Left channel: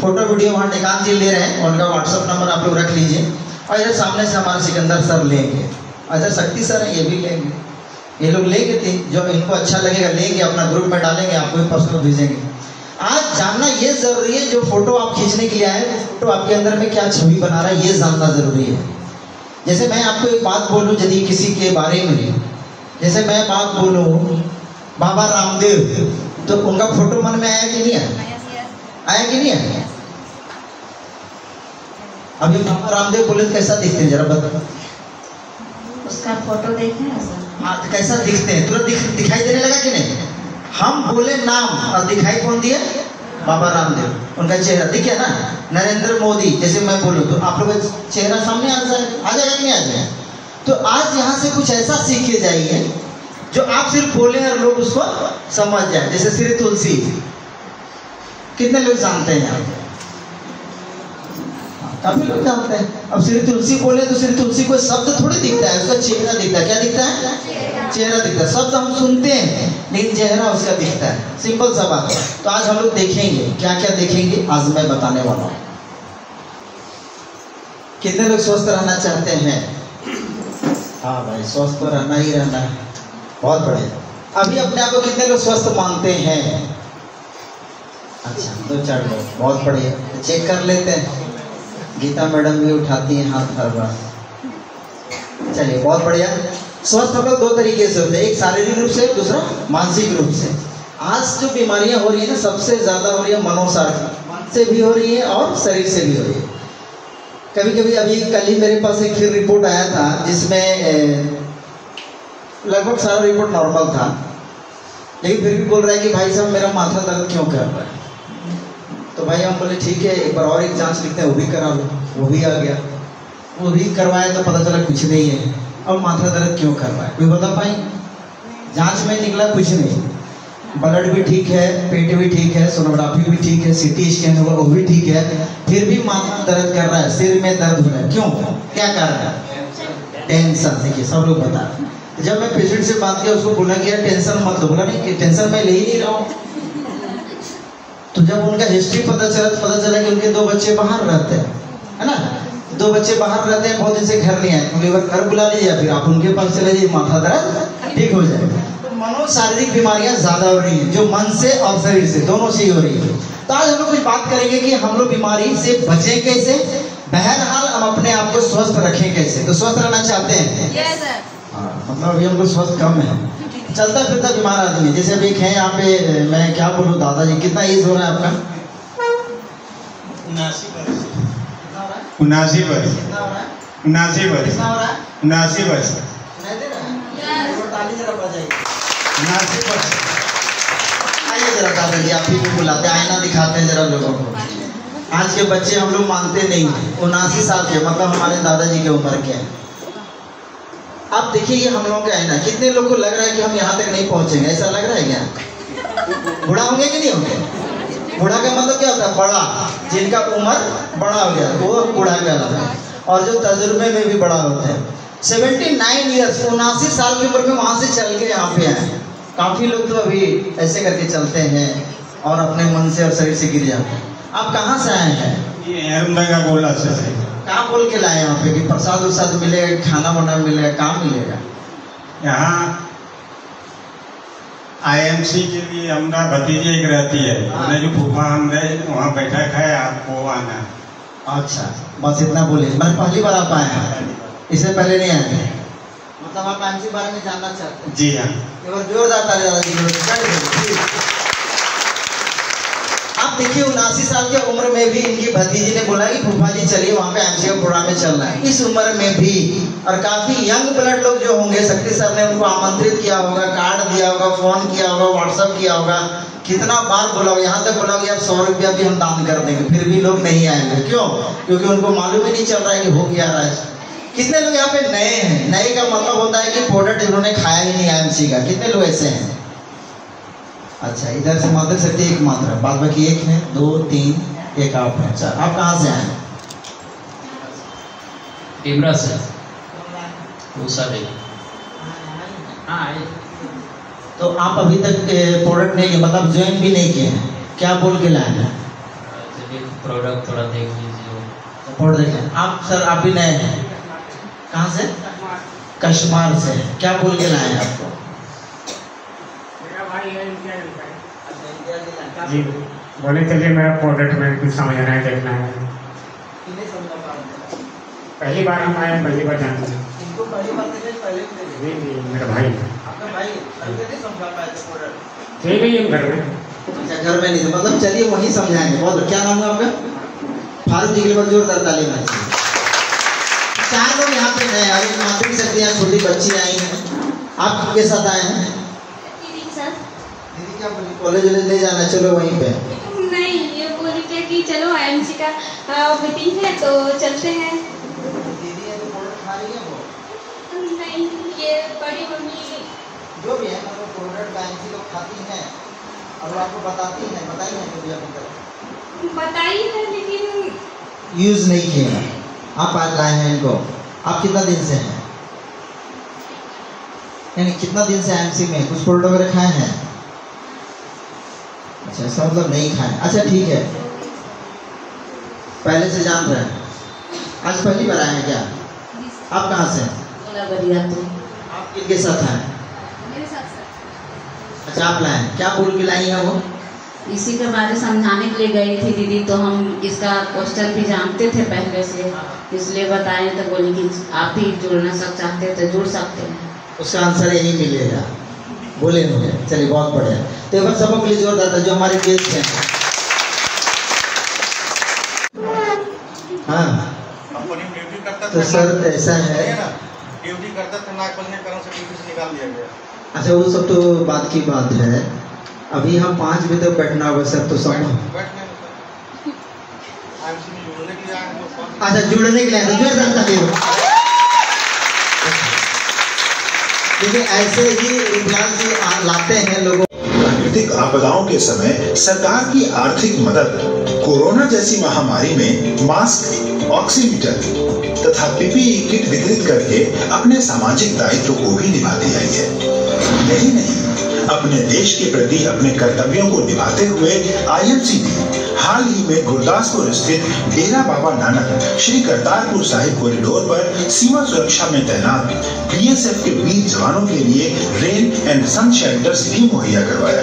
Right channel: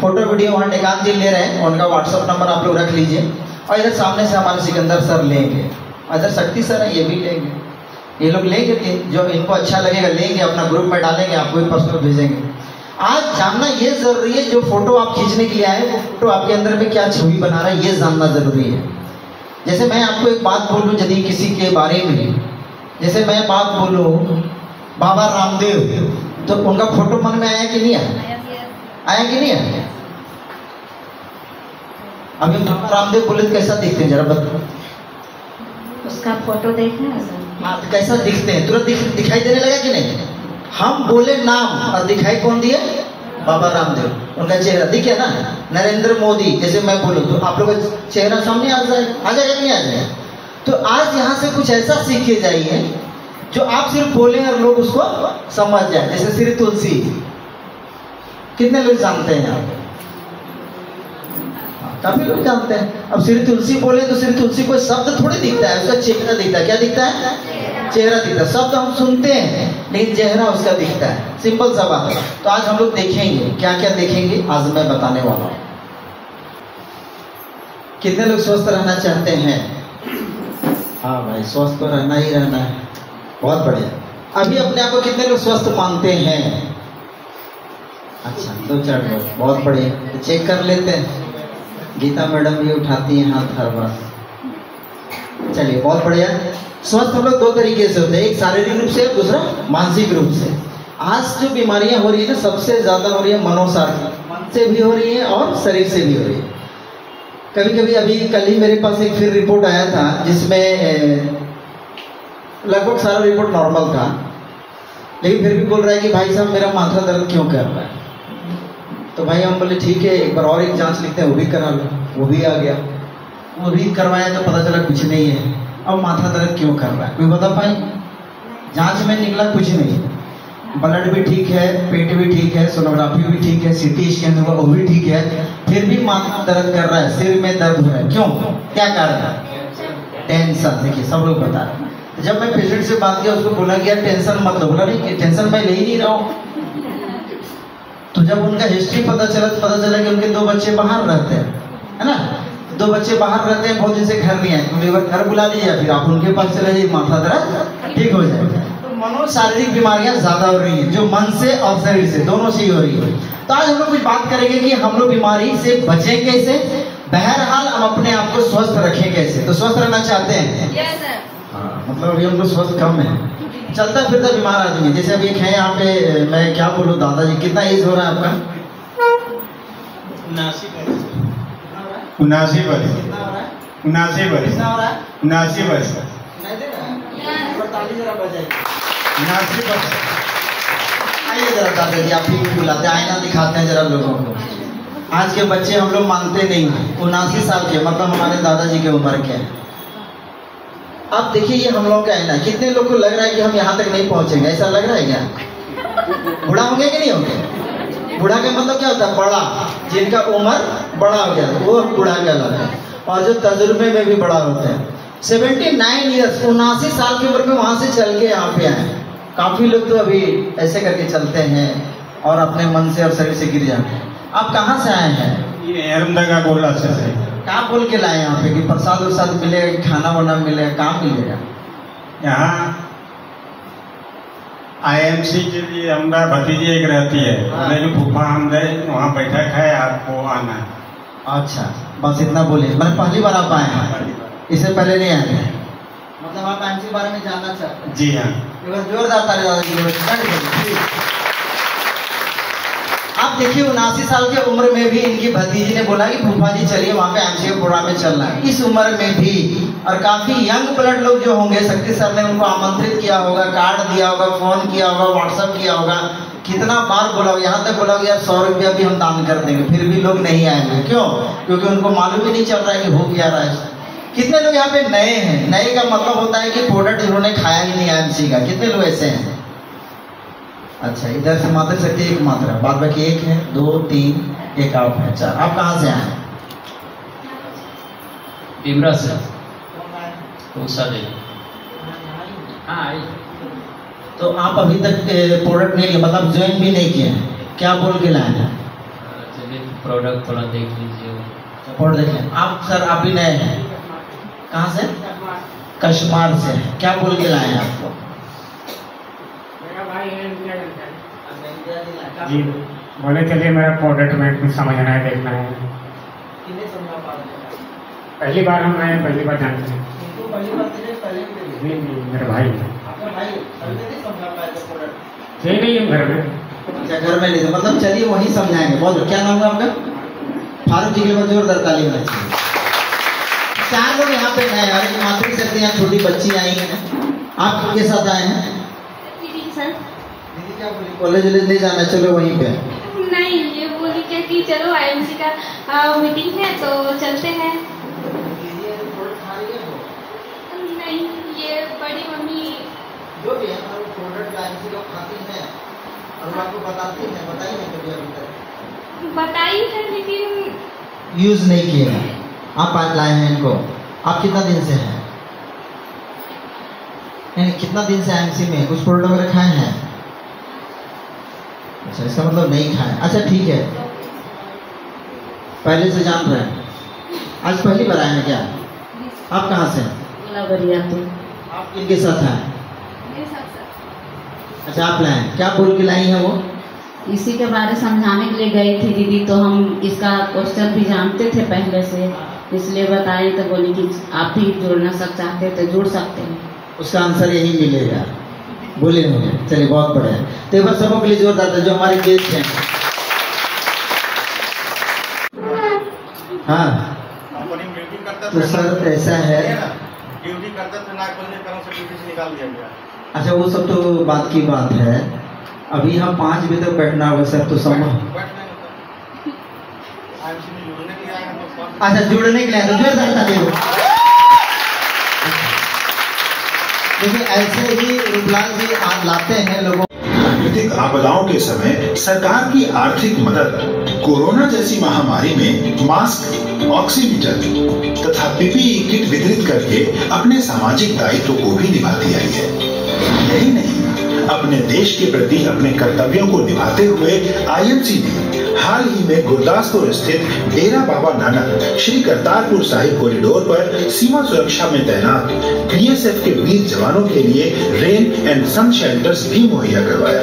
Photo video वहाँ निकाल ले रहे हैं, उनका व्हाट्सअप नंबर आप लोग रख लीजिए। और इधर सामने से हमारे सिकंदर सर लेंगे, इधर शक्ति सर है, ये भी लेंगे, ये लोग लेंगे कि जो इनको अच्छा लगेगा लेंगे, अपना ग्रुप में डालेंगे, आपको भी पर्सनल भेजेंगे। आज जानना ये जरूरी है, जो फोटो आप खींचने के लिए आए हैं वो फोटो आपके अंदर में क्या छवि बना रहा है, ये जानना जरूरी है। जैसे मैं आपको एक बात बोलूं, यदि किसी के बारे में, जैसे मैं बात बोलूं बाबा रामदेव, तो उनका फोटो मन में आया कि नहीं आया? आया कि नहीं आया? अभी बाबा रामदेव बोले तो कैसा दिखते हैं, जरा बताओ। उसका फोटो देखा है सर? हाँ, कैसा दिखते हैं? तुरंत दिखाई देने लगा कि नहीं? हम बोले नाम और दिखाई कौन दिया? बाबा रामदेव, उनका चेहरा दिख गया ना। नरेंद्र मोदी, जैसे मैं बोलूँ तो आप लोग का चेहरा सामने आ जाएगा कि नहीं आ जाएगा? तो आज यहाँ से कुछ ऐसा सीख के जाइए जो आप सिर्फ बोले और लोग उसको समझ जाए। जैसे श्री तुलसी, कितने लोग जानते हैं आप? काफी लोग जानते हैं। अब श्री तुलसी बोले तो श्री तुलसी कोई शब्द थोड़ी दिखता है, उसका चेहरा दिखता है। क्या दिखता है? चेहरा दिखता है। शब्द हम सुनते हैं लेकिन चेहरा उसका दिखता है। सिंपल सा बात है। तो आज हम लोग देखेंगे, क्या क्या देखेंगे आज मैं बताने वाला हूँ। कितने लोग स्वस्थ रहना चाहते हैं? हाँ भाई, स्वस्थ तो रहना ही रहना है। बहुत बढ़िया। अभी अपने आप को कितने लोग स्वस्थ मानते हैं? अच्छा, 2-4 लोग, बहुत बढ़िया। तो चेक कर लेते हैं। गीता मैडम भी उठाती हैं हाथ हर बार। चलिए, बहुत बढ़िया। स्वस्थ हम लोग 2 तरीके से होते हैं, एक शारीरिक रूप से, दूसरा मानसिक रूप से। आज जो बीमारियां हो रही है ना, सबसे ज्यादा हो रही है मनोसार, मन से भी हो रही है और शरीर से भी हो रही है। कभी कभी अभी कल ही मेरे पास एक फिर रिपोर्ट आया था जिसमें लगभग सारा रिपोर्ट नॉर्मल था, लेकिन फिर भी बोल रहा है कि भाई साहब मेरा माथा दर्द क्यों कर रहा है। तो भाई हम बोले ठीक है, एक बार और एक जांच लिखते हैं, वो भी करा लो। वो भी आ गया, वो भी करवाया तो पता चला कुछ नहीं है। अब माथा दर्द क्यों कर रहा है, कोई बता पाए? जांच में निकला कुछ नहीं, ब्लड भी ठीक है, पेट भी ठीक है, सोनोग्राफी भी ठीक है, सीटी स्कैन हुआ वो भी ठीक है, फिर भी माथा दर्द कर रहा है, सिर में दर्द हो रहा है। क्यों? क्या कारण है? टेंशन। देखिए, सब लोग बता रहे हैं। जब मैं पेशेंट से बात किया, उसको बोला कि यार टेंशन मत लो। बोला नहीं, टेंशन मैं ले ही नहीं रहा हूँ। तो जब उनका हिस्ट्री पता चला कि उनके 2 बच्चे बाहर रहते हैं, है ना, 2 बच्चे बाहर रहते हैं, बहुत दिन से घर नहीं आए, तो एक बार घर बुला लीजिए या फिर आप उनके पास चले जाइए, माथा दर्द ठीक हो जाए। तो मनोशारीरिक बीमारियां ज्यादा हो रही है, जो मन से और शरीर से, दोनों से ही हो रही है। तो आज हम लोग कुछ बात करेंगे कि हम लोग बीमारी से बचें कैसे, बहरहाल हम अपने आप को स्वस्थ रखें कैसे। तो स्वस्थ रहना चाहते हैं? Yes sir. मतलब अभी हमको स्वस्थ कम है, चलता फिरता बीमार आदमी है। जैसे अभी एक है यहाँ पे, मैं क्या बोलूँ दादाजी, कितना एज हो रहा है आपका? 79 वर्ष। 79 वर्ष। कितना हो रहा है? 79 वर्ष। कितना हो रहा है? 79 वर्ष। नहीं दे रहा है? ताली जरा बजाइए। 79 वर्ष। आइए जरा दादाजी, आप भी बुलाते हैं, आईना दिखाते हैं जरा लोगों को। आज के बच्चे हम लोग मानते नहीं हैं। 79 साल के, मतलब हमारे दादाजी की उम्र के हैं। अब देखिए, ये हम लोग का है ना, कितने लोग को लग रहा है कि हम यहाँ तक नहीं पहुँचेंगे, ऐसा लग रहा है क्या? बूढ़ा होंगे कि नहीं होंगे? बूढ़ा का मतलब क्या होता है? बड़ा, जिनका उम्र बड़ा हो गया वो बूढ़ा कहलाता है, और जो तजुर्बे में भी बड़ा होता है। 79 ईयर्स, 79 साल की उम्र में वहाँ से चल के यहाँ पे आए। काफी लोग तो अभी ऐसे करके चलते हैं और अपने मन से और शरीर से गिर जाते हैं। आप कहाँ से आए हैं? ये अहमदनगर गोला से। क्या बोल के लाए यहाँ पे कि प्रसाद उरसाद मिलेगा, खाना वाना मिलेगा, काम मिलेगा? यहाँ IMC के लिए हमारा भतीजी एक रहती है, मेरी फूफा हम गए, वहाँ बैठक है, आपको आना है। अच्छा, बस इतना बोले। मैंने पहली बार आप आए हैं, इससे पहले नहीं आए थे? मतलब आप IMC बारे में जानना चाहते हैं? जी हाँ। एक बार जोरदार ताली दादाजी। आप देखिए, 79 साल की उम्र में भी इनकी भतीजी ने बोला कि फूफा जी चलिए वहाँ पे IMC का प्रोग्राम में चलना है। इस उम्र में भी, और काफी यंग ब्लड लोग जो होंगे, शक्ति सर ने उनको आमंत्रित किया होगा, कार्ड दिया होगा, फोन किया होगा, व्हाट्सएप किया होगा, कितना बार बोला होगा, यहाँ तक बोला होगा यार 100 रुपया भी हम दान कर देंगे, फिर भी लोग नहीं आएंगे। क्यों? क्योंकि उनको मालूम ही नहीं चल रहा है कि हो क्या रहा है। कितने लोग यहाँ पे नए हैं? नए का मतलब होता है कि प्रोडक्ट जिन्होंने खाया ही नहीं IMC का। कितने लोग ऐसे हैं? अच्छा, इधर से मात्र सकती एक मात्रा, बाद बाकी 1 है, 2, 3, एक आप है, 4। आप कहाँ से आए? टिमरा से। तो आप अभी तक प्रोडक्ट नहीं लिए, मतलब ज्वाइन भी नहीं किए हैं? क्या बोल के लाए हैं? प्रोडक्ट थोड़ा देख लीजिए। रिपोर्ट देखें आप सर, आप भी नए हैं, कहाँ से? कश्मीर से। क्या बोल के लाए हैं आपको? मेरा भाई है इंडिया का। जी बोले चलिए मेरा प्रोडक्ट में कुछ समझना है, देखना है। किन्हें समझा पाते? पहली बार हम आए, पहली बार जानते हैं। इनको पहली बार देखे, पहले भी देखे? नहीं मेरा भाई है। आपका भाई है, अभी तक नहीं समझा पाए थे प्रोडक्ट? नहीं है घर में। अच्छा घर में नहीं थे, मतलब चलिए वही समझाएंगे। बहुत क्या नाम है आपका? फारूक जी के लिए जोरदार ताली मारिए। 4 लोग यहाँ पे नए हैं, मातृ शक्ति यहाँ छोटी बच्ची आई हैं, आप किसके साथ आए हैं? दीदी सर। दीदी क्या बोली? कॉलेज नहीं जाना, चलो वहीं पे। नहीं, ये बोली क्या कि चलो आईएमसी का मीटिंग है तो चलते हैं। दीदी है तो प्रोडक्ट खा रही है वो? नहीं, ये बड़ी मम्मी जो भी है वो प्रोडक्ट आईएमसी को खाती हैं और वो आपको बताती हैं, बताई हैं कभी अभी तक? बताई है लेकिन यूज नहीं किए। आप आज लाए हैं इनको, आप कितना दिन से हैं? यानी कितना दिन से आईएमसी में कुछ प्रोडक्ट वगैरह खाए हैं? अच्छा इसका मतलब नहीं खाए। अच्छा ठीक है, पहले से जान रहे हैं, आज पहली बार आए हैं क्या? आप कहाँ से? आप किनके साथ हैं? मेरे साथ सर। अच्छा आप लाए, क्या बोल के लाई है वो? इसी के बारे समझाने के लिए गई थी दीदी, तो हम इसका क्वेश्चन भी जानते थे पहले से, इसलिए बताए तो बोले कि आप भी जुड़ना चाहते हैं तो जुड़ सकते हैं। उसका आंसर यही मिलेगा, बोले मुझे। चलिए बहुत बढ़िया, तो एक बार सबों के लिए जोरदार था जो हमारे गेस्ट हैं। हाँ तो सर ऐसा है, ड्यूटी करता था, नाक बंद करो से ड्यूटी से निकाल दिया गया। अच्छा वो सब तो बात की बात है, अभी हम 5 बजे तक बैठना होगा सर, तो सब अच्छा जुड़ने के लिए देखिए ऐसे ही रूपलाल जी लाते हैं लोगों। प्राकृतिक आपदाओं के समय सरकार की आर्थिक मदद कोरोना जैसी महामारी में मास्क, ऑक्सीमीटर तथा पीपीई किट वितरित करके अपने सामाजिक दायित्व को भी निभाती आई है। यही नहीं, अपने देश के प्रति अपने कर्तव्यों को निभाते हुए आईएमसी ने हाल ही में गुरदासपुर स्थित डेरा बाबा नानक श्री करतारपुर साहिब कॉरिडोर पर सीमा सुरक्षा में तैनात बीएसएफ के वीर जवानों के लिए रेन एंड सन शेल्टर्स भी मुहैया करवाया।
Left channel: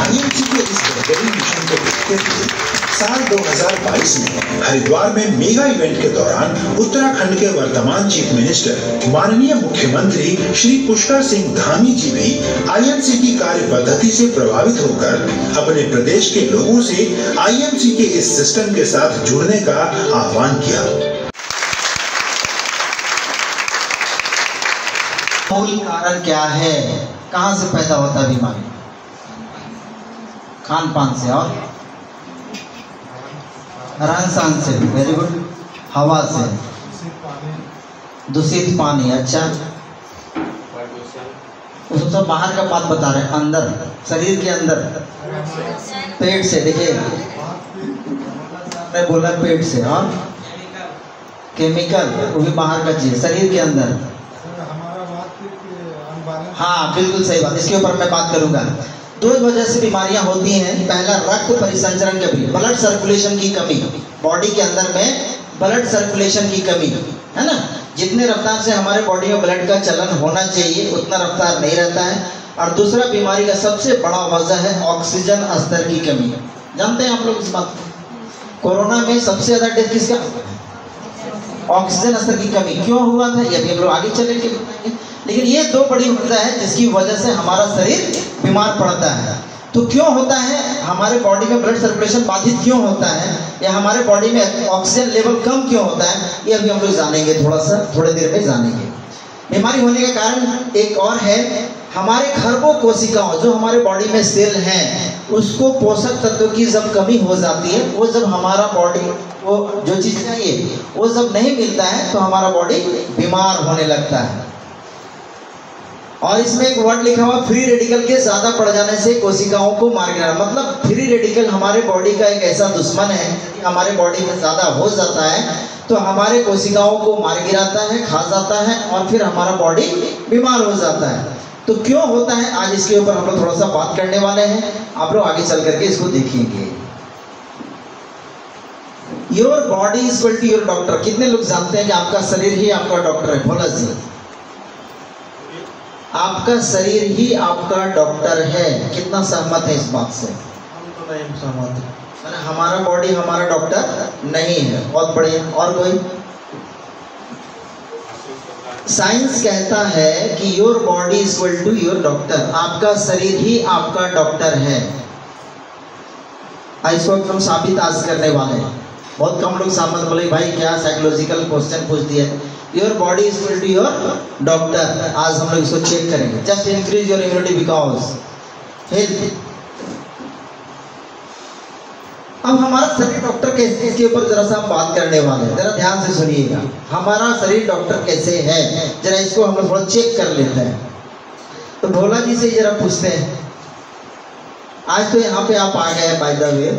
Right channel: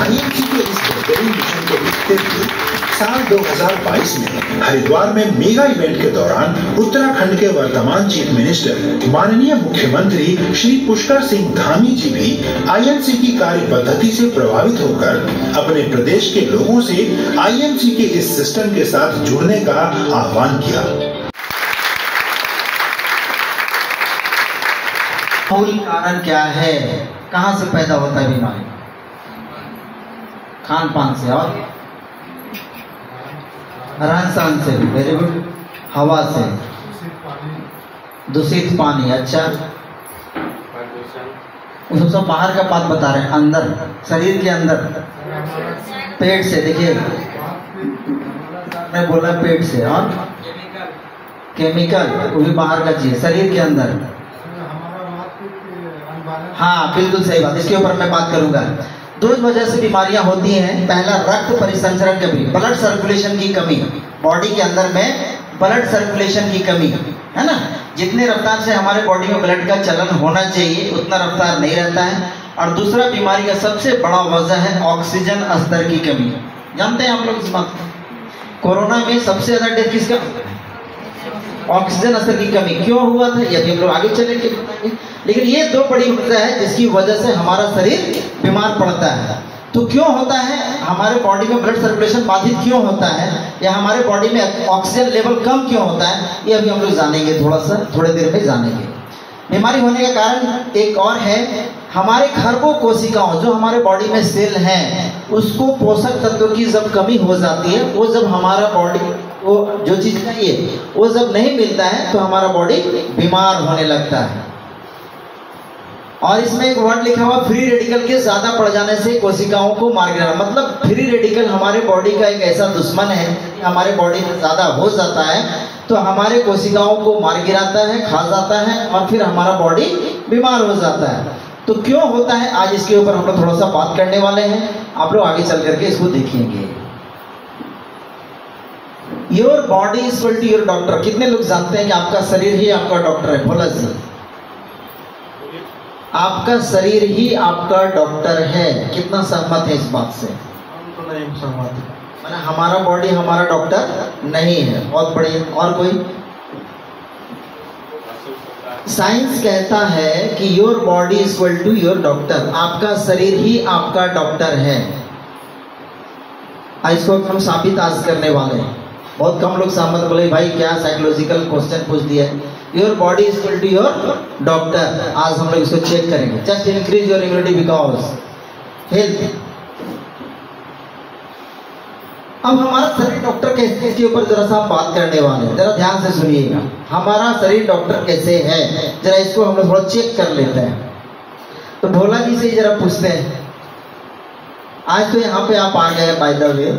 आईएमसी के इस बेहतरीन मिशन को देखते हुए साल 2022 में हरिद्वार में मेगा इवेंट के दौरान उत्तराखंड के वर्तमान चीफ मिनिस्टर माननीय मुख्यमंत्री श्री पुष्कर सिंह धामी जी भी आईएमसी की कार्य पद्धति से प्रभावित होकर अपने प्रदेश के लोगों से आईएमसी के इस सिस्टम के साथ जुड़ने का आह्वान किया। मूल कारण क्या है, कहाँ से पैदा होता है बीमारी? खान पान से और रहन सहन से, वेरी गुड, हवा से, दूषित पानी, अच्छा वो सब बाहर का बात बता रहे हैं, अंदर शरीर के अंदर पेट से, देखिए मैं बोला पेट से, और केमिकल वो भी बाहर का चीज शरीर के अंदर। हाँ बिल्कुल सही बात, इसके ऊपर मैं बात करूंगा। 2 वजह से बीमारियां होती हैं। पहला रक्त परिसंचरण की कमी, ब्लड सर्कुलेशन की कमी, बॉडी के अंदर में ब्लड सर्कुलेशन की कमी है ना, जितने रफ्तार से हमारे बॉडी में ब्लड का चलन होना चाहिए उतना रफ्तार नहीं रहता है। और दूसरा बीमारी का सबसे बड़ा वजह है ऑक्सीजन स्तर की कमी। जानते हैं आप लोग इस बात को? कोरोना में सबसे ज्यादा डेथ किसका? ऑक्सीजन स्तर की कमी। क्यों हुआ था ये भी हम लोग आगे चले के बताएंगे, लेकिन ये 2 बड़ी वजह है जिसकी वजह से हमारा शरीर बीमार पड़ता है। तो क्यों होता है, हमारे बॉडी में ब्लड सर्कुलेशन बाधित क्यों होता है, या हमारे बॉडी में ऑक्सीजन लेवल कम क्यों होता है, ये अभी हम लोग जानेंगे, थोड़ी देर में जानेंगे। बीमारी होने का कारण एक और है, हमारे खरबों कोशिकाओं जो हमारे बॉडी में सेल हैं उसको पोषक तत्वों की जब कमी हो जाती है, वो जब हमारा बॉडी वो जो चीज चाहिए वो जब नहीं मिलता है तो हमारा बॉडी बीमार होने लगता है। और इसमें एक वर्ड लिखा हुआ फ्री रेडिकल के ज्यादा पड़ जाने से कोशिकाओं को मार गिराना। मतलब फ्री रेडिकल हमारे बॉडी का एक ऐसा दुश्मन है, यदि हमारे बॉडी में ज्यादा हो जाता है तो हमारे कोशिकाओं को मार गिराता है, खा जाता है और फिर हमारा बॉडी बीमार हो जाता है। तो क्यों होता है, आज इसके ऊपर हम लोग थोड़ा सा बात करने वाले हैं। आप लोग आगे चल करके इसको देखेंगे। Your body is equal to your doctor. कितने लोग जानते हैं कि आपका शरीर ही आपका डॉक्टर है? भोला जी, आपका शरीर ही आपका डॉक्टर है। कितना सहमत है इस बात से? हम तो नहीं सहमत है। मैंने हमारा बॉडी हमारा डॉक्टर नहीं है। बहुत बढ़िया। और कोई? साइंस कहता है कि your body is equal to your doctor. आपका शरीर ही आपका डॉक्टर है। इसको हम साबित आज करने वाले हैं। बहुत कम लोग सहमत बोले भाई क्या साइकोलॉजिकल क्वेश्चन पूछ दिया। Your body is equal to your doctor. आज हम लोग इसको चेक करेंगे। Just increase your immunity because health. अब हमारा शरीर डॉक्टर कैसे, इसके ऊपर जरा सा हम बात करने वाले हैं। जरा ध्यान से सुनिएगा, हमारा शरीर डॉक्टर कैसे है, जरा इसको हम लोग थोड़ा चेक कर लेते हैं। तो भोला जी से जरा पूछते हैं। आज तो यहाँ पे आप आ गए बाय द वे,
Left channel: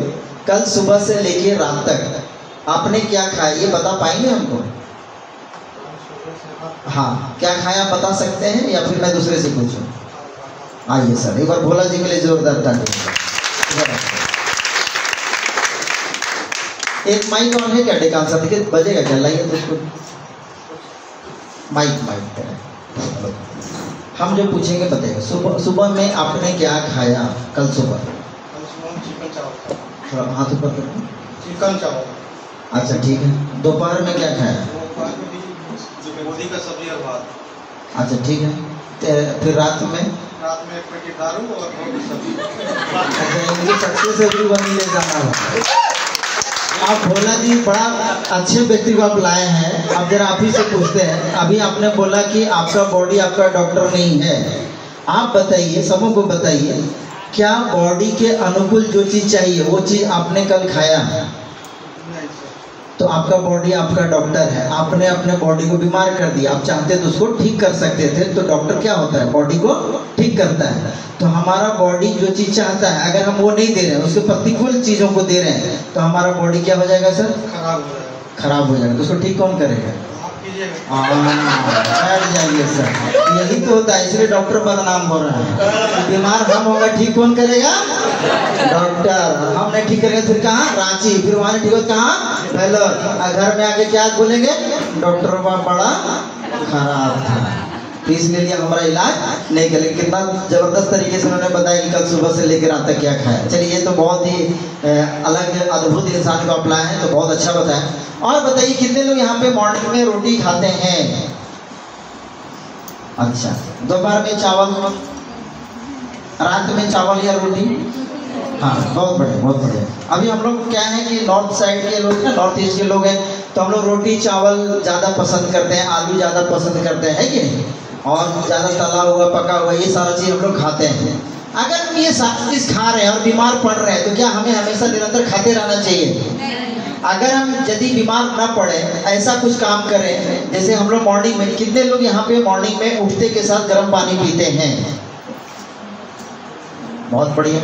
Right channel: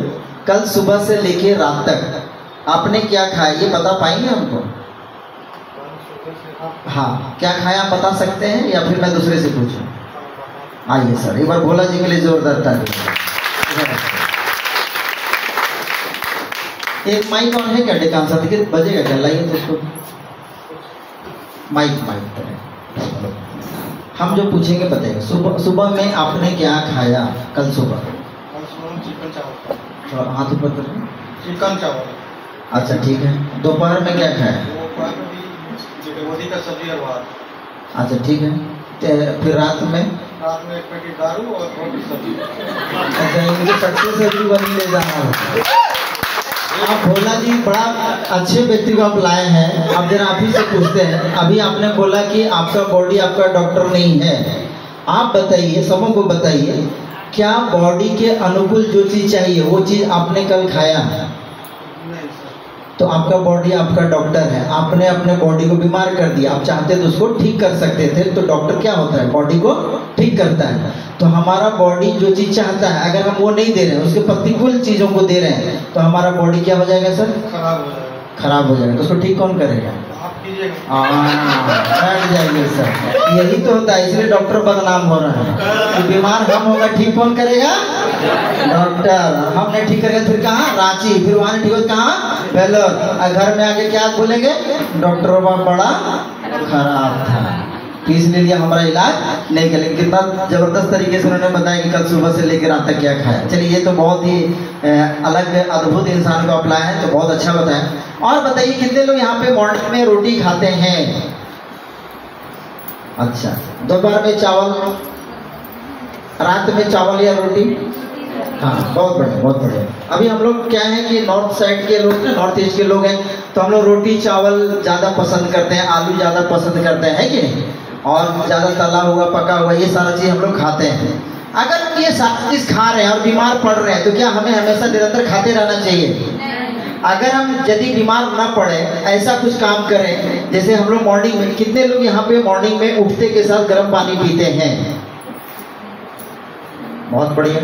कल सुबह से लेके रात तक आपने क्या खाया ये बता पाएंगे हमको? हाँ, क्या खाया आप बता सकते हैं या फिर मैं दूसरे से पूछूं? आइए सर, एक बार भोला जी के लिए जोरदार ताली। एक माइक और है क्या? डेकान सर्टिफिकेट बजेगा क्या? लाइए तो उसको माइक पर हम जो पूछेंगे बताइए। सुबह में आपने क्या खाया कल सुबह? कल सुबह चिकन चावल। थोड़ा हाथ ऊपर करें। चिकन चावल। अच्छा ठीक है। दोपहर में क्या खाया? गोभी का सब्जी और भात। अच्छा ठीक है। फिर रात में? रात में एक पैकेट दारू और रोटी सब्जी। अच्छा, मुझे सक्सेस एवरीवन ले जाना होगा। आप भोला जी बड़ा अच्छे व्यक्ति को आप लाए हैं। अब जरा आप ही से पूछते हैं। अभी आपने बोला कि आपका बॉडी आपका डॉक्टर नहीं है। आप बताइए, सबों को बताइए, क्या बॉडी के अनुकूल जो चीज चाहिए वो चीज आपने कल खाया है? नहीं सर। तो आपका बॉडी आपका डॉक्टर है। आपने अपने बॉडी को बीमार कर दिया, आप चाहते तो उसको ठीक कर सकते थे। तो डॉक्टर क्या होता है? बॉडी को ठीक करता है। तो हमारा बॉडी जो चीज चाहता है अगर हम वो नहीं दे रहे हैं, उसके प्रतिकूल चीजों को दे रहे हैं, तो हमारा बॉडी क्या हो जाएगा सर? खराब हो जाएगा। खराब हो जाएगा। उसको ठीक कौन करेगा? आप कीजिएगा। बैठ जाइए सर, यही तो होता है। इसलिए डॉक्टर बदनाम हो रहा है। तो बीमार हम होगा, ठीक कौन करेगा? डॉक्टर। हम नहीं ठीक करेंगे फिर कहाँ? रांची। फिर वहाँ ठीक हो कहाँ? पहले घर में आके क्या बोलेंगे? डॉक्टर बड़ा खराब था, इसलिए हमारा इलाज नहीं करेंगे। कितना जबरदस्त तरीके से उन्होंने बताया कि कल सुबह से लेकर रात तक क्या खाया। चलिए, ये तो बहुत ही अलग अद्भुत इंसान को अपनाया है, तो बहुत अच्छा बताया। और बताइए कितने लोग यहाँ पे मॉर्निंग में रोटी खाते हैं? अच्छा, दोपहर में चावल, रात में चावल या रोटी? हाँ, बहुत बढ़िया, बहुत बढ़िया। अभी हम लोग क्या है कि नॉर्थ साइड के लोग हैं, नॉर्थ ईस्ट के लोग हैं, तो हम लोग रोटी चावल ज़्यादा पसंद करते हैं, आलू ज़्यादा पसंद करते हैं कि नहीं? और ज़्यादा तला हुआ पका हुआ ये सारा चीज़ हम लोग खाते हैं। अगर ये सारी चीज़ खा रहे हैं और बीमार पड़ रहे हैं तो क्या हमें हमेशा निरंतर खाते रहना चाहिए? अगर हम यदि बीमार ना पड़े, ऐसा कुछ काम करें जैसे हम लोग मॉर्निंग में, कितने लोग यहाँ पे मॉर्निंग में उठते के साथ गर्म पानी पीते हैं? बहुत बढ़िया।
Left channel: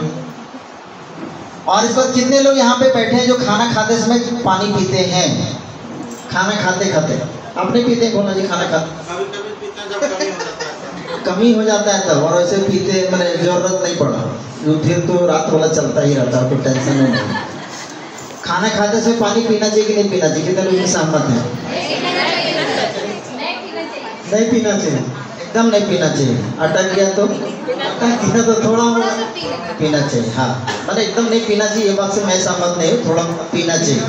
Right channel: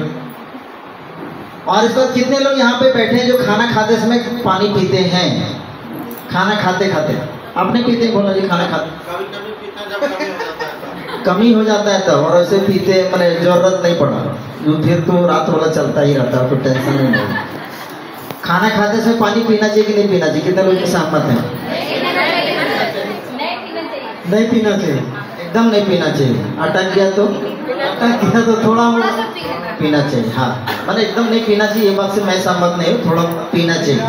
और इस वक्त कितने लोग यहाँ पे बैठे हैं जो खाना खाते समय पानी पीते हैं? खाना खाते खाते आप नहीं पीते? बोला जी, खाना खाते कभी कभी पीते हैं जब कमी हो जाता है। कमी हो जाता है तब, और ऐसे पीते मैंने जरूरत नहीं पड़ा, जो फिर तो रात वाला चलता ही रहता है, कोई टेंशन नहीं। खाना खाते समय पानी पीना चाहिए कि नहीं पीना चाहिए? कितने लोग सहमत हैं? नहीं पीना चाहिए, एकदम नहीं पीना चाहिए। अटक गया तो थोड़ा पीना चाहिए। हाँ, मैंने एकदम नहीं पीना चाहिए, ये बात से मैं सहमत नहीं हूँ। थोड़ा पीना चाहिए।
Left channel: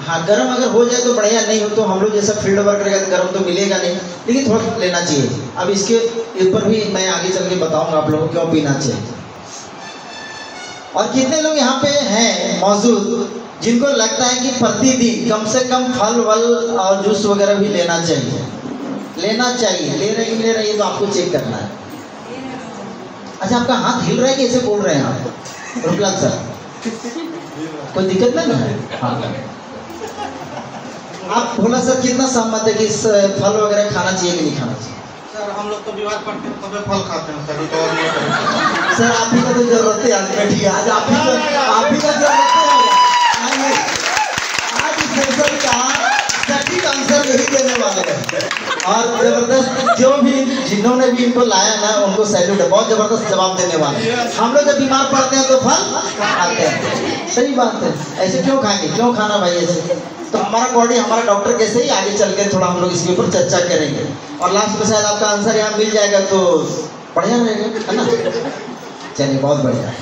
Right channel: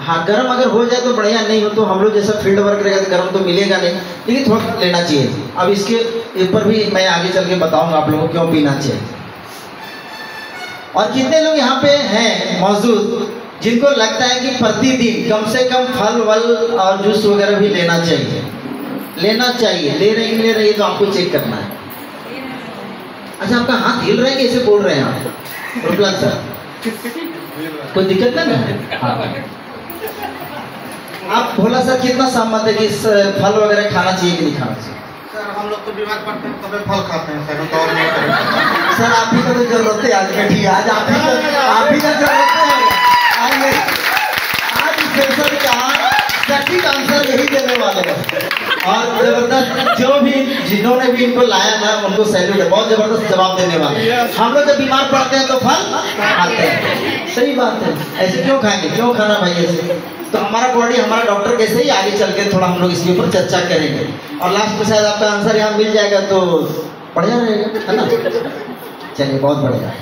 हाँ, गर्म अगर हो जाए तो बढ़िया, नहीं हो तो हम लोग जैसा फील्ड वर्क करेगा तो गर्म तो मिलेगा नहीं, लेकिन थोड़ा लेना चाहिए। अब इसके ऊपर भी मैं आगे चल के बताऊंगा आप लोगों को क्यों पीना चाहिए। और कितने लोग यहाँ पे हैं मौजूद जिनको लगता है कि प्रतिदिन कम से कम फल वल और जूस वगैरह भी लेना चाहिए? लेना चाहिए। ले रही तो आपको चेक करना है। अच्छा, आपका हाथ हिल रहा है, कैसे बोल रहे हैं आप? रुकला सर, कोई दिक्कत ना है? हाँ, आप भोला सर कितना सहमत है कि फल वगैरह खाना चाहिए कि नहीं खाना चाहिए? सर हम लोग तो बीमार पड़ते हैं तभी फल खाते हैं सर, तो और नहीं करेंगे। सर आप ही को तो जरूरत है आज की, आज आप ही का जरूरत है। आज इस सेशन का सटीक आंसर यही देने वाले हैं। और बहुत जबरदस्त, जो भी जिन्होंने भी इनको लाया ना उनको सैल्यूट है, बहुत जबरदस्त जवाब देने वाले। हम लोग जब बीमार पड़ते हैं तो फल खाते हैं, सही बात है। ऐसे क्यों खाएंगे, क्यों खाना भाई ऐसे? तो हमारा बॉडी, हमारा डॉक्टर कैसे ही आगे चल के थोड़ा हम लोग इसके ऊपर चर्चा करेंगे और लास्ट में शायद आपका आंसर यहाँ मिल जाएगा तो बढ़िया रहेगा, है ना? चलिए बहुत बढ़िया।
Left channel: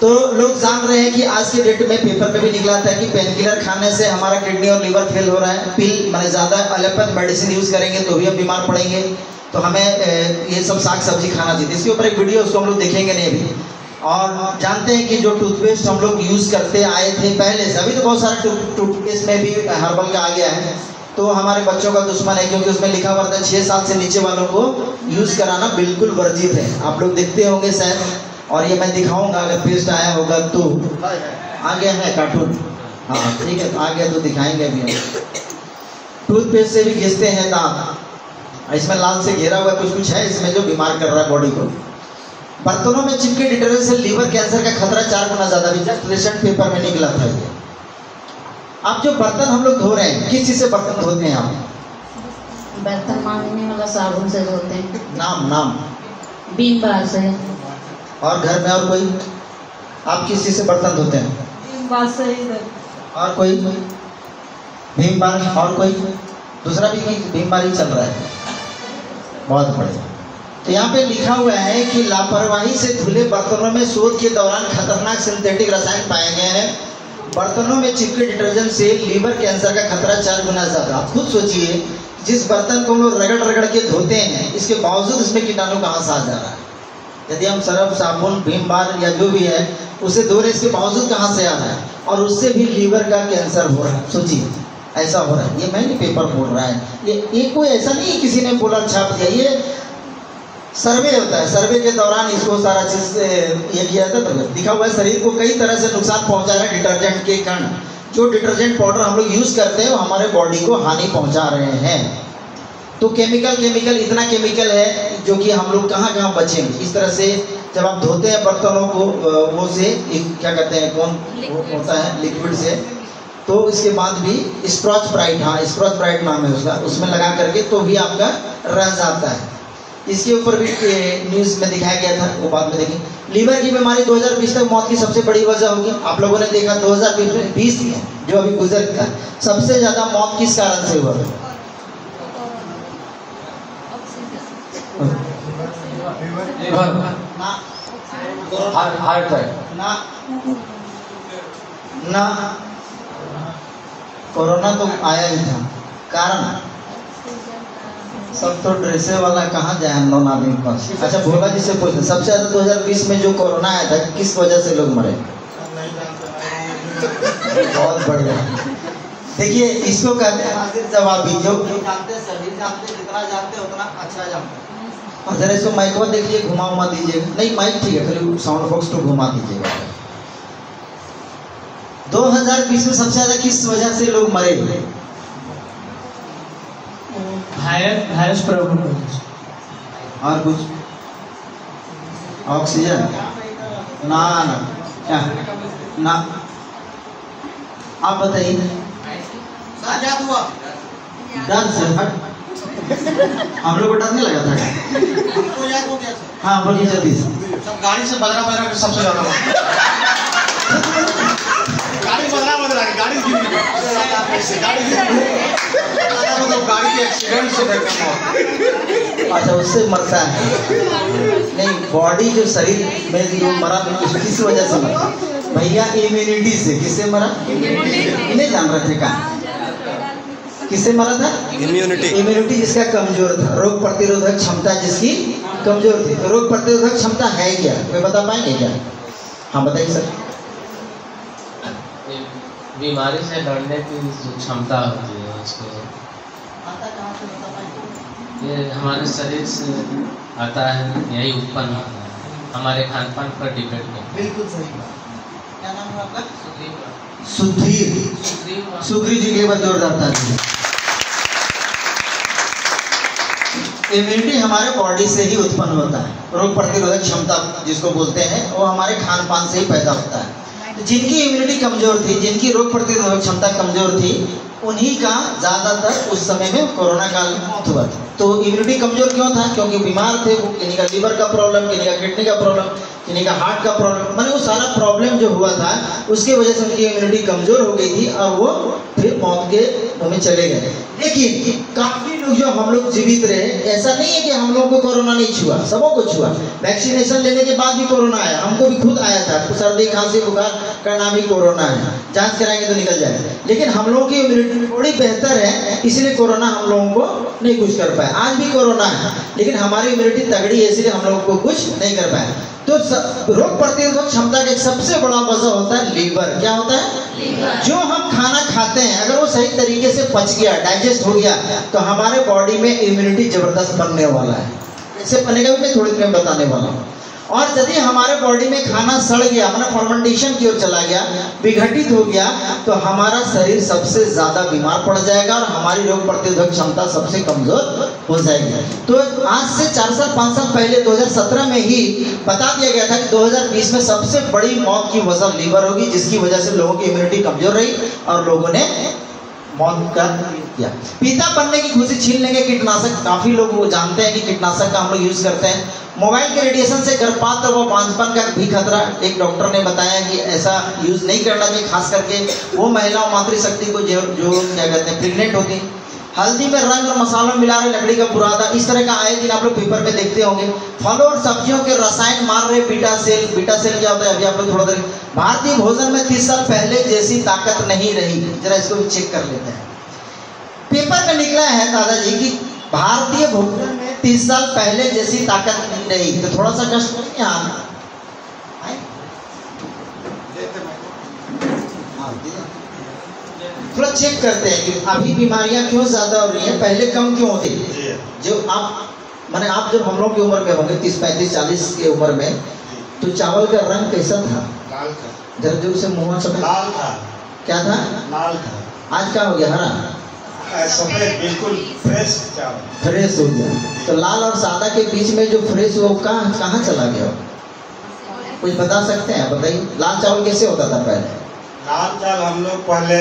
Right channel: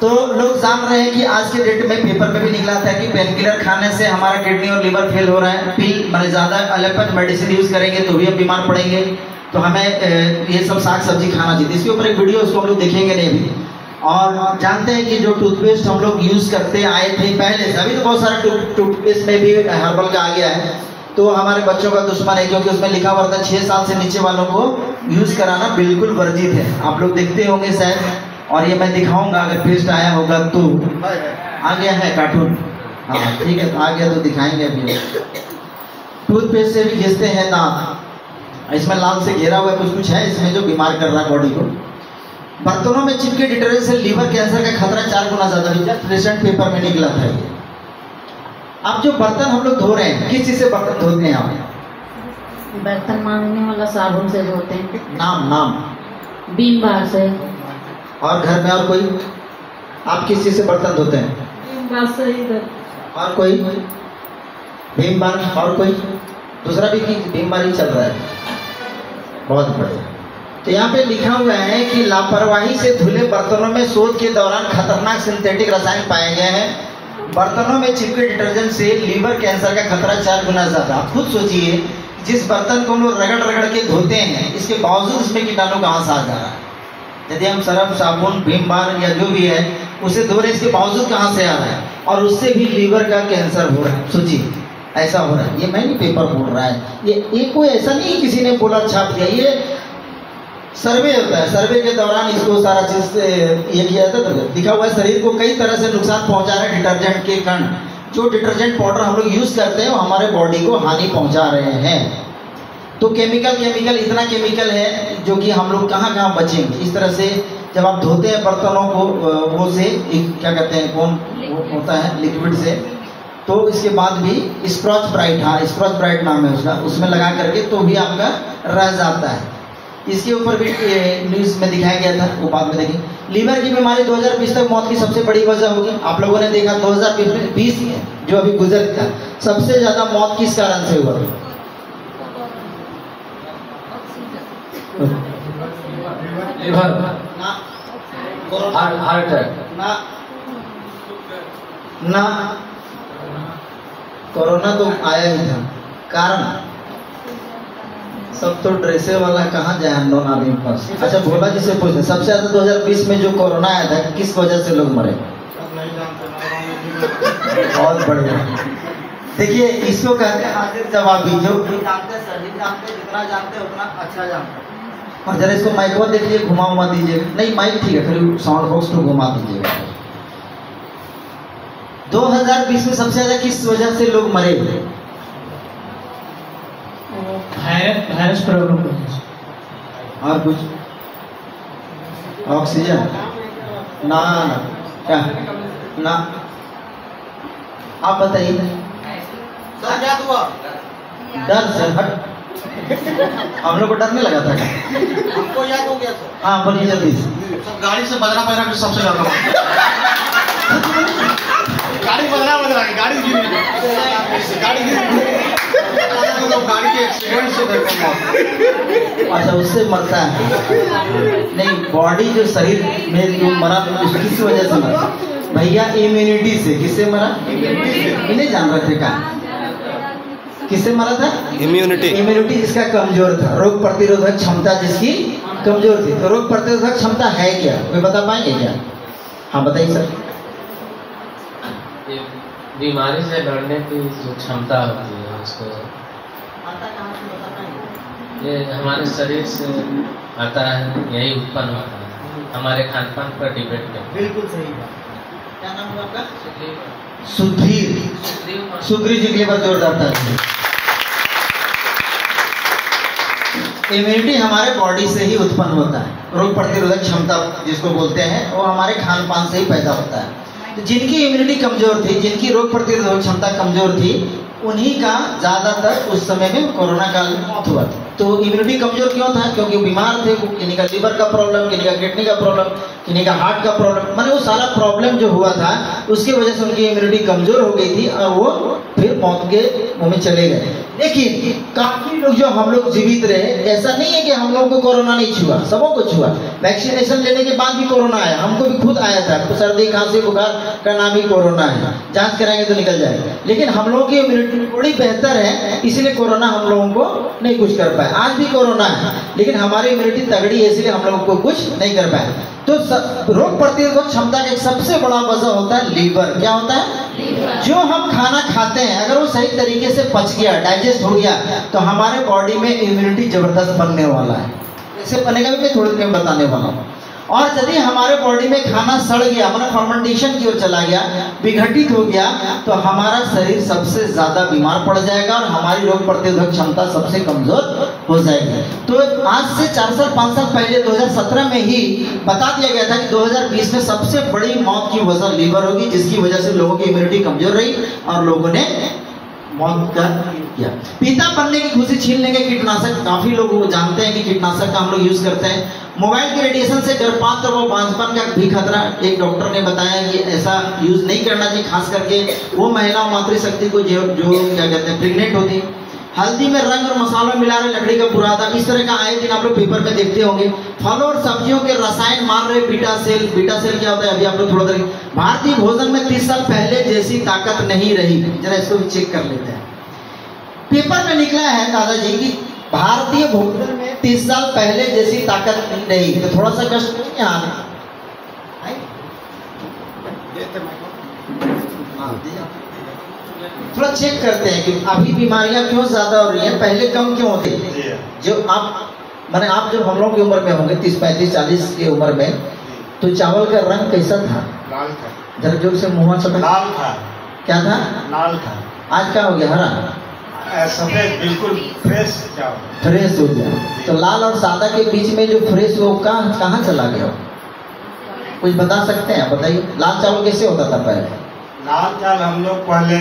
तो लोग जान रहे हैं कि आज के डेट में पेपर में भी निकला था कि पेन किलर खाने से हमारा किडनी और लिवर फेल हो रहा है, पिल मतलब ज़्यादा एलोपैथ मेडिसिन यूज़ करेंगे तो भी हम बीमार पड़ेंगे, तो हमें ये सब साग सब्जी खाना चाहिए। इसके ऊपर एक वीडियो उसको हम लोग देखेंगे नहीं अभी। और जानते हैं कि जो टूथपेस्ट हम लोग यूज़ करते आए थे पहले से, अभी तो बहुत सारा टूथपेस्ट में भी हर्बल का आ गया है, तो हमारे बच्चों का दुश्मन है क्योंकि उसमें लिखा हुआ था 6 साल से नीचे वालों को यूज़ कराना बिल्कुल वर्जित है। आप लोग देखते होंगे शायद, और ये मैं दिखाऊंगा अगर पेस्ट आया होगा तो। आ गया है कार्टून, हाँ ठीक है, आ गया तो दिखाएंगे अभी। टूथपेस्ट से भी घिसते हैं दांत, इसमें लाल से घेरा हुआ कुछ है इसमें जो बीमार कर रहा है बॉडी को। बर्तनों में चिपके डिटर्जेंट से लीवर कैंसर का खतरा 4 गुना ज्यादा भी, जस्ट रिसेंट पेपर में निकला था ये। अब जो बर्तन हम लोग धो रहे हैं, किस चीज से बर्तन धोते हैं आप? बर्तन मांजने वाला साबुन से धोते हैं। नाम बीम बार से। और घर में और कोई? आप किस चीज से बर्तन धोते हैं? बीम बार से इधर। और कोई? भीम बार। और कोई दूसरा भी कि भीम बार ही चल रहा है? बहुत बढ़िया। तो यहाँ पे लिखा हुआ है कि लापरवाही से धुले बर्तनों में शोध के दौरान खतरनाक सिंथेटिक रसायन पाए गए हैं। बर्तनों में चिपके डिटर्जेंट से लीवर कैंसर का खतरा 4 गुना ज्यादा। आप खुद सोचिए, जिस बर्तन को हम लोग रगड़ रगड़ के धोते हैं, इसके बावजूद उसमें कीटाणु कहाँ से आ जा रहा है? यदि हम सरफ साबुन भीम बार या जो भी है उसे धो रहे, इसके बावजूद कहाँ से आ रहा है? और उससे भी लीवर का कैंसर हो रहा है। सोचिए, ऐसा हो रहा है। ये मैं नहीं पेपर बोल रहा है, ये कोई ऐसा नहीं किसी ने बोला छाप दिया, ये सर्वे होता है। सर्वे के दौरान इसको सारा चीज ये किया जाता है। लिखा हुआ है शरीर को कई तरह से नुकसान पहुंचा रहे डिटर्जेंट के कण। जो डिटर्जेंट पाउडर हम लोग यूज करते हैं वो हमारे बॉडी को हानि पहुंचा रहे हैं। तो केमिकल इतना केमिकल है जो कि हम लोग कहाँ कहाँ बचेंगे। इस तरह से जब आप धोते हैं बर्तनों को वो से क्या कहते हैं, कौन वो होता है लिक्विड से, तो इसके बाद भी स्क्रॉच ब्राइट, हाँ स्क्रॉच ब्राइट नाम है उसका, उसमें लगा करके तो भी आपका रह जाता है। इसके ऊपर भी न्यूज़ में दिखाया गया था, वो बाद में देखिए। लीवर की बीमारी 2020 तक मौत की सबसे बड़ी वजह होगी। आप लोगों ने देखा 2020 में जो अभी गुजर था, सबसे ज्यादा मौत किस कारण से हुआ? हार्ट अटैक ना, कोरोना तो आया ही था। कारण सब तो ड्रेसे वाला कहाँ जाए अननोन आदमी पास। अच्छा भोला जी से पूछते, सबसे ज्यादा 2020 में जो कोरोना आया था किस वजह से लोग मरे? बहुत बढ़िया। देखिए इसको कहते हैं हाजिर जवाबी। जो जानते सभी जानते, जितना जानते उतना अच्छा जानते। हाँ जरा इसको माइक पर देखिए, घुमा दीजिएगा। नहीं माइक ठीक है, फिर साउंड बॉक्स को घुमा दीजिएगा। 2020 में सबसे ज्यादा किस वजह से लोग मरे? वायरस प्रॉब्लम होती है। और कुछ? ऑक्सीजन ना क्या ना, आप बताइए। डर से हट, हम लोग को डर नहीं लगा था? हमको याद हो गया सर। हाँ बोलिए जल्दी से। सब गाड़ी से बजना बजना सबसे ज्यादा गाड़ी गाड़ी गाड़ी के एक्सीडेंट से देखते। अच्छा उससे मरता है? नहीं, बॉडी जो शरीर में जो मरा किस वजह से मरा भैया? इम्यूनिटी से। किससे मरा? इन्हें जान रहे थे क्या किससे मरा था? इम्यूनिटी जिसका कमजोर था, रोग प्रतिरोधक क्षमता जिसकी कमजोर थी। तो रोग प्रतिरोधक क्षमता है क्या, कोई बता पाएंगे क्या? हाँ बताइए सर। बीमारी से लड़ने की जो क्षमता होती है उसको ये हमारे शरीर से आता है, यही उत्पन्न होता है हमारे खान पान पर डिपेंड करता है। बिल्कुल सही बात। क्या नाम है आपका? सुधीर। सुग्रीव जी के लिए बहुत जोरदार था। इम्यूनिटी हमारे बॉडी से ही उत्पन्न होता है। रोग प्रतिरोधक क्षमता जिसको बोलते हैं वो हमारे खान पान से ही पैदा होता है। तो जिनकी इम्यूनिटी कमजोर थी, जिनकी रोग प्रतिरोधक क्षमता कमजोर थी, उन्हीं का ज्यादातर उस समय में कोरोना काल में मौत हुआ था। तो इम्यूनिटी कमजोर क्यों था? क्योंकि बीमार थे वो, किन्हीं का लीवर का प्रॉब्लम, किन्हीं का किडनी का प्रॉब्लम, किन्हीं का हार्ट का प्रॉब्लम, माने वो सारा प्रॉब्लम जो हुआ था उसकी वजह से उनकी इम्यूनिटी कमजोर हो गई थी और वो फिर मौत के मुंह में चले गए। लेकिन काफी लोग जो हम लोग जीवित रहे, ऐसा नहीं है कि हम लोगों को कोरोना नहीं छुआ, सबों को छुआ। वैक्सीनेशन लेने के बाद भी कोरोना आया, हमको भी खुद आया था। तो सर्दी खांसी बुखार का नाम ही कोरोना है, जांच कराएंगे तो निकल जाएगा। लेकिन हम लोगों की इम्यूनिटी थोड़ी बेहतर है, इसलिए कोरोना हम लोगों को नहीं कुछ कर पाया। आज भी कोरोना है लेकिन हमारी इम्यूनिटी तगड़ी है, इसलिए हम लोगों को कुछ नहीं कर पाया। तो रोग प्रतिरोधक क्षमता का एक सबसे बड़ा वजह होता है लीवर। क्या होता है? लीवर। जो हम खाना खाते हैं अगर वो सही तरीके से पच गया, डाइजेस्ट हो गया, तो हमारे बॉडी में इम्यूनिटी जबरदस्त बनने वाला है। इससे बनेगा भी मैं थोड़ी देर में बताने वाला हूँ। और यदि हमारे बॉडी में खाना सड़ गया, मतलब फर्मेंटेशन की ओर चला गया, विघटित हो गया, तो हमारा शरीर सबसे ज्यादा बीमार पड़ जाएगा और हमारी रोग प्रतिरोधक क्षमता सबसे कमजोर हो जाएगी। तो आज से 4 साल 5 साल पहले 2017 में ही बता दिया गया था कि 2020 में सबसे बड़ी मौत की वजह लीवर होगी, जिसकी वजह से लोगों की इम्यूनिटी कमजोर रही और लोगों ने मौत का किया। पिता बनने की खुशी छीन लेंगे कीटनाशक। काफी लोग जानते हैं कि कीटनाशक का हम लोग यूज करते हैं। मोबाइल के रेडिएशन से गर्भपात व बांझपन का भी खतरा, एक डॉक्टर ने बताया कि ऐसा यूज नहीं करना चाहिए, खास करके वो महिला मातृशक्ति को जो क्या कहते हैं प्रेग्नेंट होती। हल्दी में रंग और मसालों मिला रहे, लकड़ी का बुरादा, इस तरह का आए दिन आप लोग पेपर में देखते होंगे। फलों और सब्जियों के रसायन मार रहे बीटा सेल। बीटा सेल क्या होता है अभी आप लोग थोड़ा देर। भारतीय भोजन में 30 साल पहले जैसी ताकत नहीं रही। जरा इसको भी चेक कर लेते हैं। पेपर में निकला है दादाजी की भारतीय भोजन में 30 साल पहले जैसी ताकत नहीं रही। तो थोड़ा सा कष्ट नहीं है हाँ, थोड़ा चेक करते हैं कि अभी बीमारियां क्यों ज्यादा हो रही हैं, पहले कम क्यों थी। जो आप माने आप जब हम लोग की उम्र में होंगे 30 35 40 की उम्र में, तो चावल का रंग कैसा था? लाल था। जरा जोर से मुंह सफेद लाल था। क्या था? लाल था। आज क्या हो गया? हरा सफेद, बिल्कुल फ्रेश चावल, फ्रेश हो गया। तो लाल और सादा के बीच में जो फ्रेश वो कहाँ चला गया? कुछ बता सकते हैं? बताइए। लाल चावल कैसे होता था पहले? लाल चावल हम लोग पहले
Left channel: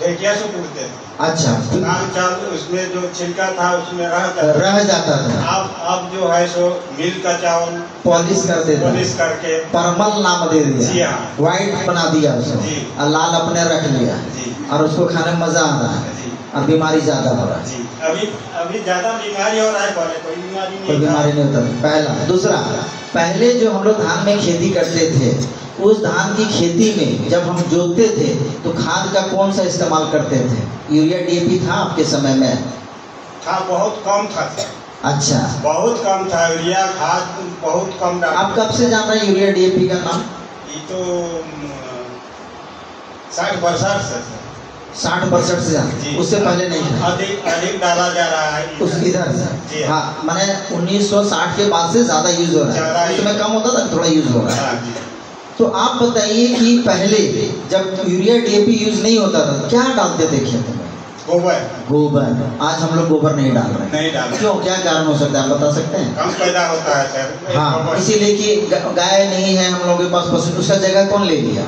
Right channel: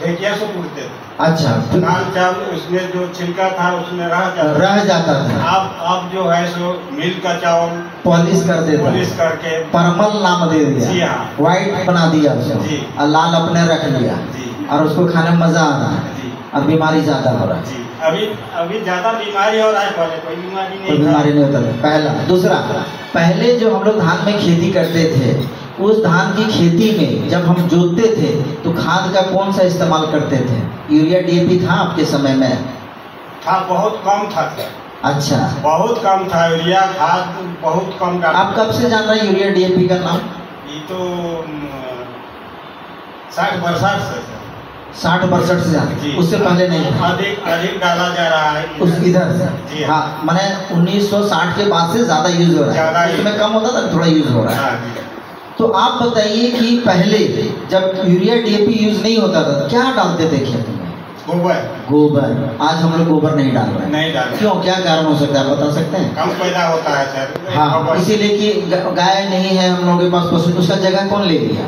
ढेकिया से पूछते थे। अच्छा। लाल चावल उसमें जो छिलका था उसमें रह जाता था। अब जो है सो मिल का चावल पॉलिश कर देते, पॉलिश करके परमल नाम दे दिया। जी हाँ। व्हाइट बना दिया उसको और लाल अपने रख लिया और उसको खाने में मजा आ रहा है और बीमारी ज्यादा हो रहा है। अभी ज्यादा बीमारी हो रहा है, पहले कोई बीमारी नहीं होता। पहला। दूसरा, पहले जो हम लोग धान में खेती करते थे, उस धान की खेती में जब हम जोतते थे तो खाद का कौन सा इस्तेमाल करते थे? यूरिया डीएपी था आपके समय में? था, बहुत कम था। अच्छा, बहुत कम था यूरिया खाद, बहुत कम। आप कब से जान रहे हैं यूरिया डीएपी का नाम? ये तो 60-62 से 60-62 से जान, उससे पहले नहीं था। अधिक डाला जा रहा है उस इधर से। हाँ, मैंने 1960 के बाद से ज्यादा यूज हो रहा है। उसमें कम होता था, थोड़ा यूज हो रहा है। तो आप बताइए कि पहले जब यूरिया डीएपी यूज नहीं होता था क्या डालते थे खेत में? गोबर। आज हम लोग गोबर नहीं डाल रहे। नहीं डाल। क्यों? क्या कारण हो सकता है, आप बता सकते हैं? कम पैदा होता है सर। हाँ, इसीलिए कि गाय नहीं है हम लोगों के पास पशु, उसका जगह कौन ले लिया?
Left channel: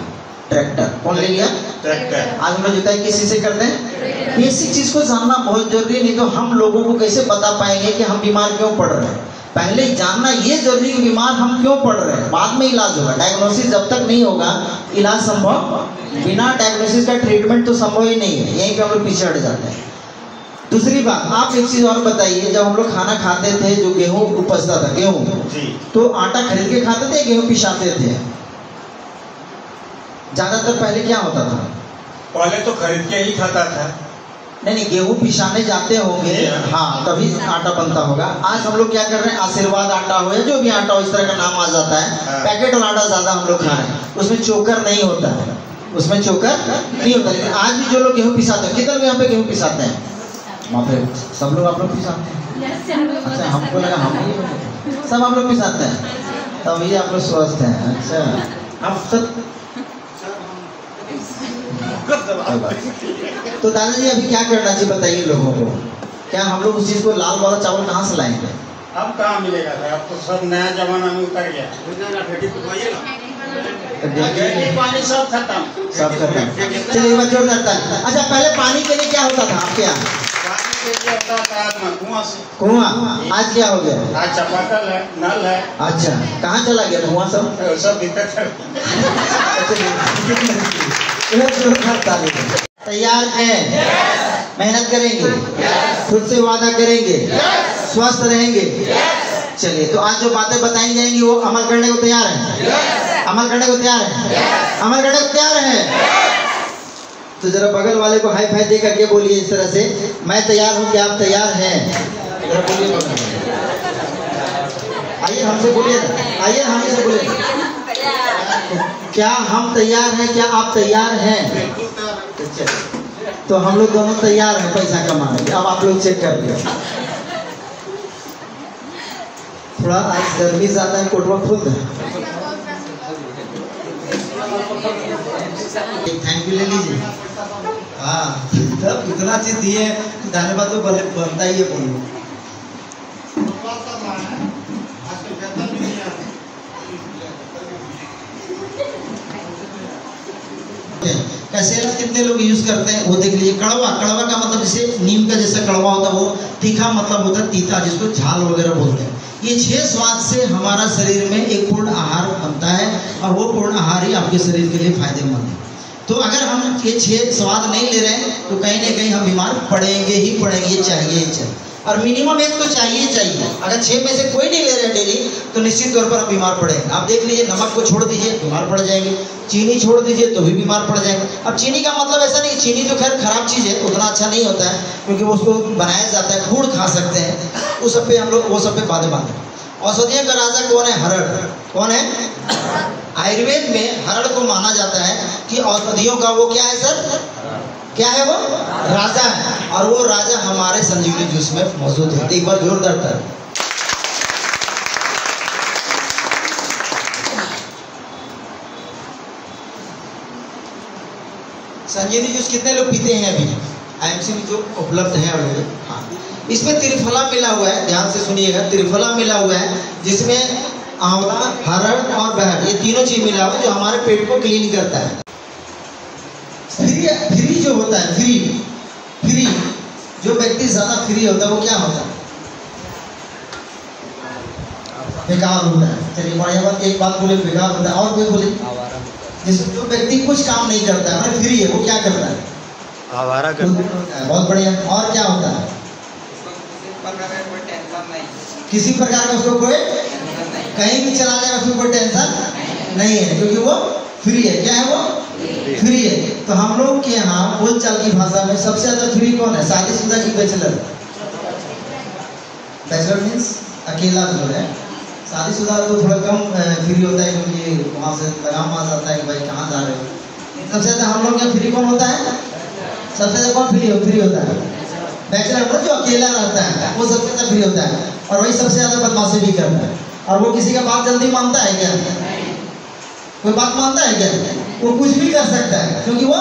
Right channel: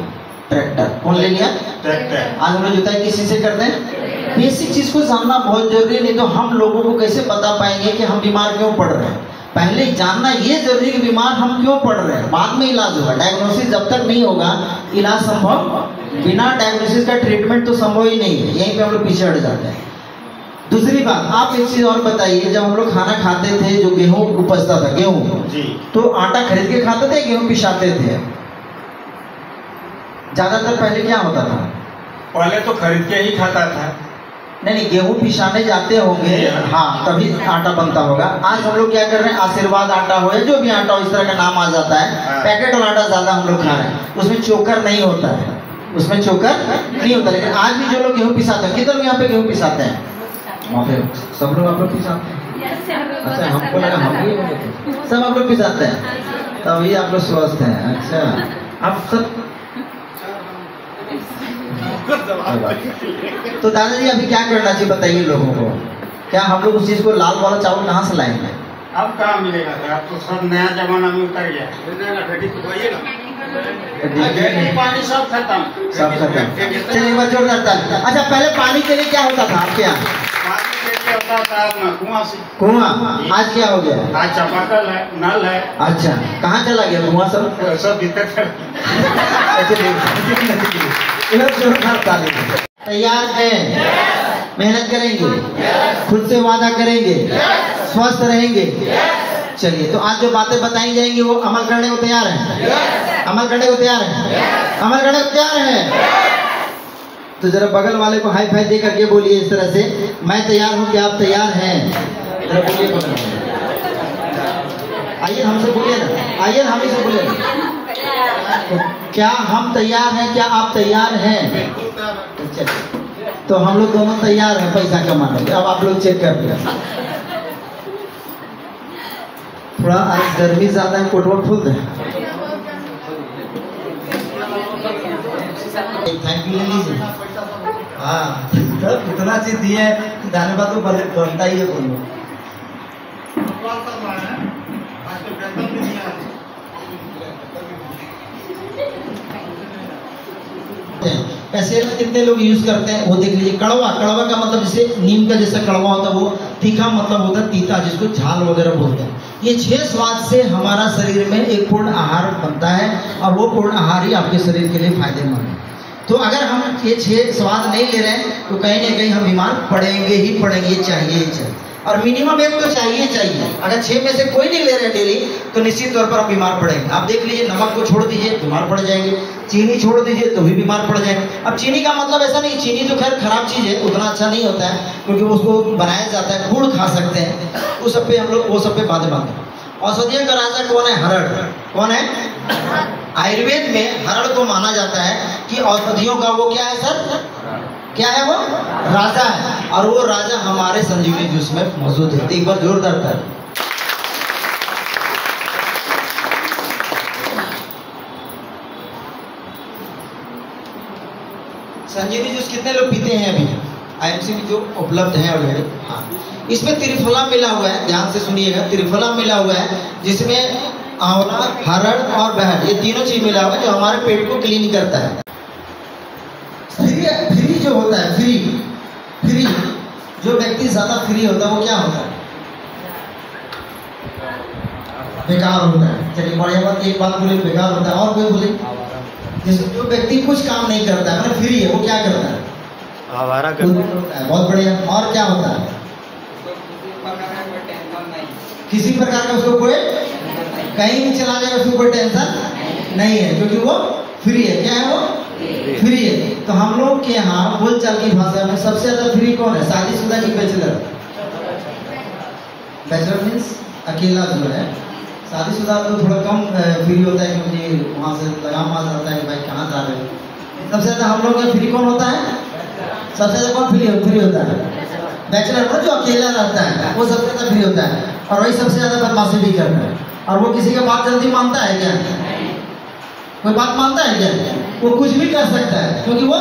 ट्रैक्टर। कौन ले लिया? ट्रैक्टर। आज हम लोग जुताई किसी से करते हैं? बेसिक चीज को जानना बहुत जरूरी है, नहीं तो हम लोगों को कैसे बता पाएंगे कि हम बीमार क्यों पड़ रहे हैं। पहले जानना ये जरूरी है कि बीमार हम क्यों पड़ रहे हैं, बाद में इलाज होगा। डायग्नोसिस जब तक नहीं होगा इलाज संभव। बिना डायग्नोसिस का ट्रीटमेंट तो संभव ही नहीं है, यहीं पे हम लोग पीछे हट जाते हैं। दूसरी बात, आप एक चीज और बताइए, जब हम लोग खाना खाते थे जो गेहूं उपजता था, गेहूं, तो आटा खरीद के खाते थे, गेहूं पिसाते थे? ज्यादातर पहले क्या होता था? पहले तो खरीद के ही खाता था। नहीं, गेहूं पिसाने जाते होंगे, हाँ, तभी आटा बनता होगा। आज हम लोग क्या कर रहे हैं, आशीर्वाद आटा हो या जो भी आटा हो, इस तरह का नाम आ जाता है, पैकेट वाला आटा ज्यादा हम लोग खा रहे हैं। उसमें चोकर नहीं होता है, उसमें चोकर नहीं होता। लेकिन आज भी जो लोग गेहूं पिसाते हैं, कितने लोग यहाँ पे गेहूं पिसाते हैं? वहाँ पे सब लोग आप लोग पिसाते हैं? अच्छा, हमको लगा हम ही सब आप लोग पिसाते हैं, तभी आप लोग स्वस्थ हैं। अच्छा, आप सब तो दादाजी अभी क्या करना चाहिए बताइए लोगों को? क्या हम लोग उस चीज को लाल वाला चावल कहाँ से लाएंगे? अब कहाँ मिलेगा सर? अब तो सब नया जमाना में उतर गया। पानी सब खत्म। चलिए एक बार जोरदार ताली। अच्छा पहले पानी के लिए क्या होता था आपके यहाँ? पानी के लिए होता था अपना कुआं से। कुआं। आज क्या हो गया? आज चापाकल है, नल है। अच्छा कहाँ चला गया कुआं सब? सब दिक्कत है। जोरदार ताली। तैयार हैं? मेहनत करेंगे, खुद से वादा करेंगे, स्वस्थ रहेंगे। चलिए तो आज जो बातें बताई जाएंगी वो अमल करने को तैयार हैं? अमल करने को तैयार हैं? अमल करने को तैयार हैं? तो जरा बगल वाले को हाई फाई दे करके बोलिए इस तरह से, मैं तैयार हूँ, क्या आप तैयार हैं? जरा बोलिए। आइए हमसे बोलिए ना, आइए हम से बोलिए ना। क्या हम तैयार हैं? क्या आप तैयार हैं? तो हम लोग दोनों तैयार हैं पैसा कमाने के। अब आप लोग चेक कर लिया। थोड़ा आज गर्मी ज्यादा है, कोटवा फुल है। थैंक यू ले लीजिए। हाँ तब कितना चीज दिए, धन्यवाद तो बनता ही है बोलो। एसेंस कितने लोग यूज करते हैं वो देख लीजिए। कड़वा, कड़वा का मतलब जैसे नीम का जैसा कड़वा होता है, वो तीखा मतलब होता है तीता, जिसको झाल वगैरह बोलते हैं। ये 6 स्वाद से हमारा शरीर में एक पूर्ण आहार बनता है और वो पूर्ण आहार ही आपके शरीर के लिए फायदेमंद है। तो अगर हम ये 6 स्वाद नहीं ले रहे हैं तो कहीं ना कहीं हम बीमार पड़ेंगे ही पड़ेंगे, चाहिए ही चाहिए। और मिनिमम एक तो चाहिए चाहिए। अगर 6 में से कोई नहीं ले रहे हैं डेली तो निश्चित तौर पर हम बीमार पड़ेंगे। आप देख लीजिए, नमक को छोड़ दीजिए बीमार पड़ जाएंगे, चीनी छोड़ दीजिए तो भी बीमार पड़ जाएंगे। अब चीनी का मतलब ऐसा नहीं, चीनी तो खैर खराब चीज़ है, उतना अच्छा नहीं होता है क्योंकि उसको बनाया जाता है, गुड़ खा सकते हैं, वो सब पे हम लोग वो सब पे बातें बांधते हैं। औषधियों का राजा कौन है? हरड़। कौन है? आयुर्वेद में हरड़ को माना जाता है कि औषधियों का वो क्या है सर? क्या है वो? राजा है। और वो राजा हमारे संजीवनी जूस में मौजूद है। एक बार जोरदार ताली। संजीवनी जूस कितने लोग पीते हैं अभी? आईएमसी में जो उपलब्ध है ऑलरेडी। हाँ, इसमें त्रिफला मिला हुआ है, ध्यान से सुनिएगा। त्रिफला मिला हुआ है जिसमें आंवला, हरड़ और बहर, ये तीनों चीज मिला हुआ है जो हमारे पेट को क्लीन करता है। फ्री जो होता है, फ्री जो व्यक्ति ज्यादा फ्री होता है वो क्या होता है? बेकार होता है। चलिए बढ़िया बात, एक बात बोले बेकार होता है, और कोई बोले? जैसे जो व्यक्ति कुछ काम नहीं करता है, मतलब फ्री है, वो क्या करता है? आवारा करता है। बहुत बढ़िया। और क्या होता है? किसी प्रकार का उसको कोई कहीं भी चला जाएगा, उसको कोई टेंशन नहीं है क्योंकि वो फ्री है। क्या है वो? फ्री है। तो हम लोग के यहाँ बोलचाल की भाषा में सबसे ज्यादा फ्री कौन है? शादीशुदा की बैचलर? बैचलर मीन्स अकेला जो है। शादीशुदा तो थोड़ा कम फ्री होता है क्योंकि वहाँ से लगाम आ जाता है कि भाई कहाँ जा रहे हो। सबसे ज्यादा हम लोग का फ्री कौन होता है? सबसे ज्यादा कौन फ्री होता है? बैचलर मतलब जो अकेला रहता है वो सबसे ज्यादा फ्री होता है और वही सबसे ज्यादा बदमाशी भी करता है। और वो किसी का बात जल्दी मानता है क्या? कोई बात मानता है क्या? वो कुछ भी कर सकता है क्योंकि वो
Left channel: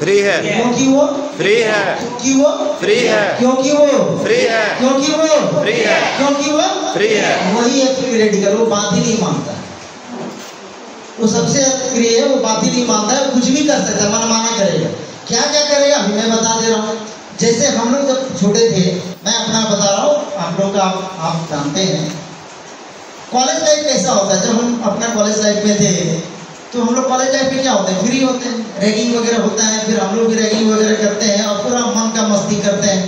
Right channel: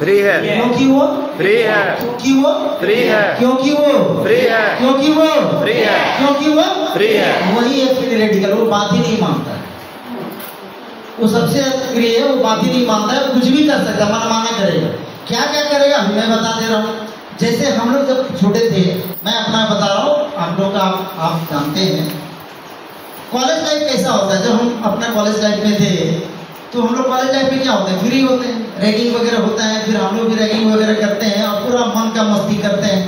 फ्री है। क्योंकि वो फ्री है। क्योंकि वो फ्री है। क्योंकि वो फ्री है। क्योंकि वो फ्री है। क्योंकि वो फ्री है। वही है फ्री रेडिकल। वो बात ही नहीं मानता है, वो सबसे फ्री है, वो बात ही नहीं मानता है, कुछ भी कर सकता है, मनमाना करेगा। क्या क्या करेगा मैं बता दे रहा हूँ। जैसे हम लोग जब छोटे थे, मैं अपना बता रहा हूँ, आप लोग का आप जानते हैं कॉलेज लाइफ कैसा होता है। जब हम अपना कॉलेज लाइफ में थे तो हम लोग कॉलेज लाइफ में क्या होते हैं? फ्री होते हैं, रैगिंग वगैरह होता है, फिर हम लोग भी रैगिंग वगैरह करते हैं और पूरा मन का मस्ती करते हैं।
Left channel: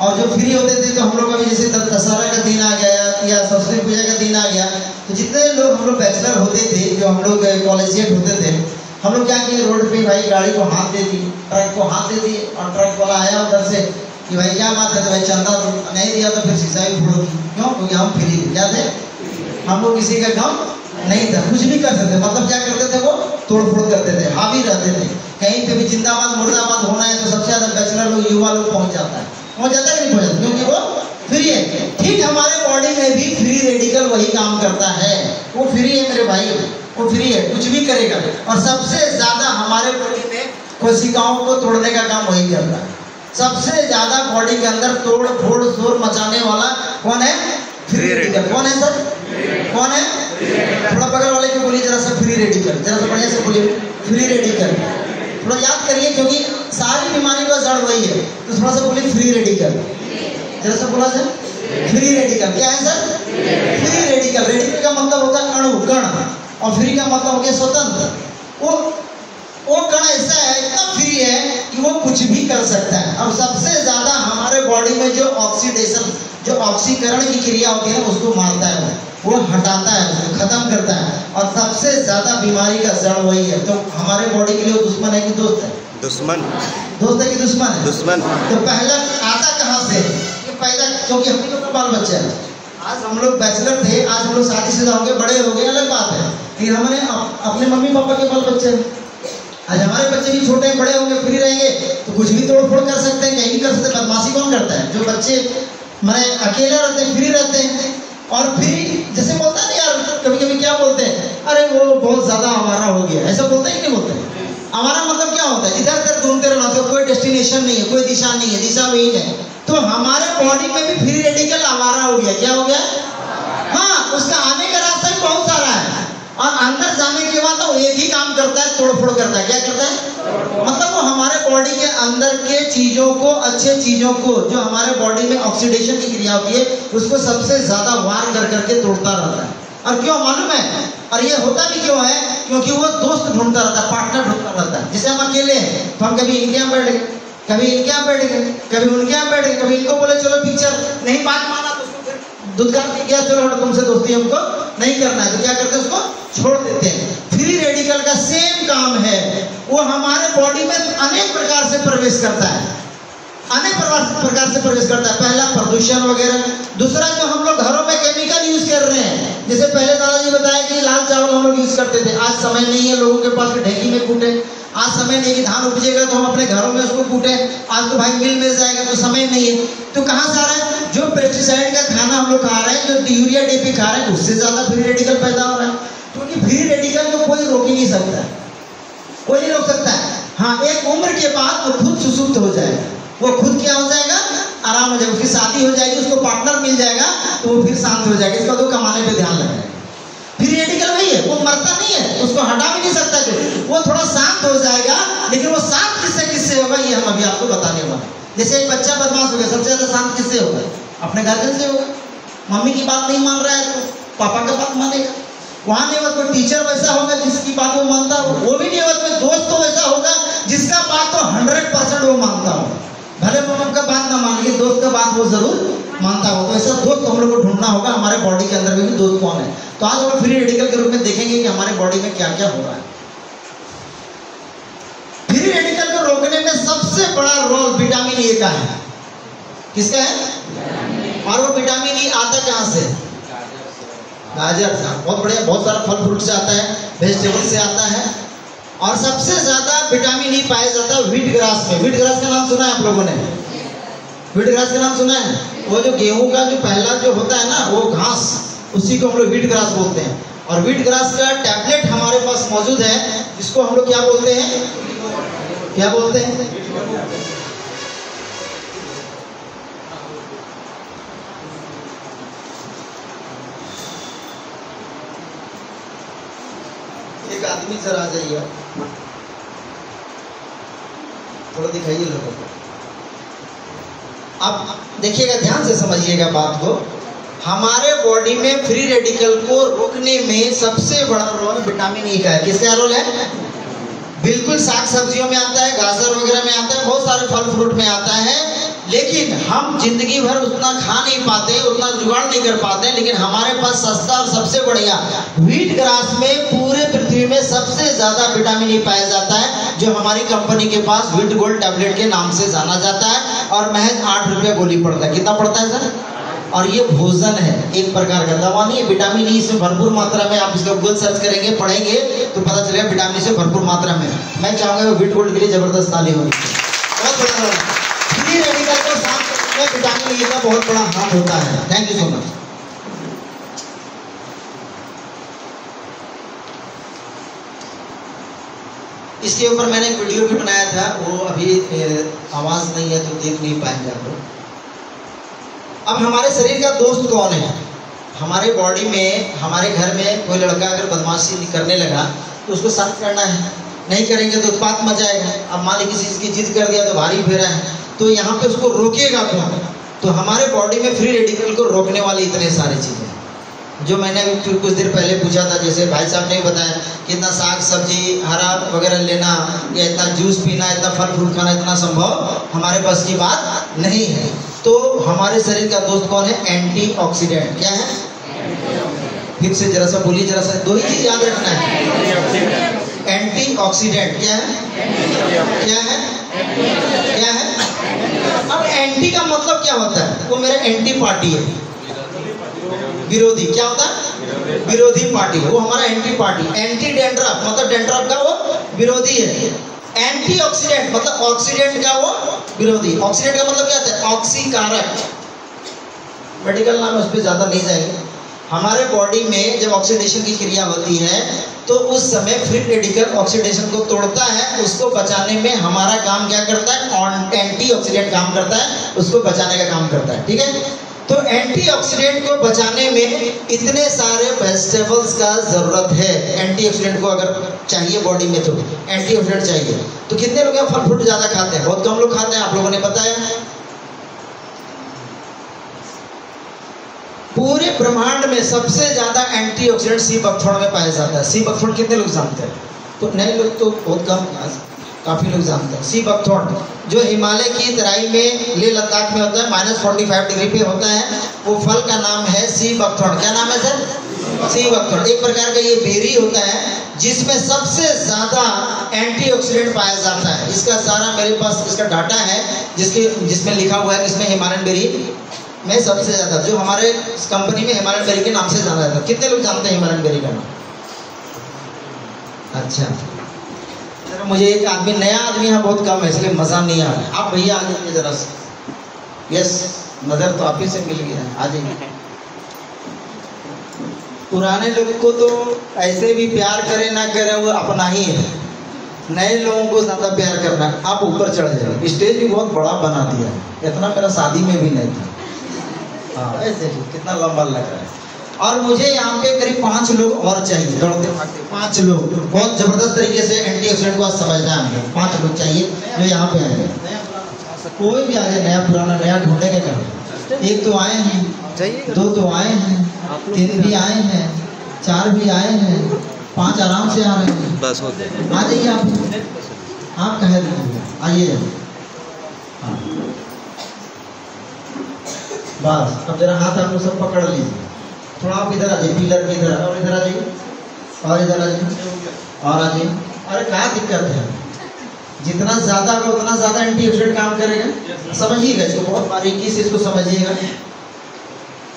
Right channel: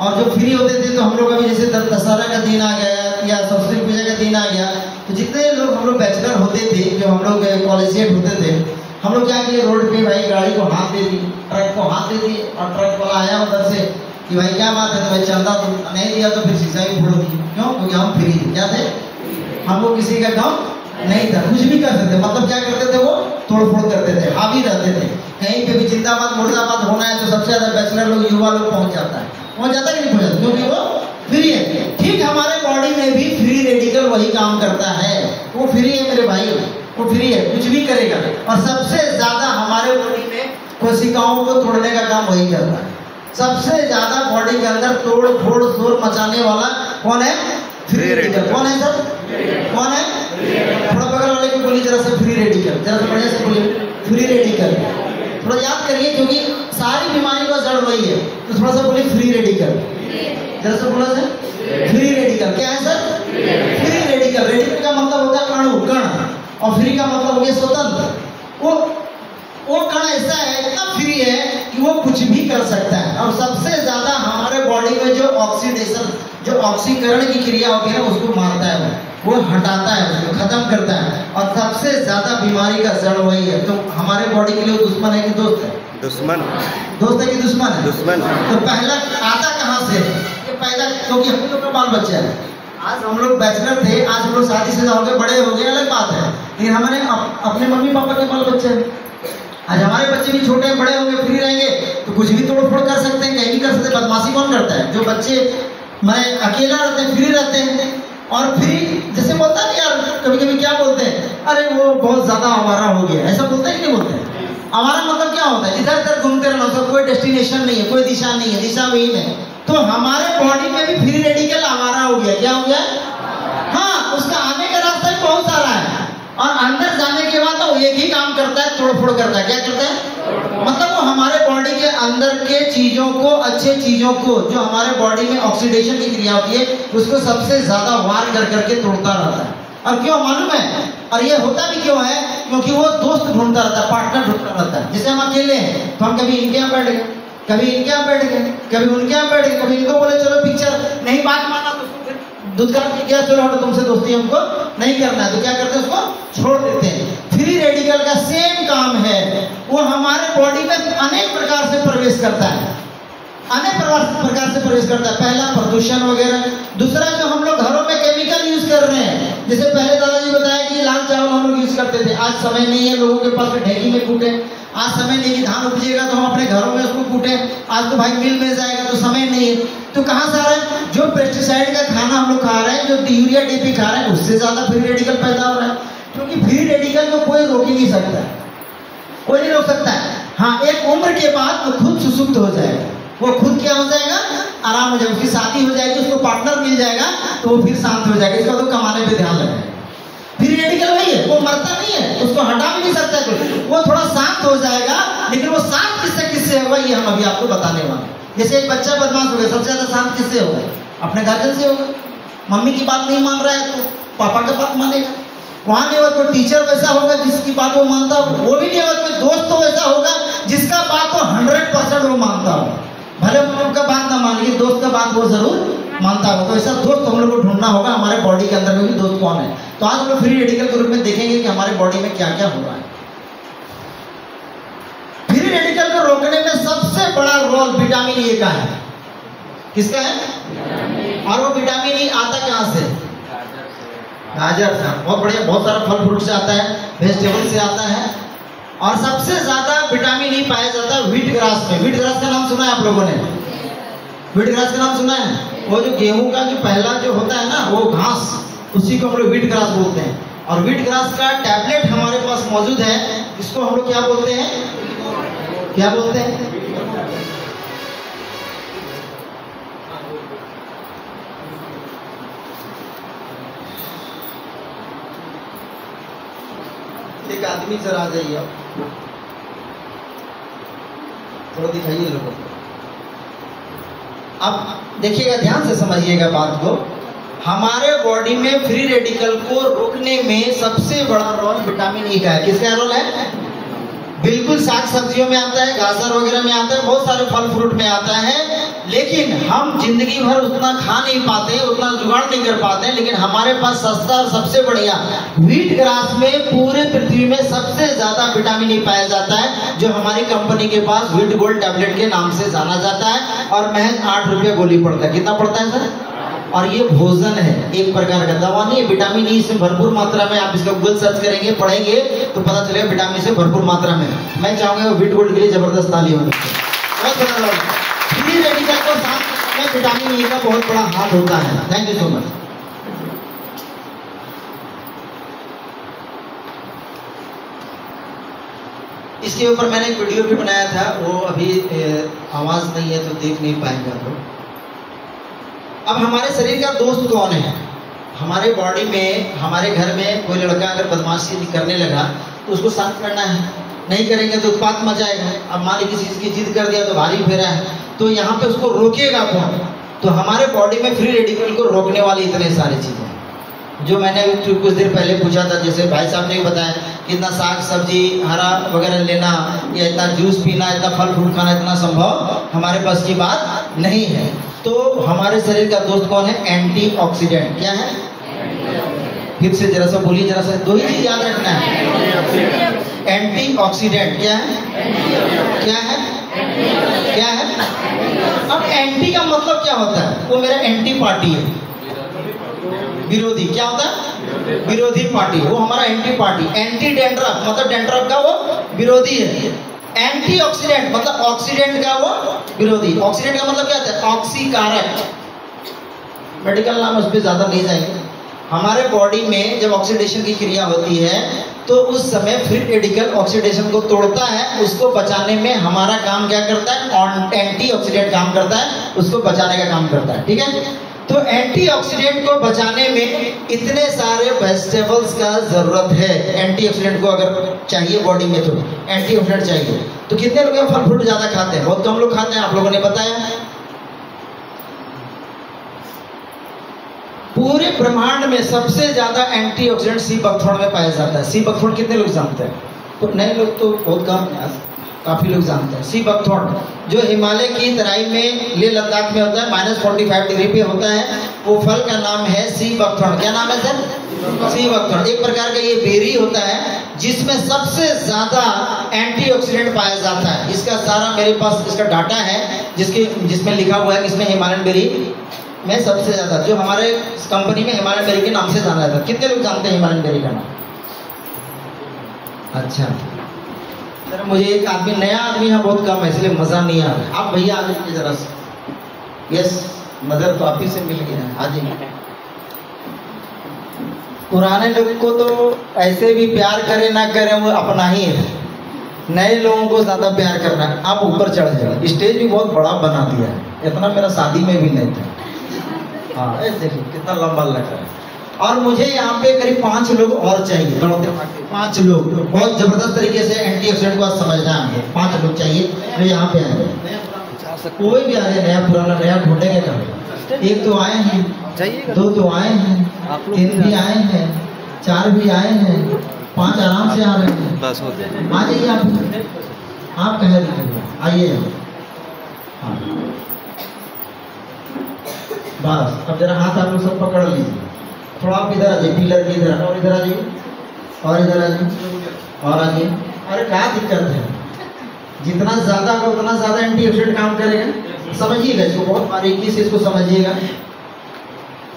और जो फ्री होते थे तो हम लोग अभी जैसे दशहरा का दिन आ गया या सरस्वती पूजा का दिन आ गया, तो जितने लोग हम लोग बैचलर होते थे, जो हम लोग कॉलेजिएट होते थे, हम लोग क्या किए, रोड पे भाई गाड़ी को हाथ दे दी, ट्रक को हाथ दे दिए और ट्रक वाला आया उधर से कि भाई क्या बात है, तो भाई चंदा तो नहीं दिया तो फिर शीशा भी फोड़ दी। क्यों? क्योंकि हम फ्री क्या थे, हमको किसी का काम नहीं था, कुछ भी कर सकते। मतलब क्या करते थे, वो तोड़ फोड़ करते थे, हावी रहते थे। कहीं पे भी जिंदाबाद मुर्दाबाद होना है तो सबसे ज्यादा बैचलर लोग, युवा लोग पहुंच जाता है कि नहीं पहुंच जाता, क्योंकि वो फ्री है। ठीक हमारे बॉडी में भी फ्री रेडिकल वही काम करता है, वो फ्री है मेरे भाई, वो फ्री है, कुछ भी करेगा। और सबसे ज्यादा हमारे बॉडी में कोशिकाओं को तोड़ने का काम वही करता है। सबसे ज्यादा बॉडी के अंदर तोड़ फोड़ शोर मचाने वाला कौन है? Free radical. कौन है सर? कौन है? थोड़ा बगल वाले को बोलिए जरा सा फ्री रेडिकल, जरा सा बढ़िया से बोलिए फ्री रेडिकल। थोड़ा याद करिए क्योंकि सारी बीमारी का जड़ वही है, तो थोड़ा सा बोलिए फ्री रेडिकल, जरा सा बोला सर फ्री रेडिकल। क्या है सर? Free radical. रेडिकल का मतलब होता है अणु, कण, और फ्री का मतलब हो गया स्वतंत्र। वो कण ऐसा है, इतना फ्री है कि वो कुछ भी कर सकता है। और सबसे ज्यादा हमारे बॉडी में जो ऑक्सीडेशन, जो ऑक्सीकरण की क्रिया होती है उसको मारता है, वो हटाता है, उसको खत्म करता है। और सबसे ज्यादा बीमारी का जड़ वही है। तो हमारे बॉडी के लिए वो दुश्मन है कि दोस्त है? दुश्मन। दोस्त है कि दुश्मन है? दुश्मन। तो पहला आता कहाँ से? ये पैदा, क्योंकि हम लोग का बाल बच्चा है। आज हम लोग बैचलर थे, आज हम लोग शादीशुदा हो गए, बड़े हो गए, अलग बात है, लेकिन हमने अपने मम्मी पापा के बाल बच्चे हैं। आज हमारे बच्चे भी छोटे हैं, बड़े होंगे, फ्री रहेंगे तो कुछ भी तोड़ फोड़ कर सकते हैं, कहीं भी कर सकते हैं। बदमाशी कौन करता है? जो बच्चे मैं अकेला रहते हैं, फ्री रहते हैं। और फ्री जैसे बोलता है यार, कभी कभी क्या बोलते हैं, अरे वो बहुत ज्यादा आवारा हो गया, ऐसा बोलते हैं कि नहीं बोलते हैं? आवारा मतलब क्या होता है? इधर उधर घूमते रहना, उसका कोई डेस्टिनेशन नहीं है, कोई दिशा नहीं है, दिशा विहीन है। तो हमारे बॉडी में भी फ्री रेडिकल आवारा हो गया। क्या हो गया? हाँ, उसका आने का रास्ता भी बहुत सारा है, और अंदर जाने के बाद वो एक ही काम करता है, तोड़फोड़ करता है। क्या करता है? मतलब वो हमारे बॉडी के अंदर के चीजों को, अच्छे चीजों को, जो हमारे बॉडी में ऑक्सीडेशन की क्रिया होती है, उसको सबसे ज्यादा वार कर करके तोड़ता रहता है। और क्यों मालूम है? और ये होता भी क्यों है? क्योंकि वो दोस्त ढूंढता रहता है, पार्टनर ढूंढता रहता है। जैसे हम अकेले हैं तो हम कभी इनके यहाँ बैठ गए, कभी इनके यहाँ बैठ गए, कभी उनके यहाँ बैठ गए, कभी इनको बोले चलो पिक्चर, नहीं बात माना तो उसको फिर दुदकार के गया, चलो हटो तुमसे दोस्ती हमको नहीं करना है, तो क्या करते हैं? उसको छोड़ देते हैं। फ्री रेडिकल का सेम काम है, वो हमारे बॉडी में अनेक प्रकार से प्रवेश करता है, अनेक प्रकार से प्रवेश करता है। पहला प्रदूषण वगैरह, दूसरा जो हम लोग घरों में केमिकल यूज कर रहे हैं, जैसे पहले दादाजी बताया कि लाल चावल हम लोग यूज करते थे, आज समय नहीं है लोगों के पास ढेकी में कूटे, आज समय नहीं कि धान उपजेगा तो हम अपने घरों में उसको कूटे, आज तो भाई मिल जाएगा तो समय नहीं है। तो कहाँ से आ रहा है? जो पेस्टिसाइड का खाना हम लोग खा रहे हैं, जो यूरिया डीपी खा रहे हैं, उससे ज्यादा फ्री रेडिकल पैदा हो रहा है। क्योंकि फ्री रेडिकल को कोई रोक ही नहीं सकता, कोई नहीं रोक सकता है। हाँ, एक उम्र के बाद वो खुद सुसुप्त हो जाएगा, वो खुद क्या हो जाएगा? आराम हो जाएगा, उसकी शादी हो जाएगी, उसको पार्टनर मिल जाएगा तो वो फिर शांत हो जाएगा। इसका तो कमाने पे ध्यान लगाएगा। फ्री रेडिकल वही है, वो मरता नहीं है, उसको हटा भी नहीं सकता, वो थोड़ा शांत हो जाएगा, लेकिन वो शांत किससे होगा ये हम अभी आपको बताने वाले हैं। जैसे एक बच्चा बदमाश हो गया, सबसे ज्यादा शांत किससे होगा? अपने गार्जियन से होगा। मम्मी की बात नहीं मान रहा है तो पापा की बात मानेगा। वहां नहीं होगा, कोई टीचर वैसा होगा जिसकी बात वो मानता हो, वो भी नहीं होगा। कोई दोस्त तो वैसा होगा जिसका बात तो 100% वो मानता हो, भले मम्मी का बात ना मानिए, दोस्त का बात वो जरूर मानता हो। तो ऐसा दोस्त हम लोग को ढूंढना होगा। हमारे बॉडी के अंदर में भी दोस्त कौन है? तो आज हम लोग फ्री रेडिकल के रूप में देखेंगे कि हमारे बॉडी में क्या क्या हो रहा है। फ्री रेडिकल को रोकने में सबसे बड़ा रोल विटामिन ए का है। किसका है? और वो विटामिन ई आता कहाँ से? गाजर से। बहुत बढ़िया, बहुत सारा फल फ्रूट से आता है, वेजिटेबल से आता है। और सबसे ज्यादा विटामिन ई पाया जाता है व्हीट ग्रास में। व्हीट ग्रास का नाम सुना है आप लोगों ने? व्हीट ग्रास का नाम सुना है? वो जो गेहूं का जो पहला जो होता है ना, वो घास, उसी को हम लोग व्हीट ग्रास बोलते हैं। और व्हीट ग्रास का टैबलेट हमारे पास मौजूद है, जिसको हम लोग क्या बोलते हैं? क्या बोलते हैं? एक आदमी जरा आ जाइए, थोड़ा दिखाइए लोगों को। अब देखिएगा, ध्यान से समझिएगा बात को। हमारे बॉडी में फ्री रेडिकल को रोकने में सबसे बड़ा रोल विटामिन ई का है। किसका रोल है? बिल्कुल साग सब्जियों में आता है, गाजर वगैरह में आता है, बहुत सारे फल फ्रूट में आता है। लेकिन हम जिंदगी भर उतना खा नहीं पाते, उतना जुगाड़ नहीं कर पाते। लेकिन हमारे पास सस्ता और सबसे बढ़िया व्हीट ग्रास में पूरे पृथ्वी में सबसे ज्यादा विटामिन ई पाया जाता है, जो हमारी कंपनी के पास व्हीट गोल्ड टैबलेट के नाम से जाना जाता है। और महज 8 रुपया गोली पड़ता है। कितना पड़ता है सर? और ये भोजन है, एक प्रकार का दवा नहीं है। विटामिन ई से भरपूर मात्रा में, आप इसका गूगल सर्च करेंगे, पढ़ेंगे तो पता चलेगा विटामिन से भरपूर मात्रा में। मैं चाहूंगा व्हीट गोल्ड के लिए जबरदस्त ताली होगी। बहुत बड़ा फ्री रेडिकल को शांत करने में विटामिन ई का बहुत बड़ा हाथ होता है। Thank you so much. इसके ऊपर मैंने एक वीडियो भी बनाया था, वो अभी आवाज नहीं है तो देख नहीं पाएंगे आप लोग। अब हमारे शरीर का दोस्त कौन है? हमारे बॉडी में, हमारे घर में कोई लड़का अगर बदमाशी करने लगा तो उसको शांत करना है, नहीं करेंगे तो उत्पात मचाएगा। अब मान लीजिए किसी चीज़ की जिद कर दिया तो भारी फेरा है, तो यहाँ पे उसको रोकेगा कौन? तो हमारे बॉडी में फ्री रेडिकल को रोकने वाली इतने सारी चीज़ें जो मैंने कुछ देर पहले पूछा था, जैसे भाई साहब ने बताया कि इतना साग सब्जी हरा वगैरह लेना या इतना जूस पीना, इतना फल फ्रूट खाना इतना संभव हमारे पास की बात नहीं है। तो हमारे शरीर का दोस्त कौन है? एंटीऑक्सीडेंट। क्या है? फिर से जरा सा बोलिए, जरा सा, दो ही चीज याद रखना है। एंटीऑक्सीडेंट क्या है? क्या है? क्या है? अब एंटी का मतलब क्या होता है? वो मेरा एंटी पार्टी है, विरोधी। क्या होता है? विरोधी पार्टी है, वो हमारा एंटी पार्टी। एंटी डेंड्रफ मतलब डेंड्रफ का वो विरोधी है। एंटीऑक्सीडेंट मतलब ऑक्सीडेंट का वो विरोधी। ऑक्सीडेंट का मतलब क्या होता है? ऑक्सीकारक। मेडिकल नाम उस पर ज्यादा नहीं जाएंगे। हमारे बॉडी में जब ऑक्सीडेशन की क्रिया होती है तो उस समय फ्री रेडिकल ऑक्सीडेशन को तोड़ता है, उसको बचाने में हमारा काम क्या करता है? एंटीऑक्सीडेंट काम करता है, उसको बचाने का काम करता है। ठीक है, तो एंटीऑक्सीडेंट को बचाने में इतने सारे वेजिटेबल्स का जरूरत है। एंटीऑक्सीडेंट को अगर चाहिए बॉडी में तो एंटीऑक्सीडेंट चाहिए। तो कितने लोग फल फ्रूट ज्यादा खाते हैं? बहुत कम लोग खाते हैं, आप लोगों ने बताया। पूरे ब्रह्मांड में सबसे ज्यादा एंटीऑक्सीडेंट सी बकथोड़ में पाया जाता है। सी बकथोड़ कितने लोग जानते हैं? तो नए लोग तो बहुत कम, काफी लोग जानते हैं। सी बकथोड़ जो हिमालय की तराई में लेह लद्दाख में होता है, -45 डिग्री पे होता है। वो फल का नाम है सी बकथोड़। क्या नाम है सर? सी बकथोड़। एक प्रकार का ये बेरी होता है जिसमें सबसे ज्यादा एंटीऑक्सीडेंट पाया जाता है। इसका सारा मेरे पास इसका डाटा है जिसमें लिखा हुआ है कि इसमें हिमालयन बेरी में सबसे ज्यादा, जो हमारे कंपनी में हिमालयन बेरी के नाम से जाना जाता है। कितने लोग जानते हैं हिमालयन बेरी का नाम? अच्छा सर, मुझे एक आदमी, नया आदमी यहाँ बहुत कम है इसलिए मजा नहीं आ रहा है। आप भैया आ जाइए जरा से। यस, नजर तो आप ही से मिल गया है, आ जाइए। पुराने लोगों को तो ऐसे भी प्यार करे ना करे वो अपना ही है, नए लोगों को ज्यादा प्यार करना। आप ऊपर चढ़ जाए। स्टेज भी बहुत बड़ा बना दिया है, इतना मेरा शादी में भी नहीं था। हाँ देखिए कितना लंबा लग रहा है। और मुझे यहाँ पे करीब 5 लोग और चाहिए, 5 लोग बहुत जबरदस्त तरीके से एंटीऑक्सीडेंट को समझना है हमको। 5 लोग चाहिए जो यहाँ पे आ जाए। कोई भी आ जाए, नया पुराना, नया ढूंढने के काम। 1 तो आए हैं, 2 तो आए हैं, 3 भी आए हैं, 4 भी आए हैं, 5 आराम से आ रहे हैं। बस हो गया, आ जाइए आप कह रहे हैं, आइए। हाँ बस, अब जरा हाथ आप लोग सब पकड़ लीजिए। थोड़ा आप इधर आ जाइए, पिलर के इधर, और इधर आ जाइए, और इधर आ जाइए, और आ जाइए। अरे क्या दिक्कत है? जितना ज्यादा होगा उतना ज्यादा एंटीऑक्सीडेंट काम करेगा। समझिएगा इसको, बहुत बारीकी से इसको समझिएगा।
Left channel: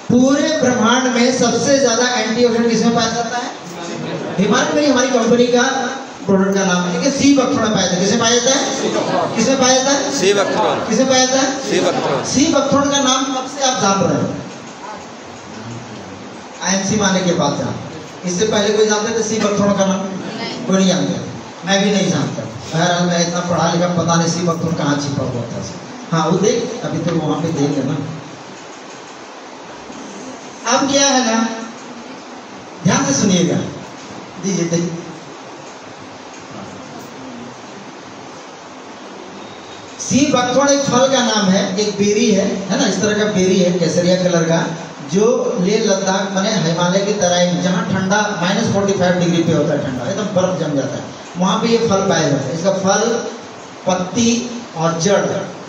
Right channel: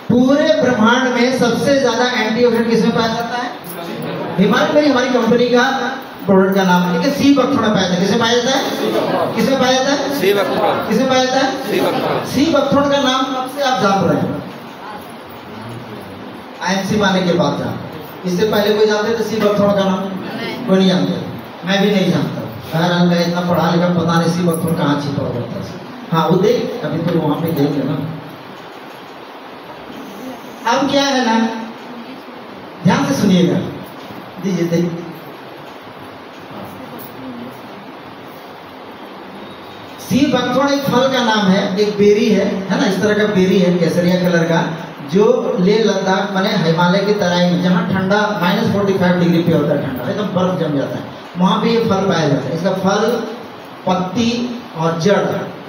पूरे ब्रह्मांड में सबसे ज्यादा एंटीऑक्सीडेंट किसमें पाया जाता है? हिमालय में। हमारी कंपनी का प्रोडक्ट का नाम है, लेकिन सी बकथोड़ में पाया जाता है। किसमें पाया जाता है? किसमें पाया जाता है? सी बकथोड़। किसमें पाया जाता है? सी बकथोड़। सी बकथोड़ का नाम कब से आप जान रहे हैं? IMC में आने के बाद जान। इससे पहले कोई जानते थे सी बकथोड़ का नाम? कोई नहीं जानते, मैं भी नहीं जानता। बहरहाल मैं इतना पढ़ा लिखा, पता नहीं सी बकथोड़ कहाँ छिपा होता है। हाँ वो देख, अभी तो वहां पे देख लेना। अब क्या है ना, ध्यान से सुनिएगा। दीजिए देखिए, सी बकथोड़ एक फल का नाम है, एक बेरी है ना, इस तरह का बेरी है केसरिया कलर का, जो लेह लद्दाख माने हिमालय की तराई में, जहाँ ठंडा -45 डिग्री पे होता है, ठंडा एकदम बर्फ जम जाता है, वहाँ पे ये फल पाया जाता है। इसका फल, पत्ती और जड़,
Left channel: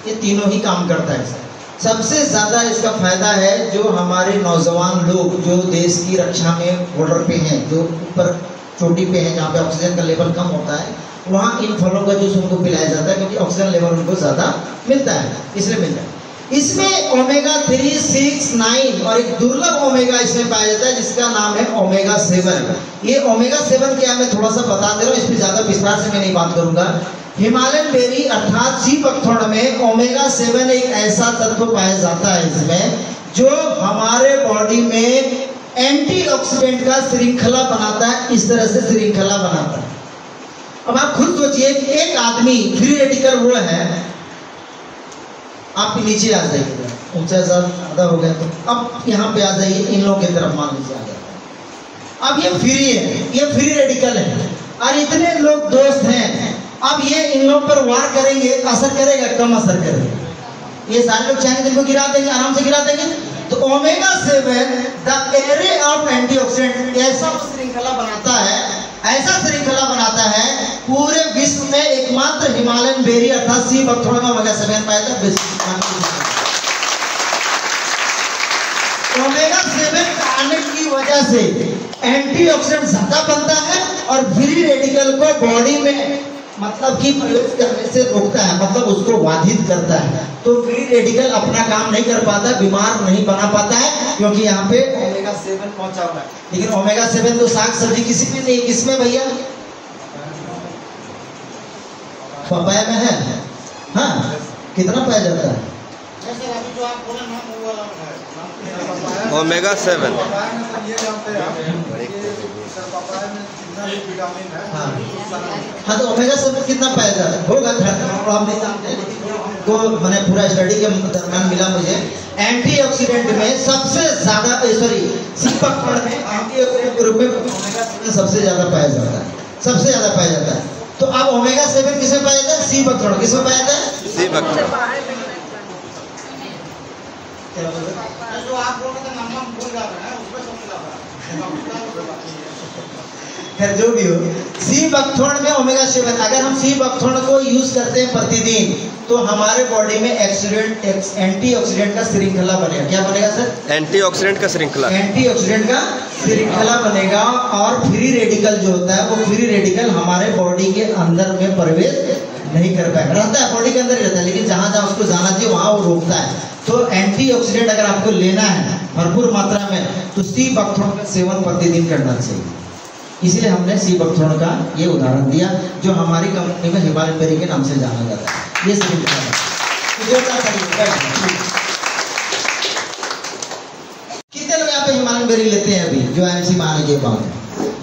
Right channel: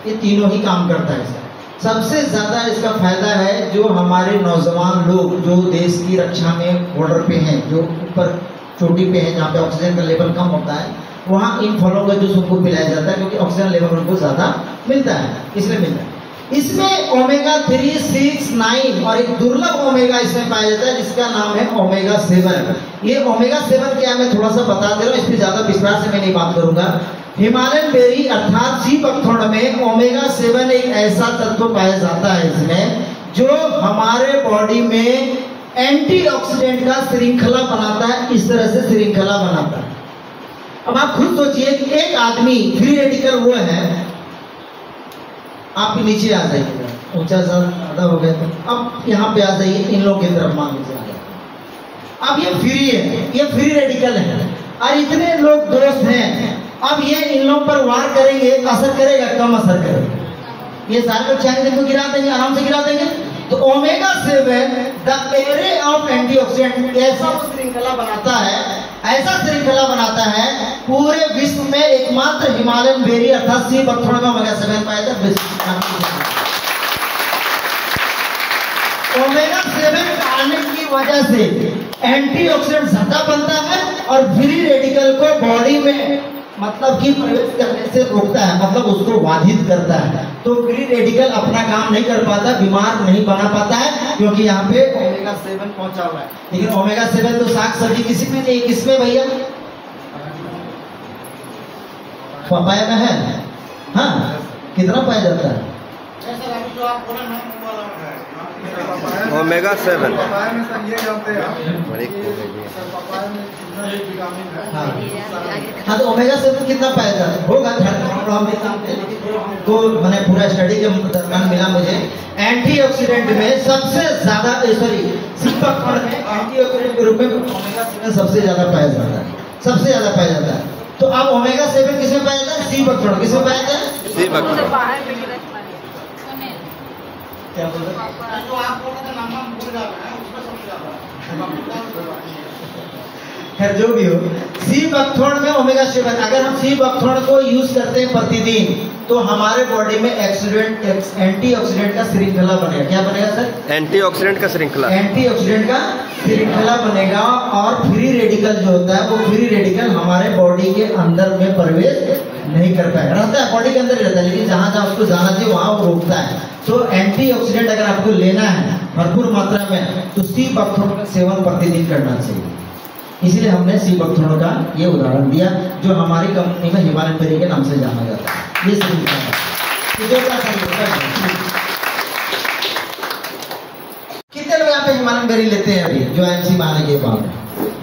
ये तीनों ही काम करता है। सबसे ज्यादा इसका फायदा है जो हमारे नौजवान लोग जो देश की रक्षा में बॉर्डर पे हैं, जो ऊपर चोटी पे हैं, जहाँ पे ऑक्सीजन का लेवल कम होता है, वहाँ इन फलों का जूस उनको पिलाया जाता है, क्योंकि ऑक्सीजन लेवल उनको ज्यादा मिलता है, इसलिए मिलता है। इसमें ओमेगा 3, 6, 9 और एक दुर्लभ ओमेगा इसमें पाया जाता है जिसका नाम है ओमेगा 7। ये ओमेगा 7 क्या, मैं थोड़ा सा बता दे रहा हूँ, इस पर ज्यादा विस्तार से मैं नहीं बात करूंगा। हिमालयन बेरी अर्थात सी बकथोड़ में ओमेगा 7 एक ऐसा तत्व पाया जाता है इसमें जो हमारे बॉडी में एंटीऑक्सीडेंट का श्रृंखला बनाता है। इस तरह से श्रृंखला बनाता है। अब आप खुद सोचिए कि एक आदमी फ्री रेडिकल वो है, आप नीचे आ जाइएगा, ऊंचा सर ज़्यादा हो गया। तो अब यहाँ पे आ जाइए, इन लोगों की तरफ मान लीजिए आ जाए। अब ये फ्री है, ये फ्री रेडिकल है और इतने लोग दोस्त हैं। अब ये इन लोगों पर वार करेंगे, असर करेगा? कम असर करेगा। ये सारे लोग चाहेंगे इनको गिरा देंगे, आराम से गिरा देंगे। तो omega 7 the array of antioxidant ऐसा श्रृंखला बनाता है, ऐसा श्रृंखला बनाता है पूरे विश्व में एकमात्र हिमालयन बेरी अर्थात सी बकथोड़ में ओमेगा 7 पाया जाता है। ओमेगा 7 आने की वजह से एंटीऑक्सीडेंट ज्यादा बनता है और फ्री रेडिकल को बॉडी में मतलब कि प्रवेश करने से रोकता है, मतलब उसको बाधित करता है। तो फ्री रेडिकल अपना काम नहीं कर पाता, बीमार नहीं बना पाता है, क्योंकि यहाँ पे ओमेगा 7 पहुंचा हुआ है। लेकिन ओमेगा 7 तो साग सब्जी किसी में नहीं, किसमें भैया? पपाया में है। हाँ, कितना पाया जाता है? ओमेगा 7 हाँ, तो ओमेगा 7 कितना पाया जाता है? होगा हम नहीं जानते, तो मैंने पूरा स्टडी के दरम्यान मिला मुझे एंटीऑक्सीडेंट में सबसे ज्यादा सीपकफल में एंटीऑक्सीडेंट के रूप में ओमेगा 7 सबसे ज्यादा पाया जाता है, सबसे ज्यादा पाया जाता है। तो अब ओमेगा 7 किसे पाया जाता है? सीपकफल। किसमें पाया जाता है? सीपकफल। क्या बोल रहे हैं? जो आप बोल रहे थे नंबर भूल जा रहे हैं, उसमें सबसे ज्यादा खैर जो भी हो, सी बकथोर्न में ओमेगा 7, अगर हम सी बकथोर्न को यूज करते हैं प्रतिदिन तो हमारे बॉडी में एंटीऑक्सीडेंट का श्रृंखला बनेगा। क्या बनेगा सर? एंटीऑक्सीडेंट का श्रृंखला। एंटीऑक्सीडेंट का श्रृंखला बनेगा और फ्री रेडिकल जो होता है वो फ्री रेडिकल हमारे बॉडी के अंदर में प्रवेश नहीं कर पाएगा। रहता है बॉडी के अंदर ही रहता है, लेकिन जहां जहां उसको जाना चाहिए वहां वो रोकता है। तो एंटीऑक्सीडेंट अगर आपको लेना है भरपूर मात्रा में तो सी बकथोर्न का सेवन प्रतिदिन करना चाहिए। इसलिए हमने सी बकथोर्न का ये उदाहरण दिया, जो हमारी कंपनी में हिमालयन बेरी के नाम से जाना जाता है। ये श्रृंखला है। कितने लोग यहाँ पे हिमालयन बेरी लेते हैं अभी जो IMC में आने के बाद?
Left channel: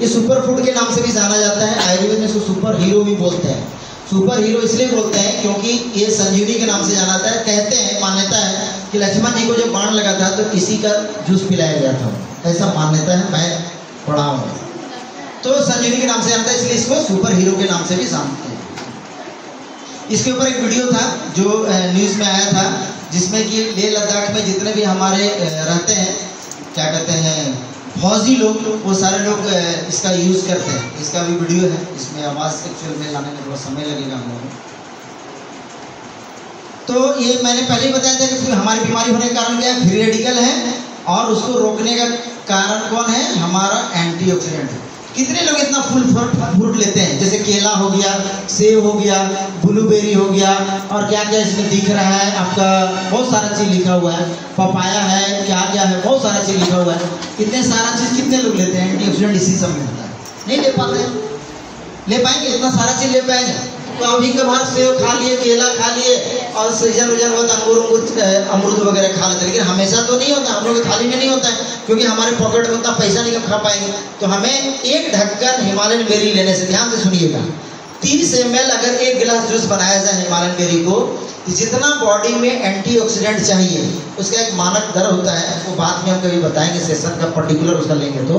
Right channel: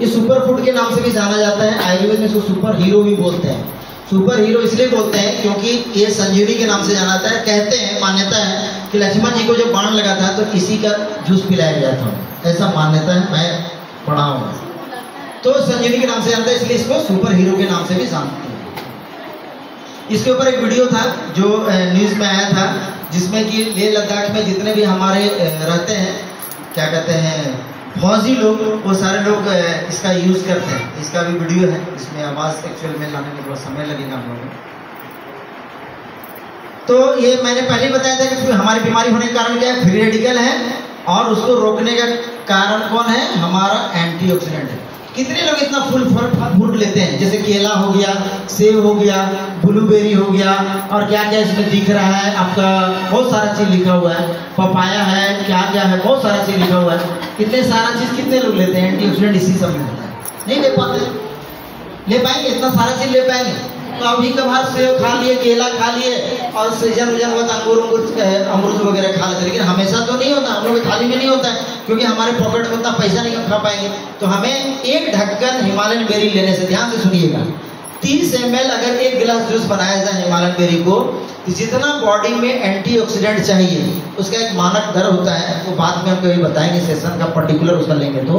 ये सुपर फूड के नाम से भी जाना जाता है, आयुर्वेद में इसको सुपर हीरो भी बोलते हैं। सुपर हीरो इसलिए बोलते हैं क्योंकि ये संजीवनी के नाम से जाना जाता है। कहते हैं, मान्यता है कि लक्ष्मण जी को जब बाण लगा था तो किसी का जूस पिलाया गया था, ऐसा मान्यता है, मैं पढ़ा हूँ। तो संजीवनी के नाम से जानता है, इसलिए इसको सुपर हीरो के नाम से भी जानते हैं। इसके ऊपर एक वीडियो था जो न्यूज़ में आया था, जिसमें कि लेह लद्दाख में जितने भी हमारे रहते हैं, क्या कहते हैं, फौजी लोग, वो सारे लोग इसका यूज़ करते हैं। इसका भी वीडियो है, इसमें आवाज़ एक्चुअल में लाने में थोड़ा समय लगेगा हम लोगों को। तो ये मैंने पहले ही बताया था कि हमारी बीमारी होने का कारण क्या है? फ्री रेडिकल है, और उसको रोकने का कारण कौन है? हमारा एंटीऑक्सीडेंट है। कितने लोग इतना फुल फ्रूट लेते हैं, जैसे केला हो गया, सेब हो गया, ब्लूबेरी हो गया, और क्या क्या इसमें दिख रहा है आपका, बहुत सारा चीज़ लिखा हुआ है, पपाया है, क्या क्या है, बहुत सारा चीज़ लिखा हुआ है। इतने सारा चीज़ कितने लोग लेते हैं? एंटीऑक्सीडेंट इसी सब में होता है। नहीं ले पाते, ले पाएंगे? इतना सारा चीज़ ले पाएंगे? तो अभी कभार सेब खा लिए, केला खा लिए, और सीजन उजन हुआ अमरूद वगैरह खा लेते, लेकिन हमेशा तो नहीं होता, हम लोग की थाली में नहीं होता है, क्योंकि हमारे पॉकेट में उतना पैसा नहीं खा पाएंगे। तो हमें एक ढक्कन हिमालयन बेरी लेने से, ध्यान से सुनिएगा, 30 ml अगर एक गिलास जूस बनाया जाए हिमालयन बेरी को, तो जितना बॉडी में एंटीऑक्सीडेंट चाहिए उसका एक मानक दर होता है, वो बाद में हम कभी बताएंगे, सेशन का पर्टिकुलर उसका लेंगे, तो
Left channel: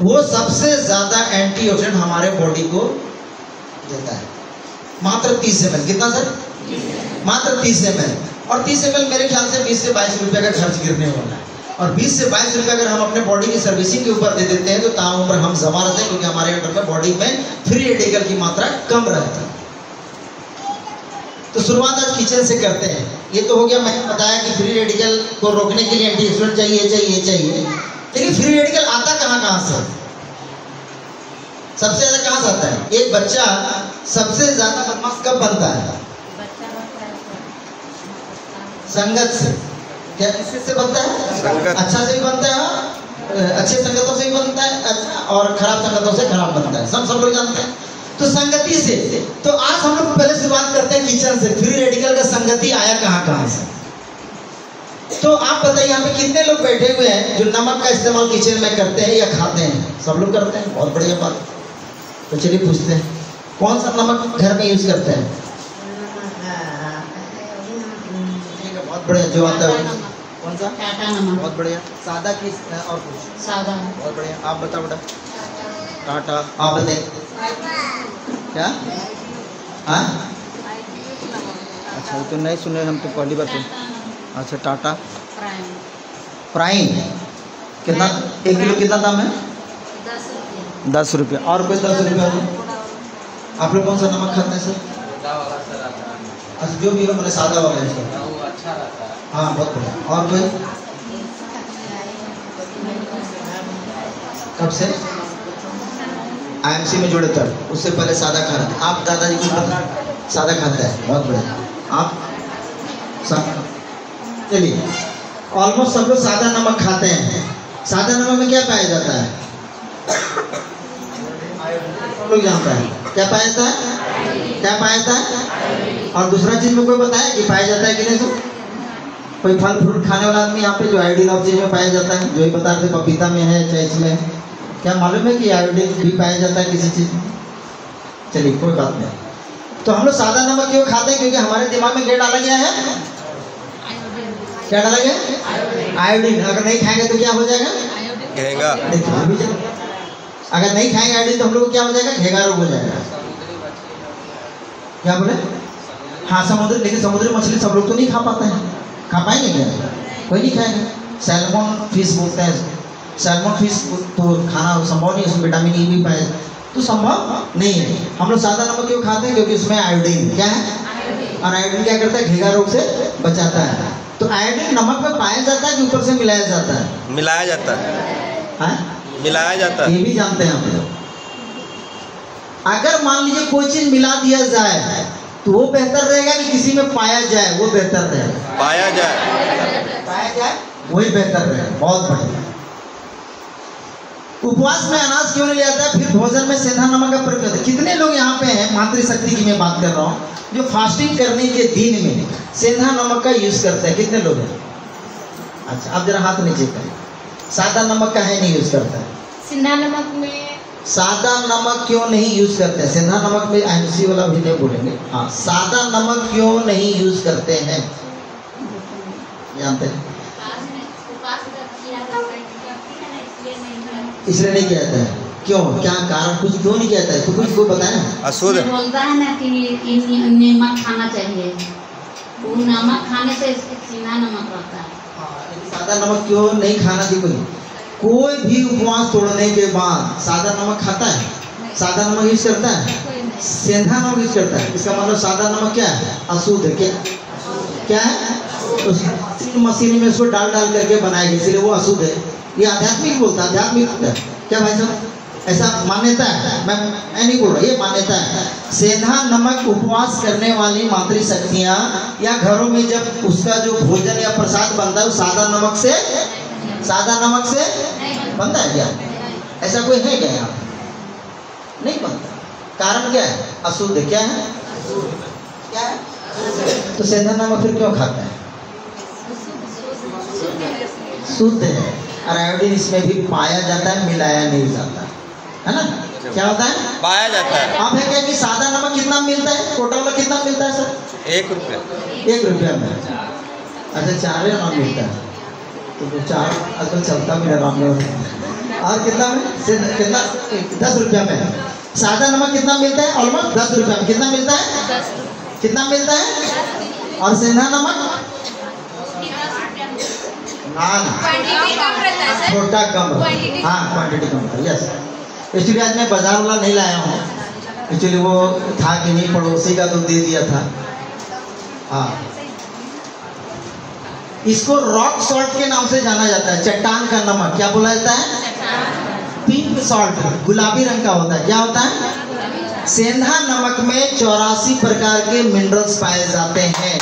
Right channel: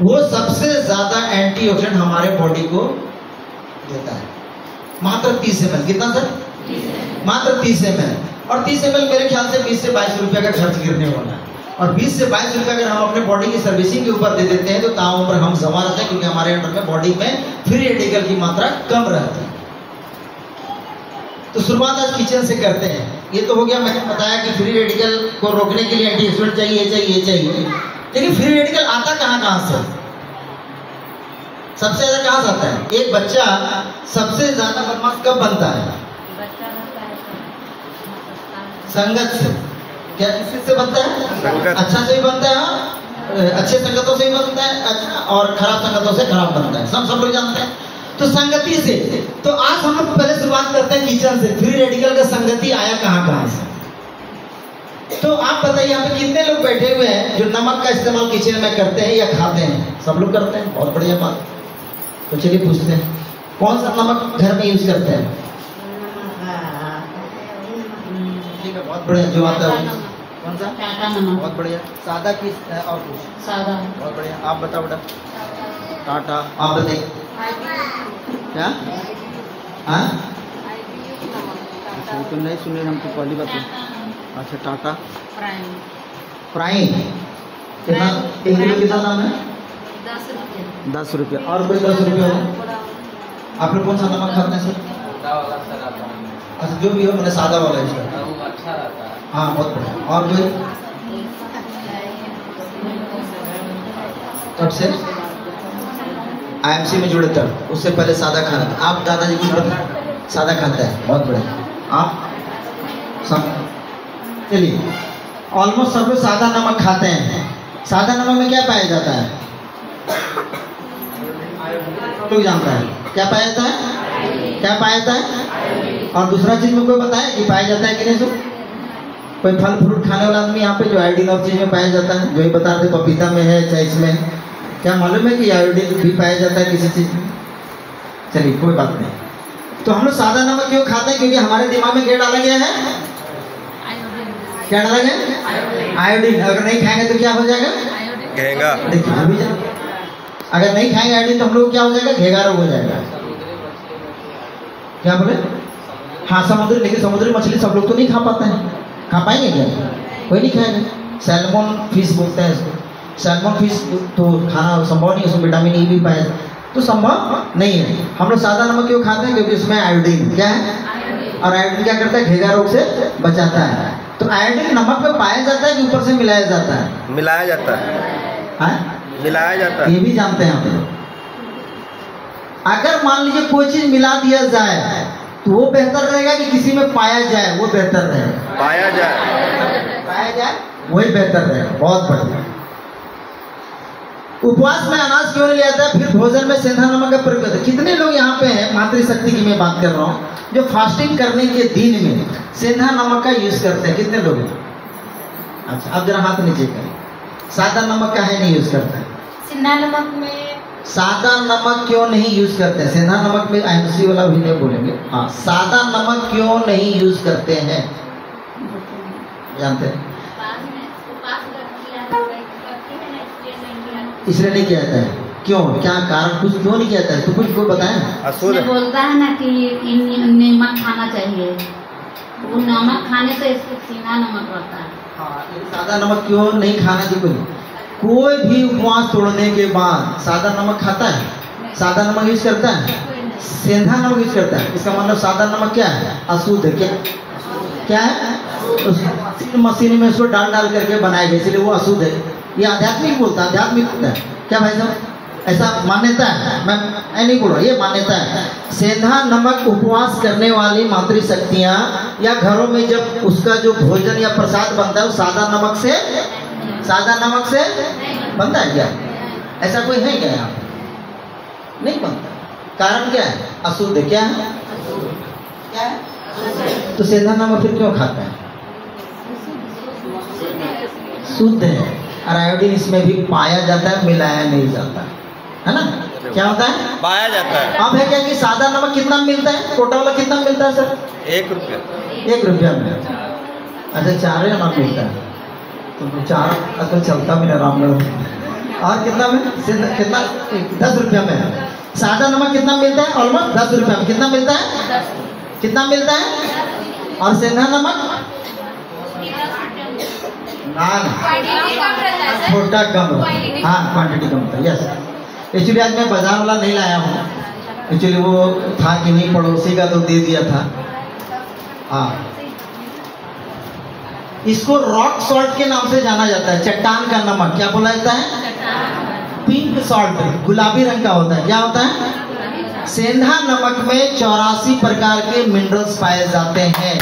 वो सबसे ज़्यादा एंटीऑक्सीडेंट हमारे बॉडी को देता है। मात्र 30 ml। कितना सर? मात्र 30 ml। और 30 ml मेरे ख्याल से 20 से 22 रुपये का खर्च गिरने वाला है। और 20 से 22 रुपये अगर हम अपने बॉडी की सर्विसिंग के ऊपर दे देते हैं तो ताउम्र हम जमा रहते हैं, क्योंकि हमारे अंदर में बॉडी में फ्री रेडिकल की मात्रा कम रहती है। तो शुरुआत आज किचन से करते हैं। ये तो हो गया, मैंने बताया कि फ्री रेडिकल को रोकने के लिए एंटीऑक्सीडेंट चाहिए, लेकिन फ्री रेडिकल आता कहाँ से? सबसे ज्यादा कहाँ से आता है? एक बच्चा सबसे ज्यादा बदमाश कब बनता है? संगत से। क्या किससे बनता है? संगत। अच्छा से भी बनता है, अच्छे संगतों से भी बनता है, और खराब संगतों से खराब बनता है, सब लोग जानते हैं। तो संगति से, तो आज हम लोग पहले शुरुआत करते हैं किचन से। फ्री रेडिकल का संगति आया कहाँ से? तो आप बताइए, यहाँ पे कितने लोग बैठे हुए हैं जो नमक का इस्तेमाल किचन में करते हैं या खाते हैं? सब लोग करते हैं, बहुत बढ़िया बात। तो चलिए पूछते हैं, कौन सा नमक घर में यूज करते हैं? ठीक है, बहुत बढ़िया, जो आता है कौन सा? टाटा नमक। बहुत बढ़िया। सादा की और कुछ? सादा। बहुत बढ़िया। आप बताओ बेटा। टाटा। आप बताइए क्या? हाँ अच्छा तो नहीं सुने हम तो पहली बात। अच्छा टाटा प्राइम कितना? 1 किलो कितना दाम है? 10 रुपये। और कोई 10 रुपये हो? आप लोग कौन सा नमक खाते हैं सर? अच्छा जो भी हो मैंने सादा वाला है सर। अच्छा रहता है। हाँ बहुत बढ़िया। और कोई? कब से IMC में जुड़े तब? उससे पहले सादा खाते थे आप? दादाजी कुछ सादा खाता है। बहुत बढ़िया। आप सब चलिए ऑलमोस्ट सब लोग सादा नमक खाते हैं। सादा नमक में क्या पाया जाता है? लोग जानता है क्या पाया जाता है? क्या पाया जाता है? और दूसरा चीज मुझको बताया कि पाया जाता है कि नहीं? सो कोई फल फ्रूट खाने वाला आदमी यहाँ पे जो आयोडीन और चीज में पाया जाता है, जो ही बता रहे पपीता में है चाहे इसमें है, क्या मालूम है कि आयोडीन भी पाया जाता है किसी चीज में? चलिए कोई बात नहीं। तो हम लोग सादा नमक क्यों खाते हैं? क्योंकि हमारे दिमाग में क्या डाला गया है? क्या डाला गया? आयोडीन। अगर नहीं खाएंगे तो क्या हो जाएगा? घेंगा। देखिए अगर नहीं खाएंगे आयोडीन तो हम लोग क्या हो जाएगा? घेगा रोग हो जाएगा। क्या बोले? हाँ समुद्री, लेकिन समुद्री मछली सब लोग तो नहीं खा पाते हैं। खा पाएंगे क्या? कोई नहीं खाएगा। सैल्मन फिश बोलते हैं। सैल्मन फिश तो खाना संभव नहीं, उसमें विटामिन ई भी पाया तो संभव नहीं है। हम लोग सादा नमक क्यों खाते हैं? क्योंकि उसमें आयोडीन क्या है? और आयोडीन क्या करता है? घेगा रोग से बचाता है। तो आयोडीन नमक में पाया जाता है कि ऊपर से मिलाया जाता है? मिलाया जाता है। हाँ? मिलाया जाता है। ये भी जानते हैं हम लोग। अगर मान लीजिए कोई चीज मिला दिया जाए तो वो बेहतर रहेगा कि किसी में पाया जाए वो बेहतर रहेगा? पाया जाए। पाया जाए वही बेहतर रहेगा। बहुत बढ़िया। उपवास में अनाज क्यों नहीं लिया जाता है? फिर भोजन में सेंधा नमक का प्रयोग होता है। कितने लोग यहाँ पे हैं, मातृशक्ति की मैं बात कर रहा हूँ, जो फास्टिंग करने के दिन में सेंधा नमक का यूज करते हैं? कितने लोग हैं? अच्छा अब जरा हाथ नीचे करें। सादा नमक का है नहीं यूज करता है? सिंधा नमक में सादा नमक क्यों नहीं यूज करते हैं? सेंधा नमक में IMC वाला भी नहीं बोलेंगे। हाँ सादा नमक क्यों नहीं यूज करते हैं? जानते हैं? इसलिए नहीं किया जाता है। क्यों? क्या कारण? कुछ क्यों नहीं किया जाता है? तो कुछ को बताएं। अशुद्ध बोलता है ना कि नमक खाना चाहिए, वो नमक खाने से इसके सीधा नमक रहता है। हाँ सादा नमक क्यों नहीं खाना चाहिए? कोई भी उपवास तोड़ने के बाद सादा नमक खाता है? सादा नमक यूज करता है? सेंधा नमक यूज करता है। इसका मतलब सादा नमक क्या है? अशुद्ध है। क्या है? मशीन में उसको डाल करके बनाया गया, इसलिए वो अशुद्ध है। ये आध्यात्मिक बोलता है। आध्यात्मिक होता है क्या भाई साहब? ऐसा मान्यता है। मैं नहीं बोल रहा, ये मान्यता है। सेंधा नमक उपवास करने वाली मातृशक्तियाँ या घरों में जब उसका जो भोजन या प्रसाद बनता है सादा नमक से बनता है क्या? ऐसा कोई है क्या यहाँ? नहीं बनता। कारण क्या है? अशुद्ध। क्या है? क्या है? तो सेंधा नमक फिर क्यों खाता है? शुद्ध है। और आयोडीन इसमें भी पाया जाता है, मिलाया नहीं जाता है ना? क्या होता है? पाया जाता है। अब है क्या कि सादा नमक कितना मिलता है? टोटल वाला कितना मिलता है सर? 1 रुपया। 1 रुपया में। अच्छा 4 नमक मिलता है तो 4 अगर चलता मेरा राम। और कितना में? कितना? 10 रुपया में। सादा नमक कितना मिलता है? ऑलमोस्ट 10 रुपया में। कितना मिलता है? कितना मिलता है? और सेंधा नमक छोटा कम। हाँ क्वांटिटी कम था। यस एक्चुअली आज मैं बाजार वाला नहीं लाया हूँ। एक्चुअली वो था कि नहीं पड़ोसी का तो दे दिया था। हाँ इसको रॉक सॉल्ट के नाम से जाना जाता है। चट्टान का नमक क्या बोला जाता है? पिंक सॉल्ट, गुलाबी रंग का होता है। क्या होता है? सेंधा नमक में 84 प्रकार के मिनरल्स पाए जाते हैं।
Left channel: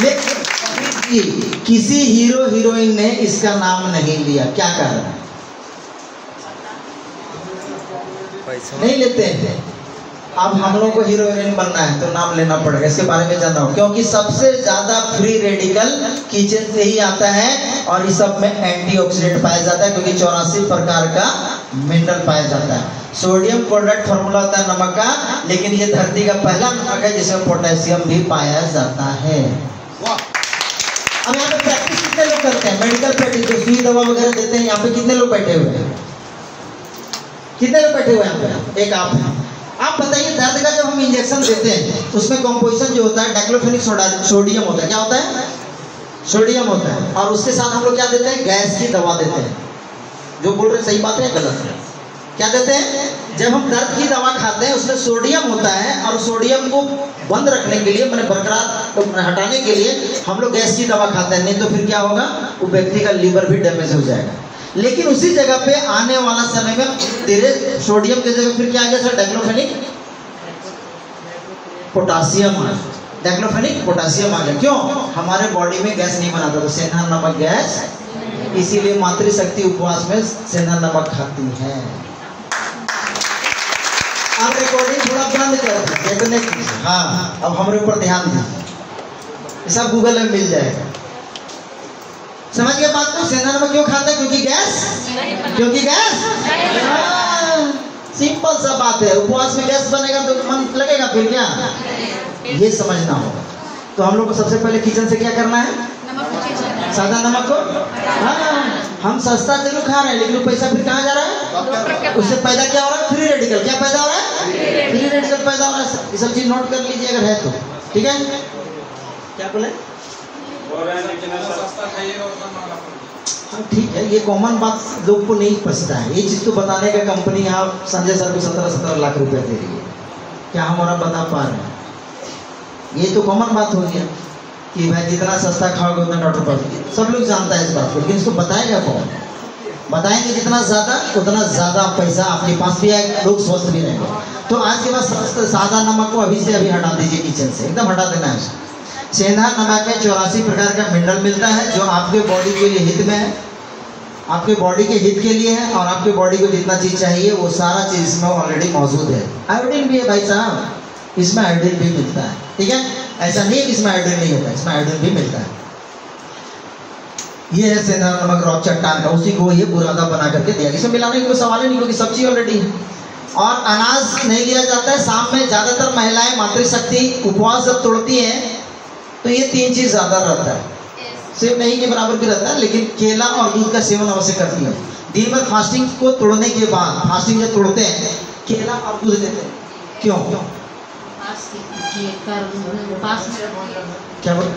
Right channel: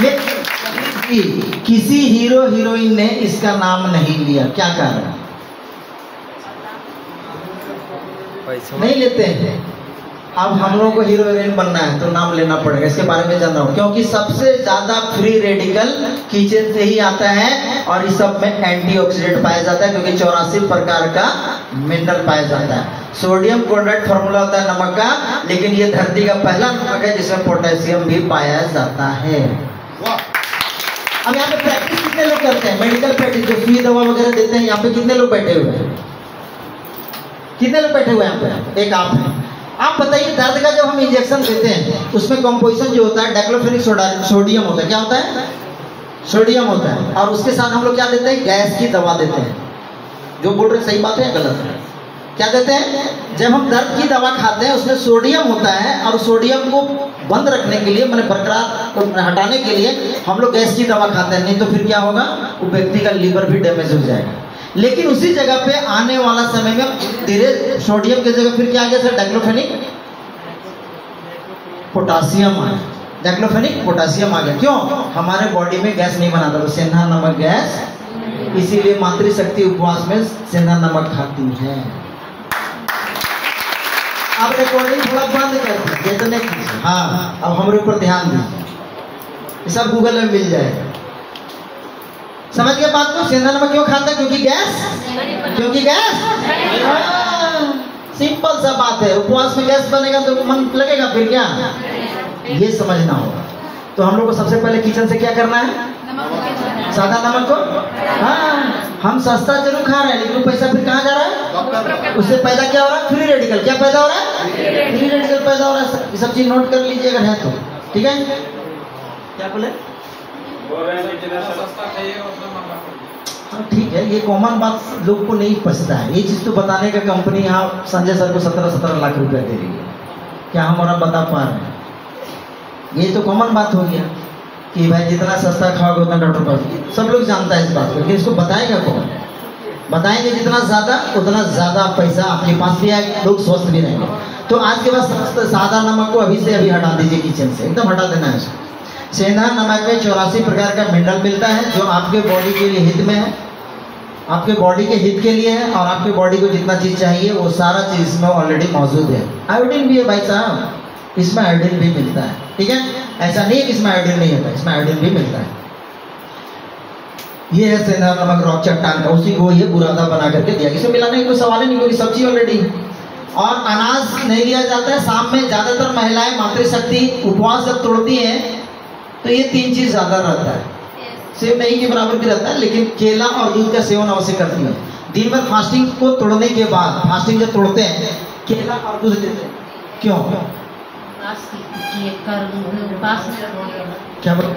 लेकिन किसी हीरो हीरोइन ने इसका नाम नहीं लिया। क्या कारण? नहीं लेते हैं। अब हम लोग को हीरो हीरोइन बनना है तो नाम लेना पड़ेगा। इसके बारे में जान रहा हूँ क्योंकि सबसे ज्यादा फ्री रेडिकल किचन से ही आता है और इस सब में एंटीऑक्सीडेंट पाया जाता है क्योंकि 84 प्रकार का मिनरल पाया जाता है। सोडियम क्लोराइड फॉर्मूला होता है नमक का, लेकिन ये धरती का पहला नमक है जिसमें पोटेशियम भी पाया जाता है। वाह अब यहाँ पे प्रैक्टिस कितने लोग करते हैं? मेडिकल प्रैक्टिस जो सुई दवा वगैरह देते हैं, यहाँ पे कितने लोग बैठे हुए हैं? कितने लोग बैठे हुए हैं यहाँ पे? एक आप हैं। आप बताइए, दर्द का जब हम इंजेक्शन देते हैं उसमें कॉम्पोजिशन जो होता है डाइक्लोफेनिक सोडियम होता है। क्या होता है? सोडियम होता है। और उसके साथ हम लोग क्या देते हैं? गैस की दवा देते हैं। जो बोल रहे सही बात है गलत है? क्या देते हैं? जब हम दर्द की दवा खाते हैं उसमें सोडियम होता है, और सोडियम को बंद रखने के लिए, मैंने बरकरार हटाने के लिए हम लोग गैस की दवा खाते हैं। नहीं तो फिर क्या होगा? वो व्यक्ति का लीवर भी डैमेज हो जाएगा। लेकिन उसी जगह पे आने वाला समय में धीरे सोडियम की जगह फिर क्या आ गया सर? डाइक्लोफेनिक पोटासियम आ गया। डाइक्लोफेनिक पोटासियम आ गया। क्यों? हमारे बॉडी में गैस नहीं बनाता, तो सेंधा नमक गैस, इसीलिए मातृशक्ति उपवास में सेंधा नमक खाती है। अब रिकॉर्डिंग थोड़ा बंद कर दीजिए, तो नहीं। हाँ, अब हमारे ऊपर ध्यान दीजिए, सब गूगल में मिल जाएगा। समझ गए बात को? सेंधा नमक क्यों खाते हैं? क्योंकि गैस, क्योंकि गैस। सिंपल सा बात है। उपवास में गैस बनेगा तो मन लगेगा फिर क्या? ये समझना होगा। तो हम लोग को सबसे पहले किचन से क्या करना है? सादा नमक को, हाँ, हम सस्ता जरूर खा रहे हैं, लेकिन पैसा फिर कहाँ जा रहा है? उससे पैदा क्या हो रहा है? Free radical. क्या पैदा हो रहा है? फ्री रेडिकल पैदा हो रहा है। ये सब चीज नोट कर लीजिए अगर है तो। ठीक है? क्या बोले? हाँ ठीक है, ये कॉमन बात लोग को नहीं पछता है। ये चीज तो बताने का कंपनी यहाँ संजय सर को 17-17 लाख रुपया दे रही है। क्या हम और बता पा रहे हैं? ये तो कॉमन बात होगी कि भाई जितना सस्ता खाओगे उतना डॉक्टर पास। सब लोग जानता है इस बात को, लेकिन इसको बताएगा कौन? बताएंगे जितना ज़्यादा पैसा आपके पास भी आएगा, लोग स्वस्थ भी रहेंगे। तो आज के बाद सादा नमक को अभी से अभी हटा दीजिए किचन से, एकदम हटा देना है। सेंधा नमक में 84 प्रकार का मिनरल मिलता है जो आपके बॉडी के लिए हित में है, आपके बॉडी के हित के लिए है, और आपके बॉडी को जितना चीज़ चाहिए वो सारा चीज़ इसमें ऑलरेडी मौजूद है। आयोडीन भी है भाई साहब, इसमें आयोडीन भी मिलता है। ठीक है? ऐसा नहीं इसमें आयोडीन नहीं होता, इसमें आयोडीन भी मिलता है। ये है सेंधा नमक रॉक चट्टान का, उसी को ये बुरादा बना करके दिया। इसमें मिलाने की कोई सवाल ही नहीं, क्योंकि सब चीज ऑलरेडी है। और अनाज नहीं लिया जाता है शाम में। ज्यादातर महिलाएं मातृशक्ति उपवास जब तोड़ती हैं तो ये 3 चीज ज्यादा रहता है। सेब नहीं के बराबर भी रहता है, लेकिन केला और दूध का सेवन अवश्य करती है। दिन भर फास्टिंग को तोड़ने के बाद, फास्टिंग जब तोड़ते हैं केला और दूध देते हैं। क्यों? क्या बोल?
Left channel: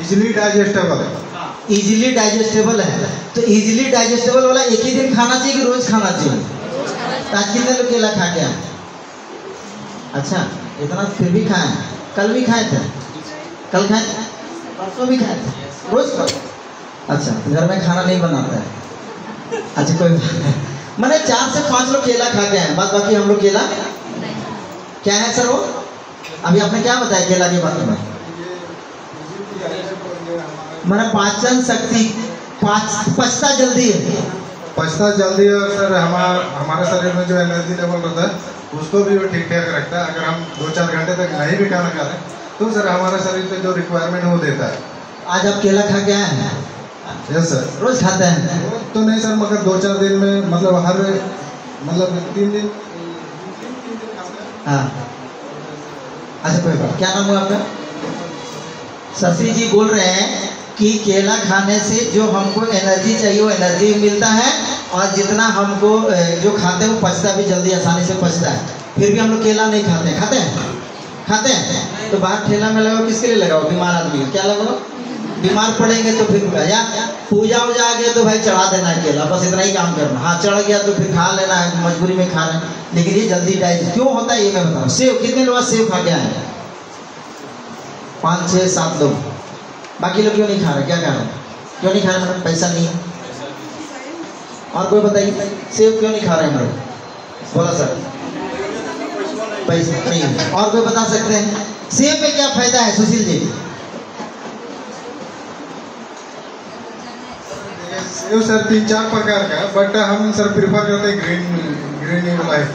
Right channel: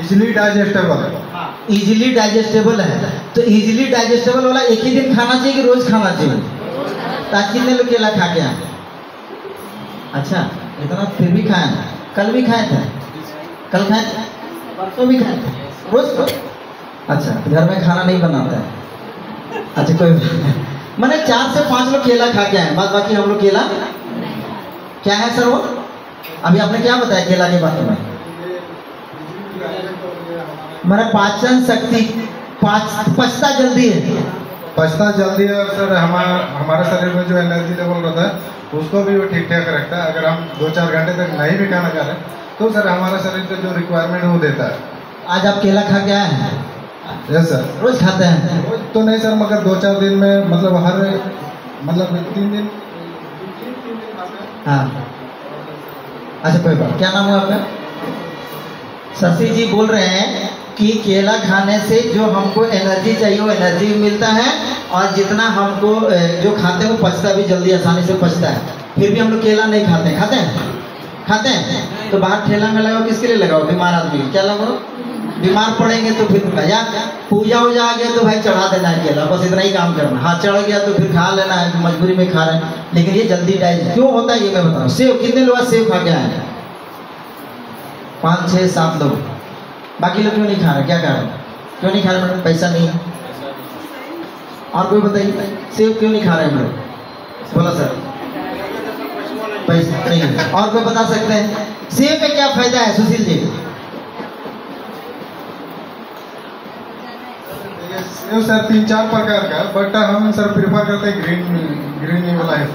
इजीली डाइजेस्टेबल है। इजीली डाइजेस्टेबल है, तो इजीली डाइजेस्टेबल वाला एक ही दिन खाना चाहिए कि रोज खाना चाहिए? आज कितने लोग केला खा के आए? अच्छा, इतना फिर भी खाए? कल भी खाए थे? कल खाए थे? परसों भी खाए थे? रोज खाओ? अच्छा, घर में खाना नहीं बनाता है? अच्छा, कोई बात नहीं। मैंने 4 से 5 लोग केला खा के आए, बाद बाकी हम लोग केला क्या है सर? वो अभी आपने क्या बताया केला के बारे में? मेरा पाचन शक्ति पचता जल्दी है। पचता जल्दी है, और सर हमारे शरीर में जो एनर्जी लेवल रहता है उसको भी वो ठीक ठाक रखता है। अगर हम 2-4 घंटे तक नहीं भी खाना खा रहे तो सर हमारे शरीर से जो रिक्वायरमेंट है वो देता है। आज आप केला खा के आए हैं? Yes sir. रोज खाते हैं? रोज तो नहीं सर, मगर 2-4 दिन में, मतलब हर 3 दिन। हाँ, अच्छा कोई बात। क्या नाम है आपका? शशि जी बोल रहे हैं कि केला खाने से जो हमको एनर्जी चाहिए वो एनर्जी मिलता है, और जितना हमको जो खाते हैं वो पचता भी जल्दी, आसानी से पचता है। फिर भी हम लोग केला नहीं खाते हैं। खाते हैं? खाते हैं। तो बाहर ठेला में लगाओ, किसके लिए लगाओ? बीमार आदमी। क्या लगाओ? बीमार पड़ेंगे तो फिर या पूजा वूजा आ गया तो भाई चढ़ा देना है केला, बस इतना ही काम करना। हाँ, चढ़ गया तो फिर खा लेना है, मजबूरी में खा रहे हैं। लेकिन ये जल्दी डाइजेस्ट क्यों होता है ये मैं बताऊँ। सेव, कितने लोग सेव खा के आए हैं? 5, 6, 7 लोग। बाकी लोग क्यों नहीं खा रहे? क्या खा रहे? क्यों नहीं खा रहे? पैसा नहीं। और कोई बताइए, सेव क्यों नहीं खा रहे हमारे? बोला सर, पैसा नहीं है। और कोई बता सकते हैं सेव में क्या फायदा है? सुशील जी। सेव सर 3-4 प्रकार का, बट हम सर प्रीफर करते हैं ग्रीन लाइफ।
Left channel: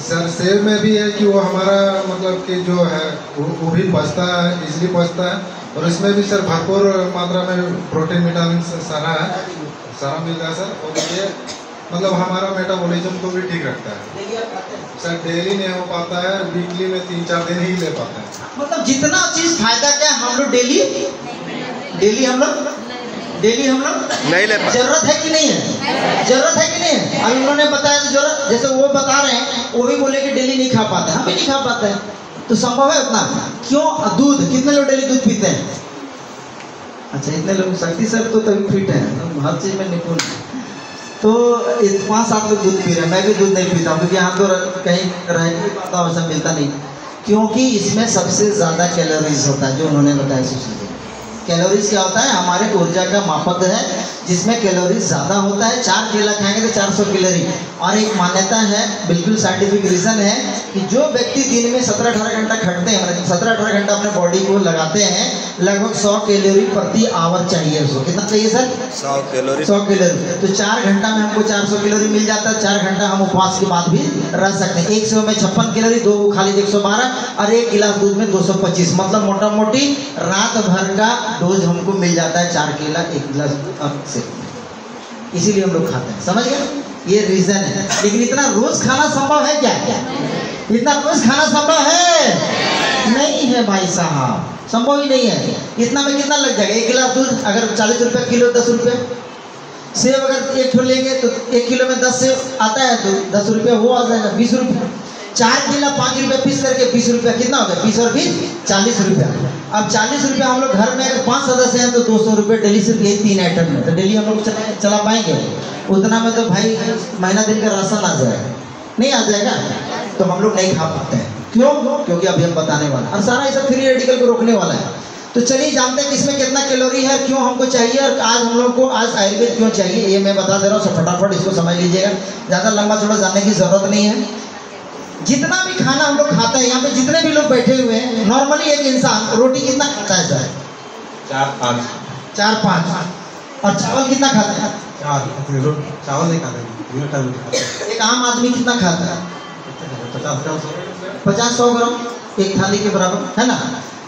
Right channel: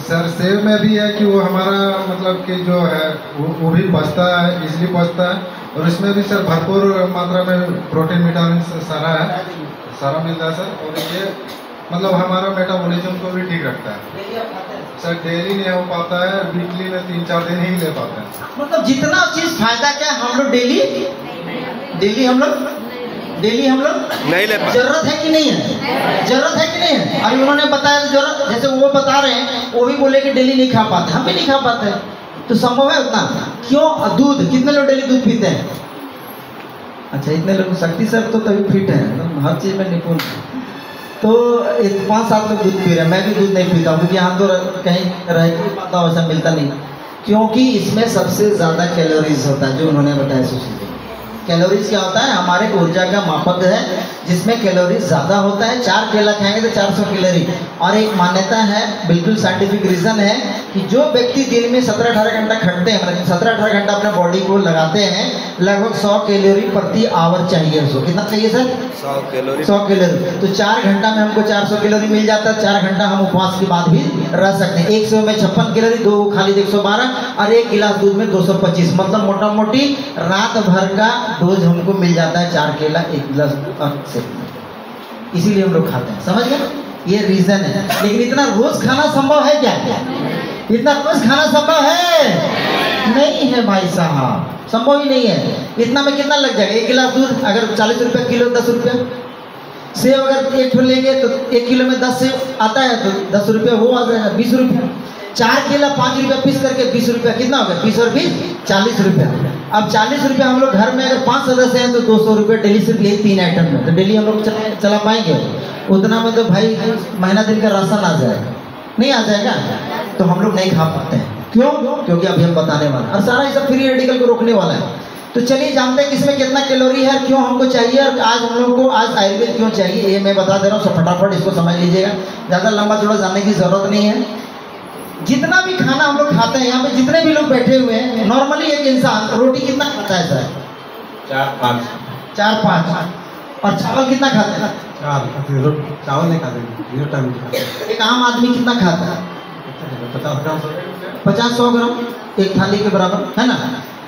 सर सेव में भी है कि वो हमारा मतलब कि जो है वो भी पचता है, इजली पचता है, और इसमें भी सर भरपूर मात्रा में प्रोटीन विटामिन सारा मिलता है सर। और देखिए मतलब हमारा मेटाबॉलिज्म को भी ठीक रखता है। सर डेली नहीं हो पाता है, वीकली में 3-4 दिन ही ले पाते हैं। मतलब जितना चीज फायदा क्या हम लोग डेली हम लोग नहीं ले पाते। जरूरत है कि नहीं है? जरूरत है कि नहीं है? अभी उन्होंने बताया तो जरूरत, जैसे वो बता रहे हैं वो भी बोले कि डेली नहीं खा पाते, हम भी नहीं खा पाते हैं, तो संभव है उतना। क्यों? दूध, कितने लोग डेली दूध पीते हैं? अच्छा, इतने लोग, शक्ति सर तो तभी फिट है, तो हर चीज में निपुण है। तो 5-7 लोग दूध पी रहे हैं, मैं भी दूध नहीं पीता हूँ क्योंकि यहाँ तो कहीं रह के पाता वैसा मिलता नहीं, क्योंकि इसमें सबसे ज़्यादा कैलोरीज होता है, जो उन्होंने बताया सुशील जी। कैलोरीज क्या होता है? हमारे ऊर्जा का मापक है जिसमें कैलोरीज ज़्यादा होता है। 4 केला खाएंगे तो 400 कैलोरी। और एक मान्यता है, बिल्कुल साइंटिफिक रीज़न है कि जो व्यक्ति दिन में 17-18 घंटा खटते हैं, मतलब 17-18 घंटा अपने बॉडी को लगाते हैं, लगभग 100 कैलोरी प्रति आवर चाहिए उसको। कितना चाहिए सर? 100 कैलोरी। 100 कैलोरी। तो 4 घंटा में हमको 400 कैलोरी मिल जाता है। 4 घंटा हम उपवास के बाद भी रह सकते हैं। 100 में 56 कैलोरी, 2 खाली 112, और 1 गिलास दूध में 225, मतलब मोटा मोटी रात भर का डोज हमको मिल जाता है 4 केला 1 गिलास से। इसीलिए हम लोग खाते हैं, समझ गए? ये रीजन है। लेकिन इतना रोज खाना संभव है क्या? इतना रोज खाना संभव है? नहीं है भाई साहब, संभव ही नहीं है। इतना में कितना लग जाएगा? 1 गिलास दूध अगर 40 रुपया किलो, 10 रुपया। सेब अगर 1 ठो लेंगे तो 1 किलो में 10 सेब आता है, तो 10 रुपया वो आ जाएगा, 20 रुपया। 4 केला 5 रुपया पीस करके 20 रुपया, कितना हो गया? 20 और 20 40 रुपया। अब 40 रुपया हम लोग घर में अगर 5 सदस्य हैं तो 200 रुपये डेली, सिर्फ यही 3 आइटम में। तो डेली हम लोग चला पाएंगे? उतना में तो भाई महीना दिन का राशन आ जाएगा, नहीं आ जाएगा? तो हम लोग नहीं खा पाते हैं। क्यों? क्योंकि अभी हम बताने वाले, और सारा ये फ्री रेडिकल को रोकने वाला है। तो चलिए जानते हैं किसमें कितना कैलोरी है, क्यों हमको चाहिए, और आज हम लोग को आज आयुर्वेद क्यों चाहिए, ये मैं बता दे रहा हूँ। सब फटाफट इसको समझ लीजिएगा, ज़्यादा लंबा चौड़ा जानने की जरूरत नहीं है। जितना भी खाना हम लोग खाते हैं, यहाँ पे जितने भी लोग बैठे हुए हैं, नॉर्मली एक इंसान रोटी कितना खाता है सर? 4-5। और चावल कितना खाता है? चावल नहीं खाते। एक आम आदमी कितना खाता है? 50-100 ग्राम, एक थाली के बराबर, है ना?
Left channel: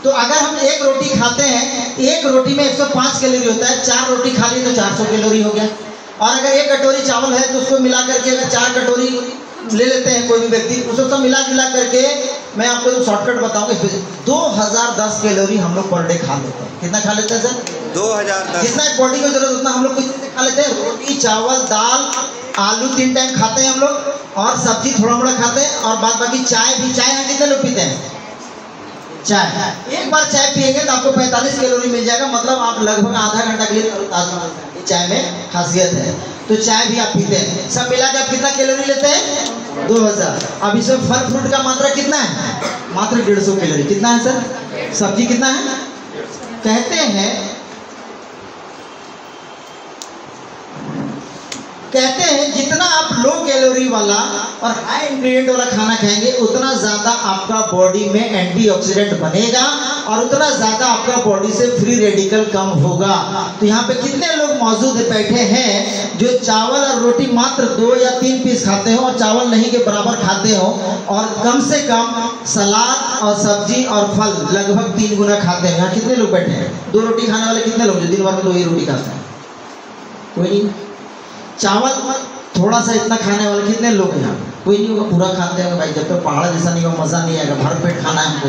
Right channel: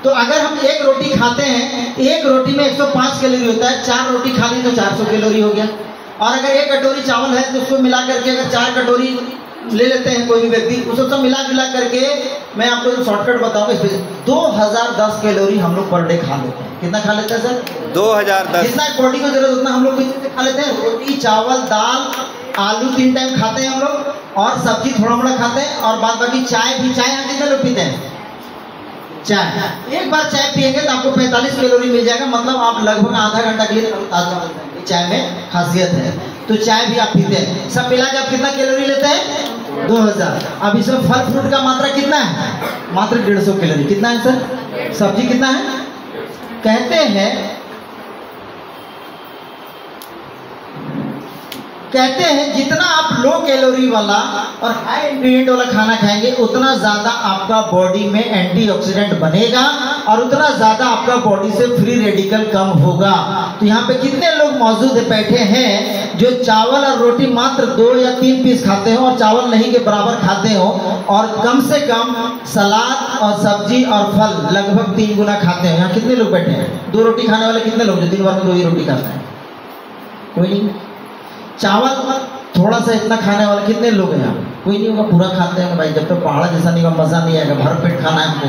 तो अगर हम एक रोटी खाते हैं, एक रोटी में 105 कैलोरी होता है। 4 रोटी खा ली तो 400 कैलोरी हो गया। और अगर 1 कटोरी चावल है तो उसको मिला करके अगर 4 कटोरी ले लेते हैं कोई भी व्यक्ति, उसको सब मिला करके मैं आपको जो शॉर्टकट बताऊंगा, इस 2010 कैलोरी हम लोग पर डे खा लेते हैं। कितना खा लेते हैं सर? 2010। जितना बॉडी को जरूरत उतना हम लोग कुछ खा लेते हैं। रोटी, चावल, दाल, आलू 3 टाइम खाते हैं हम लोग, और सब्जी थोड़ा मोड़ा खाते हैं, और बाद बाकी चाय भी। चाय हम कितने लोग पीते हैं? चाय एक बार चाय पिएंगे तो आपको 45 कैलोरी मिल जाएगा, मतलब आप लगभग आधा घंटा के लिए चाय में खासियत है। तो चाय भी आप पीते हैं, सब मिला के आप कितना कैलोरी लेते हैं? 2000। अब इसमें फल फ्रूट का मात्रा कितना है? मात्र 150 कैलोरी। कितना है सर? सब्जी कितना है? कहते हैं जितना आप लो कैलोरी वाला और हाई इंग्रेडिएंट वाला खाना खाएंगे, उतना ज़्यादा आपका बॉडी में एंटीऑक्सीडेंट बनेगा, और उतना ज़्यादा आपका बॉडी से फ्री रेडिकल कम होगा। तो यहाँ पे कितने लोग मौजूद बैठे हैं जो चावल और रोटी मात्र 2 या 3 पीस खाते हो, और चावल नहीं के बराबर खाते हो, और कम से कम सलाद और सब्जी और फल लगभग 3 गुना खाते हैं? यहाँ कितने लोग बैठे हैं? 2 रोटी खाने वाले कितने लोग जो दिन भर में 2 ही रोटी खाते हैं? कोई नहीं। चावल थोड़ा सा इतना खाने वाले कितने लोग हैं? कोई नहीं होगा। पूरा खाते हैं भाई, जब तक पहाड़ जैसा नहीं होगा मज़ा नहीं आएगा। भर पेट खाना है हमको,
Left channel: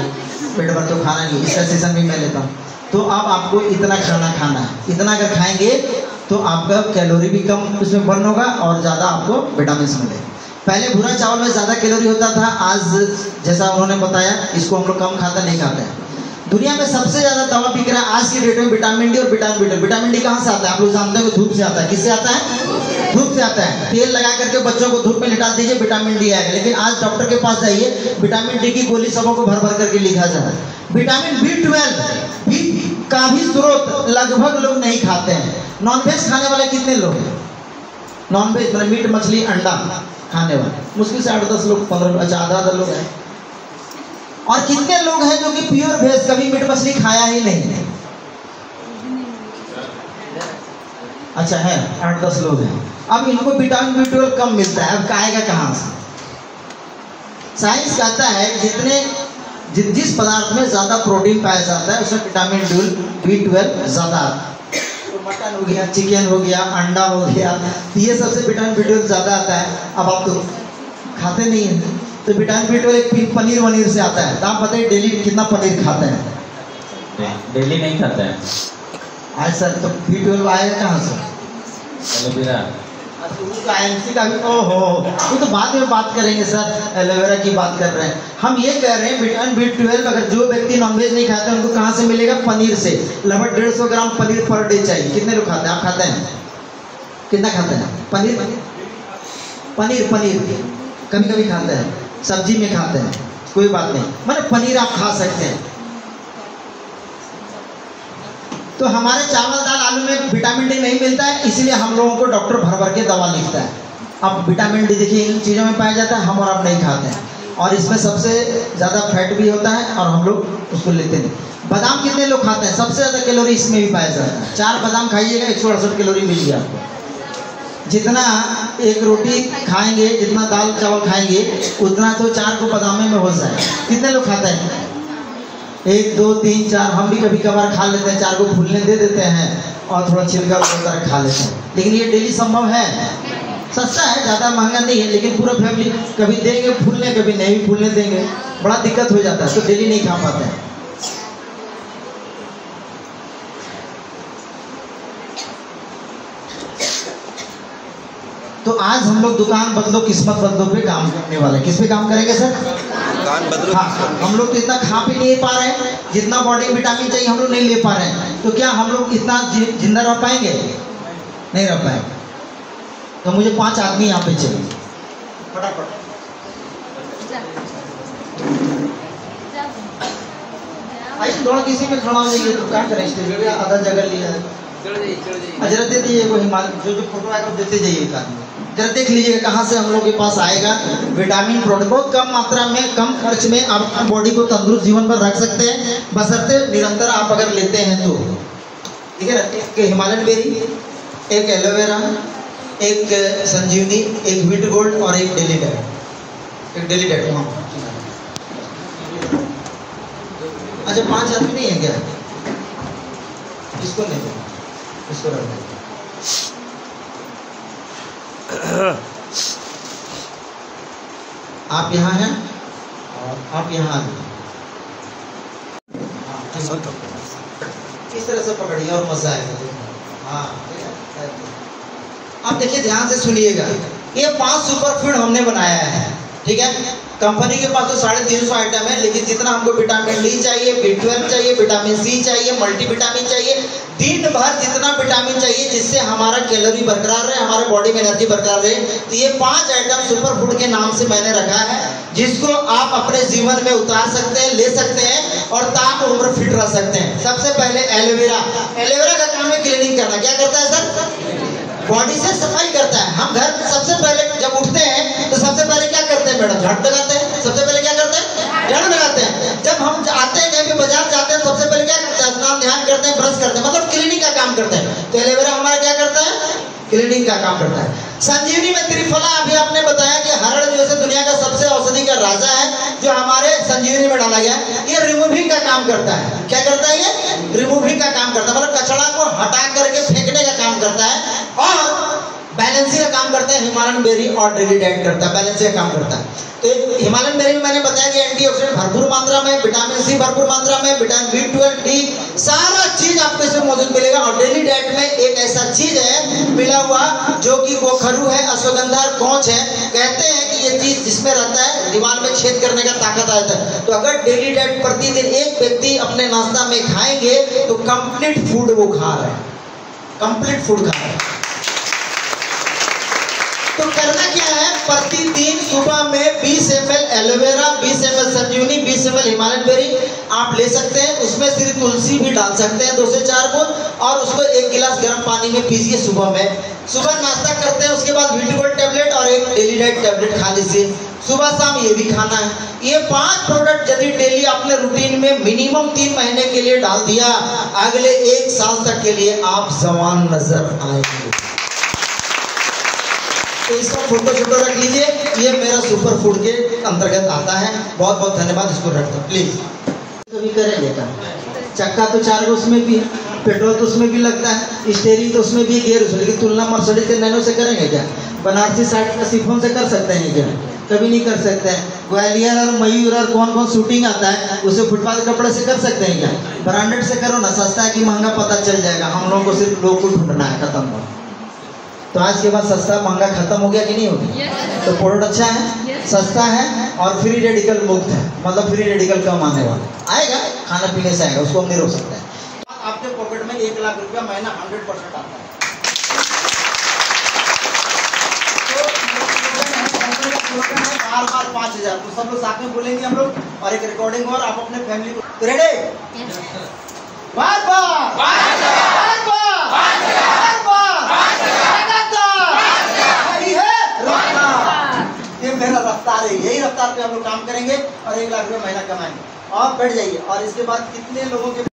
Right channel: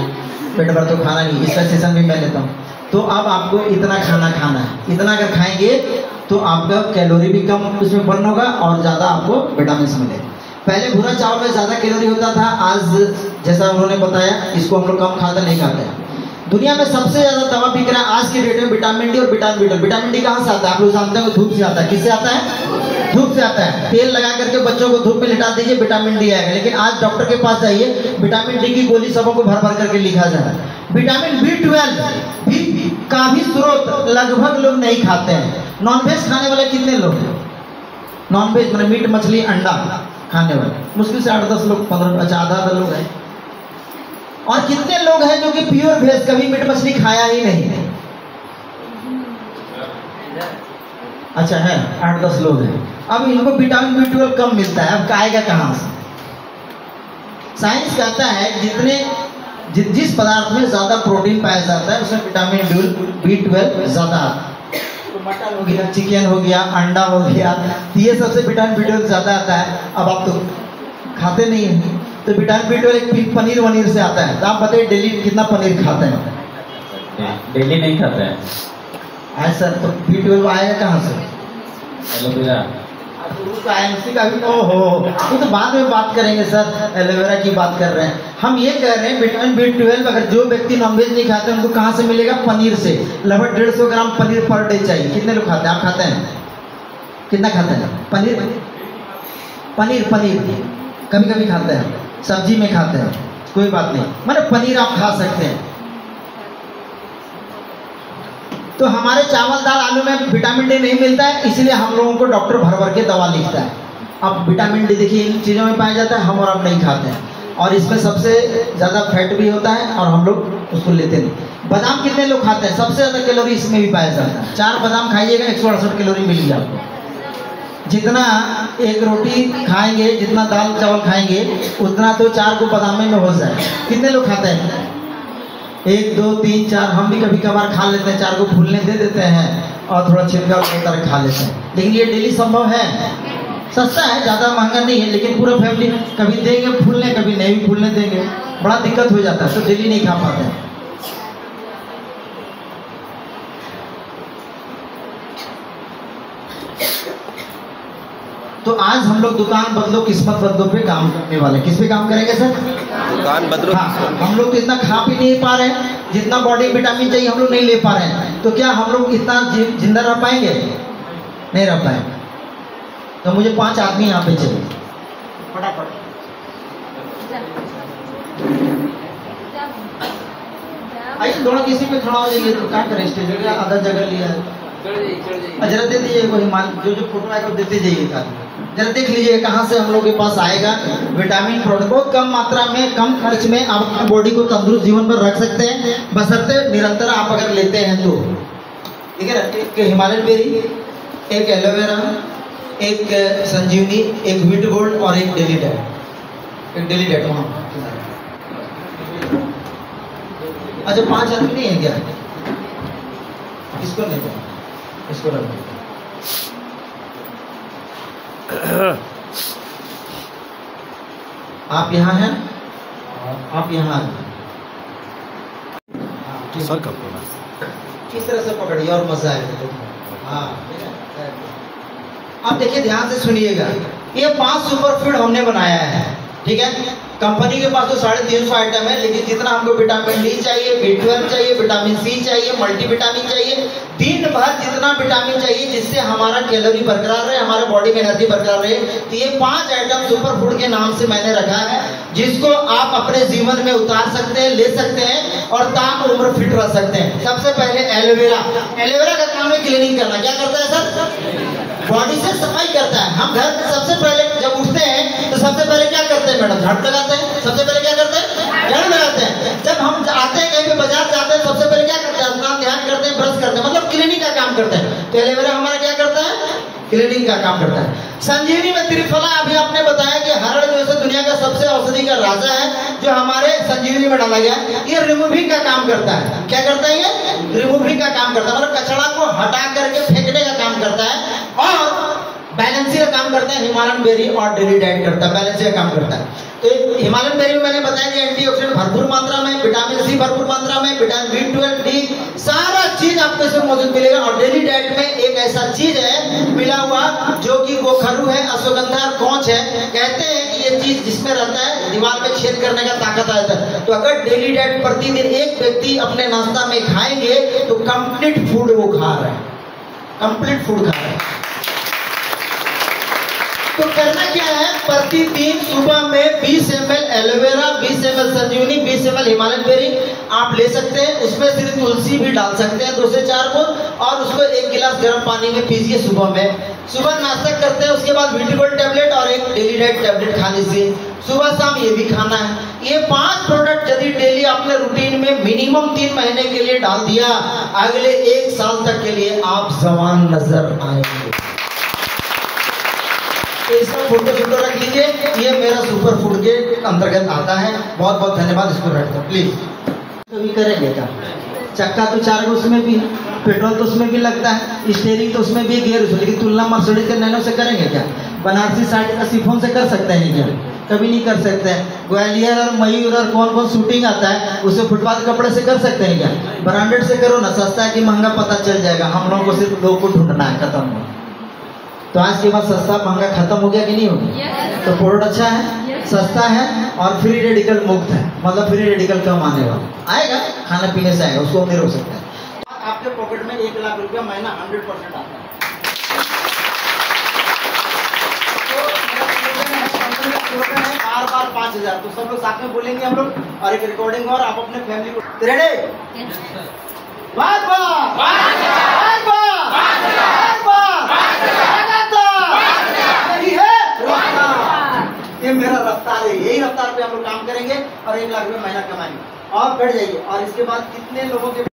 पेट भर तो खाना नहीं। इसका सेशन भी मैं लेता हूँ। तो अब आपको इतना खाना खाना है, इतना अगर खाएंगे तो आपका कैलोरी भी कम उसमें बर्न होगा, और ज़्यादा आपको विटामिन मिलेगा। पहले भूरा चावल में ज़्यादा कैलोरी होता था, आज जैसा उन्होंने बताया इसको हम लोग कम खाते नहीं खाते हैं। दुनिया में सबसे ज़्यादा दवा बिक रहा है आज की डेट में विटामिन डी और विटामिन बी। विटामिन डी कहाँ से आता है? आप लोग जानते हैं, धूप से आता है। किससे आता है? धूप से आता है। तेल लगा करके बच्चों को धूप में लिटा दीजिए, विटामिन डी आएगा। लेकिन आज डॉक्टर के पास जाइए, विटामिन डी की गोली सबों को भर भर करके लिखा जा रहा है। विटामिन B12 भी का भी स्रोत लगभग लोग नहीं खाते हैं। नॉनवेज खाने वाले कितने लोग हैं? नॉनवेज मतलब मीट, मछली, अंडा खाने वाले मुश्किल से 8-10 लोग, 15, अच्छा आधा लोग हैं। और कितने लोग हैं जो कि प्योर वेज, कभी मीट मछली खाया ही नहीं? अच्छा है, 8-10 लोग हैं। अब इनको विटामिन B12 कम मिलता है, अब खाएगा कहाँ से? साइंस कहता है जिस पदार्थ में ज़्यादा प्रोटीन पाया जाता है उसमें विटामिन B12 ज़्यादा आता है। मटन हो गया, चिकन हो गया, अंडा हो गया, तो ये सबसे विटामिन B12 ज़्यादा आता है। अब आप तो खाते नहीं हैं, तो विटामिन B12 एक पनीर वनीर से आता है। तो आप बताइए डेली कितना पनीर खाते हैं? डेली नहीं खाता है। हाँ सर, तो B12 आया कहाँ से? एलोवेरा। IMC का भी तो बाद में बात करेंगे सर, एलोवेरा की बात कर रहे हैं हम। ये कह रहे हैं विटामिन B12 अगर जो व्यक्ति नॉनवेज नहीं खाते उनको कहाँ से मिलेगा? पनीर से। लगभग 150 ग्राम पनीर पर डे चाहिए। कितने लोग खाते हैं? आप खाते हैं? कितना खाते हैं पनीर? पनीर कभी कभी खाते हैं, सब्जी में खाते हैं, कोई बात नहीं, मतलब पनीर आप खा सकते हैं। तो हमारे चावल दाल आलू में विटामिन डी नहीं मिलता है, इसलिए हम लोगों को डॉक्टर भर भर के दवा लिखता है। अब विटामिन डी देखिए इन चीज़ों में पाया जाता है, हम और आप नहीं खाते हैं, और इसमें सबसे ज़्यादा फैट भी होता है और हम लोग उसको लेते नहीं। बादाम कितने लोग खाते हैं? सबसे ज़्यादा कैलोरी इसमें भी पाया जाता है। 4 बादाम खाइएगा 168 कैलोरी मिलेगी आपको। जितना एक रोटी खाएंगे, जितना दाल चावल खाएंगे, उतना तो 4 को बादाम में हो जाए। कितने लोग खाते हैं? 1 2 3 4। हम भी कभी कभार खा लेते हैं, 4 को फूलने दे देते हैं और थोड़ा छिलका उतार खा लेते हैं, लेकिन ये डेली संभव है? सस्ता है, ज़्यादा महंगा नहीं है, लेकिन पूरा फैमिली कभी देंगे फूलने, कभी नहीं भी फूलने देंगे, बड़ा दिक्कत हो जाता है, तो डेली नहीं खा पाते हैं। तो आज हम लोग दुकान बदलो किस्मत बदलो पे काम करने वाले। किस पे काम करेंगे सर? दुकान बदलो। हाँ, हम लोग तो इतना खा भी नहीं पा रहे हैं, जितना बॉडी विटामिन चाहिए हम लोग नहीं ले पा रहे हैं, तो क्या हम लोग इतना जिंदा रह पाएंगे? नहीं रह पाएंगे। तो मुझे 5 आदमी यहाँ पे चाहिए फटाफट। थोड़ा किसी में खड़ा हो जाइए तो क्या करें, स्टेज आधा जगह लिया है। जरा दे दिए वही जो फोटो आए तो देते जाइए, जरा देख लीजिए कहाँ से हम लोग के पास आएगा विटामिन प्रोडक्ट। बहुत कम मात्रा में, कम खर्च में आप अपनी बॉडी को तंदुरुस्त जीवन पर रख सकते हैं, बशर्ते निरंतर आप अगर लेते हैं तो। ठीक है ना? एक हिमालयन बेरी, एक एलोवेरा, एक संजीवनी, एक व्हीट गोल्ड और एक डेली डाइट। वहाँ अच्छा 5 आदमी नहीं है क्या? इसको नहीं, इसको रखो। आप यहाँ हैं, आप यहाँ आ जाए, इस तरह से पकड़िए और मजा आएगा। हाँ, अब देखिए ध्यान से सुनिएगा, ये 5 सुपर फूड हमने बनाया है। ठीक है, कंपनी के पास तो 350 आइटम है, लेकिन जितना हमको विटामिन डी चाहिए, B12 चाहिए, विटामिन सी चाहिए, मल्टीविटामिन चाहिए, दिन भर जितना विटामिन चाहिए जिससे हमारा कैलोरी बरकरार रहे, हमारे बॉडी में एनर्जी बरकरार रहे, तो ये 5 आइटम सुपर फूड के नाम से मैंने रखा है, जिसको आप अपने जीवन में उतार सकते हैं, ले सकते हैं और ताम उम्र फिट रह सकते हैं। सबसे पहले एलोवेरा। एलोवेरा का काम है क्लीनिंग करना। क्या करता है सर? बॉडी से सफाई करता है। हम घर सबसे पहले जब उठते हैं तो सबसे पहले क्या करते हैं मैडम? झाड़ू लगाते हैं। सबसे पहले क्या करते हैं? झाड़ू लगाते हैं। जब हम आते हैं कहीं पे बाजार जाते हैं सबसे पहले क्या करते हैं? स्नान ध्यान करते हैं, ब्रश करते हैं, मतलब क्लीनिंग का काम करते हैं। तो एलोवेरा हमारा क्या करता है? क्लीनिंग का काम करता है। संजीवनी में त्रिफला, अभी आपने बताया कि हरड़ जो है दुनिया का सबसे औषधि का राजा है, जो हमारे संजीवनी में डाला गया है। ये रिमूविंग का काम करता है। क्या करता है ये? रिमूविंग का काम करता है, मतलब कचरा को हटा करके फेंकने का काम करता है। और बैलेंसिंग का काम करता है हिमालयन बेरी, और डेली डाइट करता है, बैलेंसिंग का काम करता है। तो हिमालयन बेरी में मैंने बताया कि एंटीऑक्सीडेंट भरपूर मात्रा में, विटामिन सी भरपूर मात्रा में, विटामिन B12 डी, सारा चीज आपको इसमें मौजूद मिलेगा। और डेली डाइट में एक ऐसा चीज है मिला हुआ जो कि गोखरू है, अश्वगंधा और कौच है। कहते हैं कि ये चीज जिसमें रहता है दीवार में छेद करने का ताकत आता है। तो अगर डेली डाइट प्रतिदिन एक व्यक्ति अपने नाश्ता में खाएंगे तो कंप्लीट फूड वो खा रहे हैं, कंप्लीट फूड खा रहे हैं। तो करना क्या है? प्रतिदिन सुबह में 20 ml एलोवेरा, 20 ml संजीवनी, 20 ml हिमालयन बेरी आप ले सकते हैं। उसमें सिर्फ तुलसी भी डाल सकते हैं 2 से 4 बूंद, और उसको 1 गिलास गर्म पानी में पीजिए सुबह में। सुबह नाश्ता करते हैं, उसके बाद व्हीट गोल्ड टैबलेट और एक डेली डाइट टैबलेट खा लीजिए। सुबह शाम ये भी खाना है। ये 5 प्रोडक्ट यदि डेली आपने रूटीन में मिनिमम 3 महीने के लिए डाल दिया, अगले 1 साल तक के लिए आप जवान नजर आएंगे। तो इसका फोटो रख लीजिए, ये मेरा सुपर फूड के अंतर्गत आता है। बहुत बहुत धन्यवाद, इसको रखता हूँ प्लीज। कभी करेंगे क्या? चक्का तो 4 उसमें भी है। पेट्रोल तो उसमें भी लगता है, स्टीयरिंग तो उसमें भी, गियर उसमें, लेकिन तुलना मर्सिडीज के नैनो से करेंगे क्या? बनारसी साड़ी का शिफॉन से कर सकते हैं क्या? कभी नहीं कर सकते हैं। ग्वालियर और मयूर और कौन कौन शूटिंग आता है उसे फुटपाथ कपड़े से कर सकते हैं क्या? ब्रांडेड से करो ना, सस्ता है कि महंगा पता चल जाएगा। हम लोगों को सिर्फ लोग को ढूंढना है, खत्म हो। तो आज के बाद सस्ता महंगा खत्म हो गया कि नहीं हो गया? तो प्रोडक्ट अच्छा है, सस्ता है और फ्री रेडिकल मुक्त है, मतलब फ्री रेडिकल कम आने वाला आएगा, खाने पीने से आएगा, उसको हम नहीं रोक सकते हैं। आपके पॉकेट में 1 लाख रुपया महीना 100% आता है। बार 5,000, तो सब लोग साथ में बोलेंगे हम लोग, और एक रिकॉर्डिंग और आप अपने फैमिली को रेडी। बात यही है रफ्तार, ये मेरा रफ्तार है, यही रफ्तार पे हम लोग काम करेंगे और 1 लाख रुपया महीना कमाएंगे। और बैठ जाइए। और इसके बाद कितने लोगों के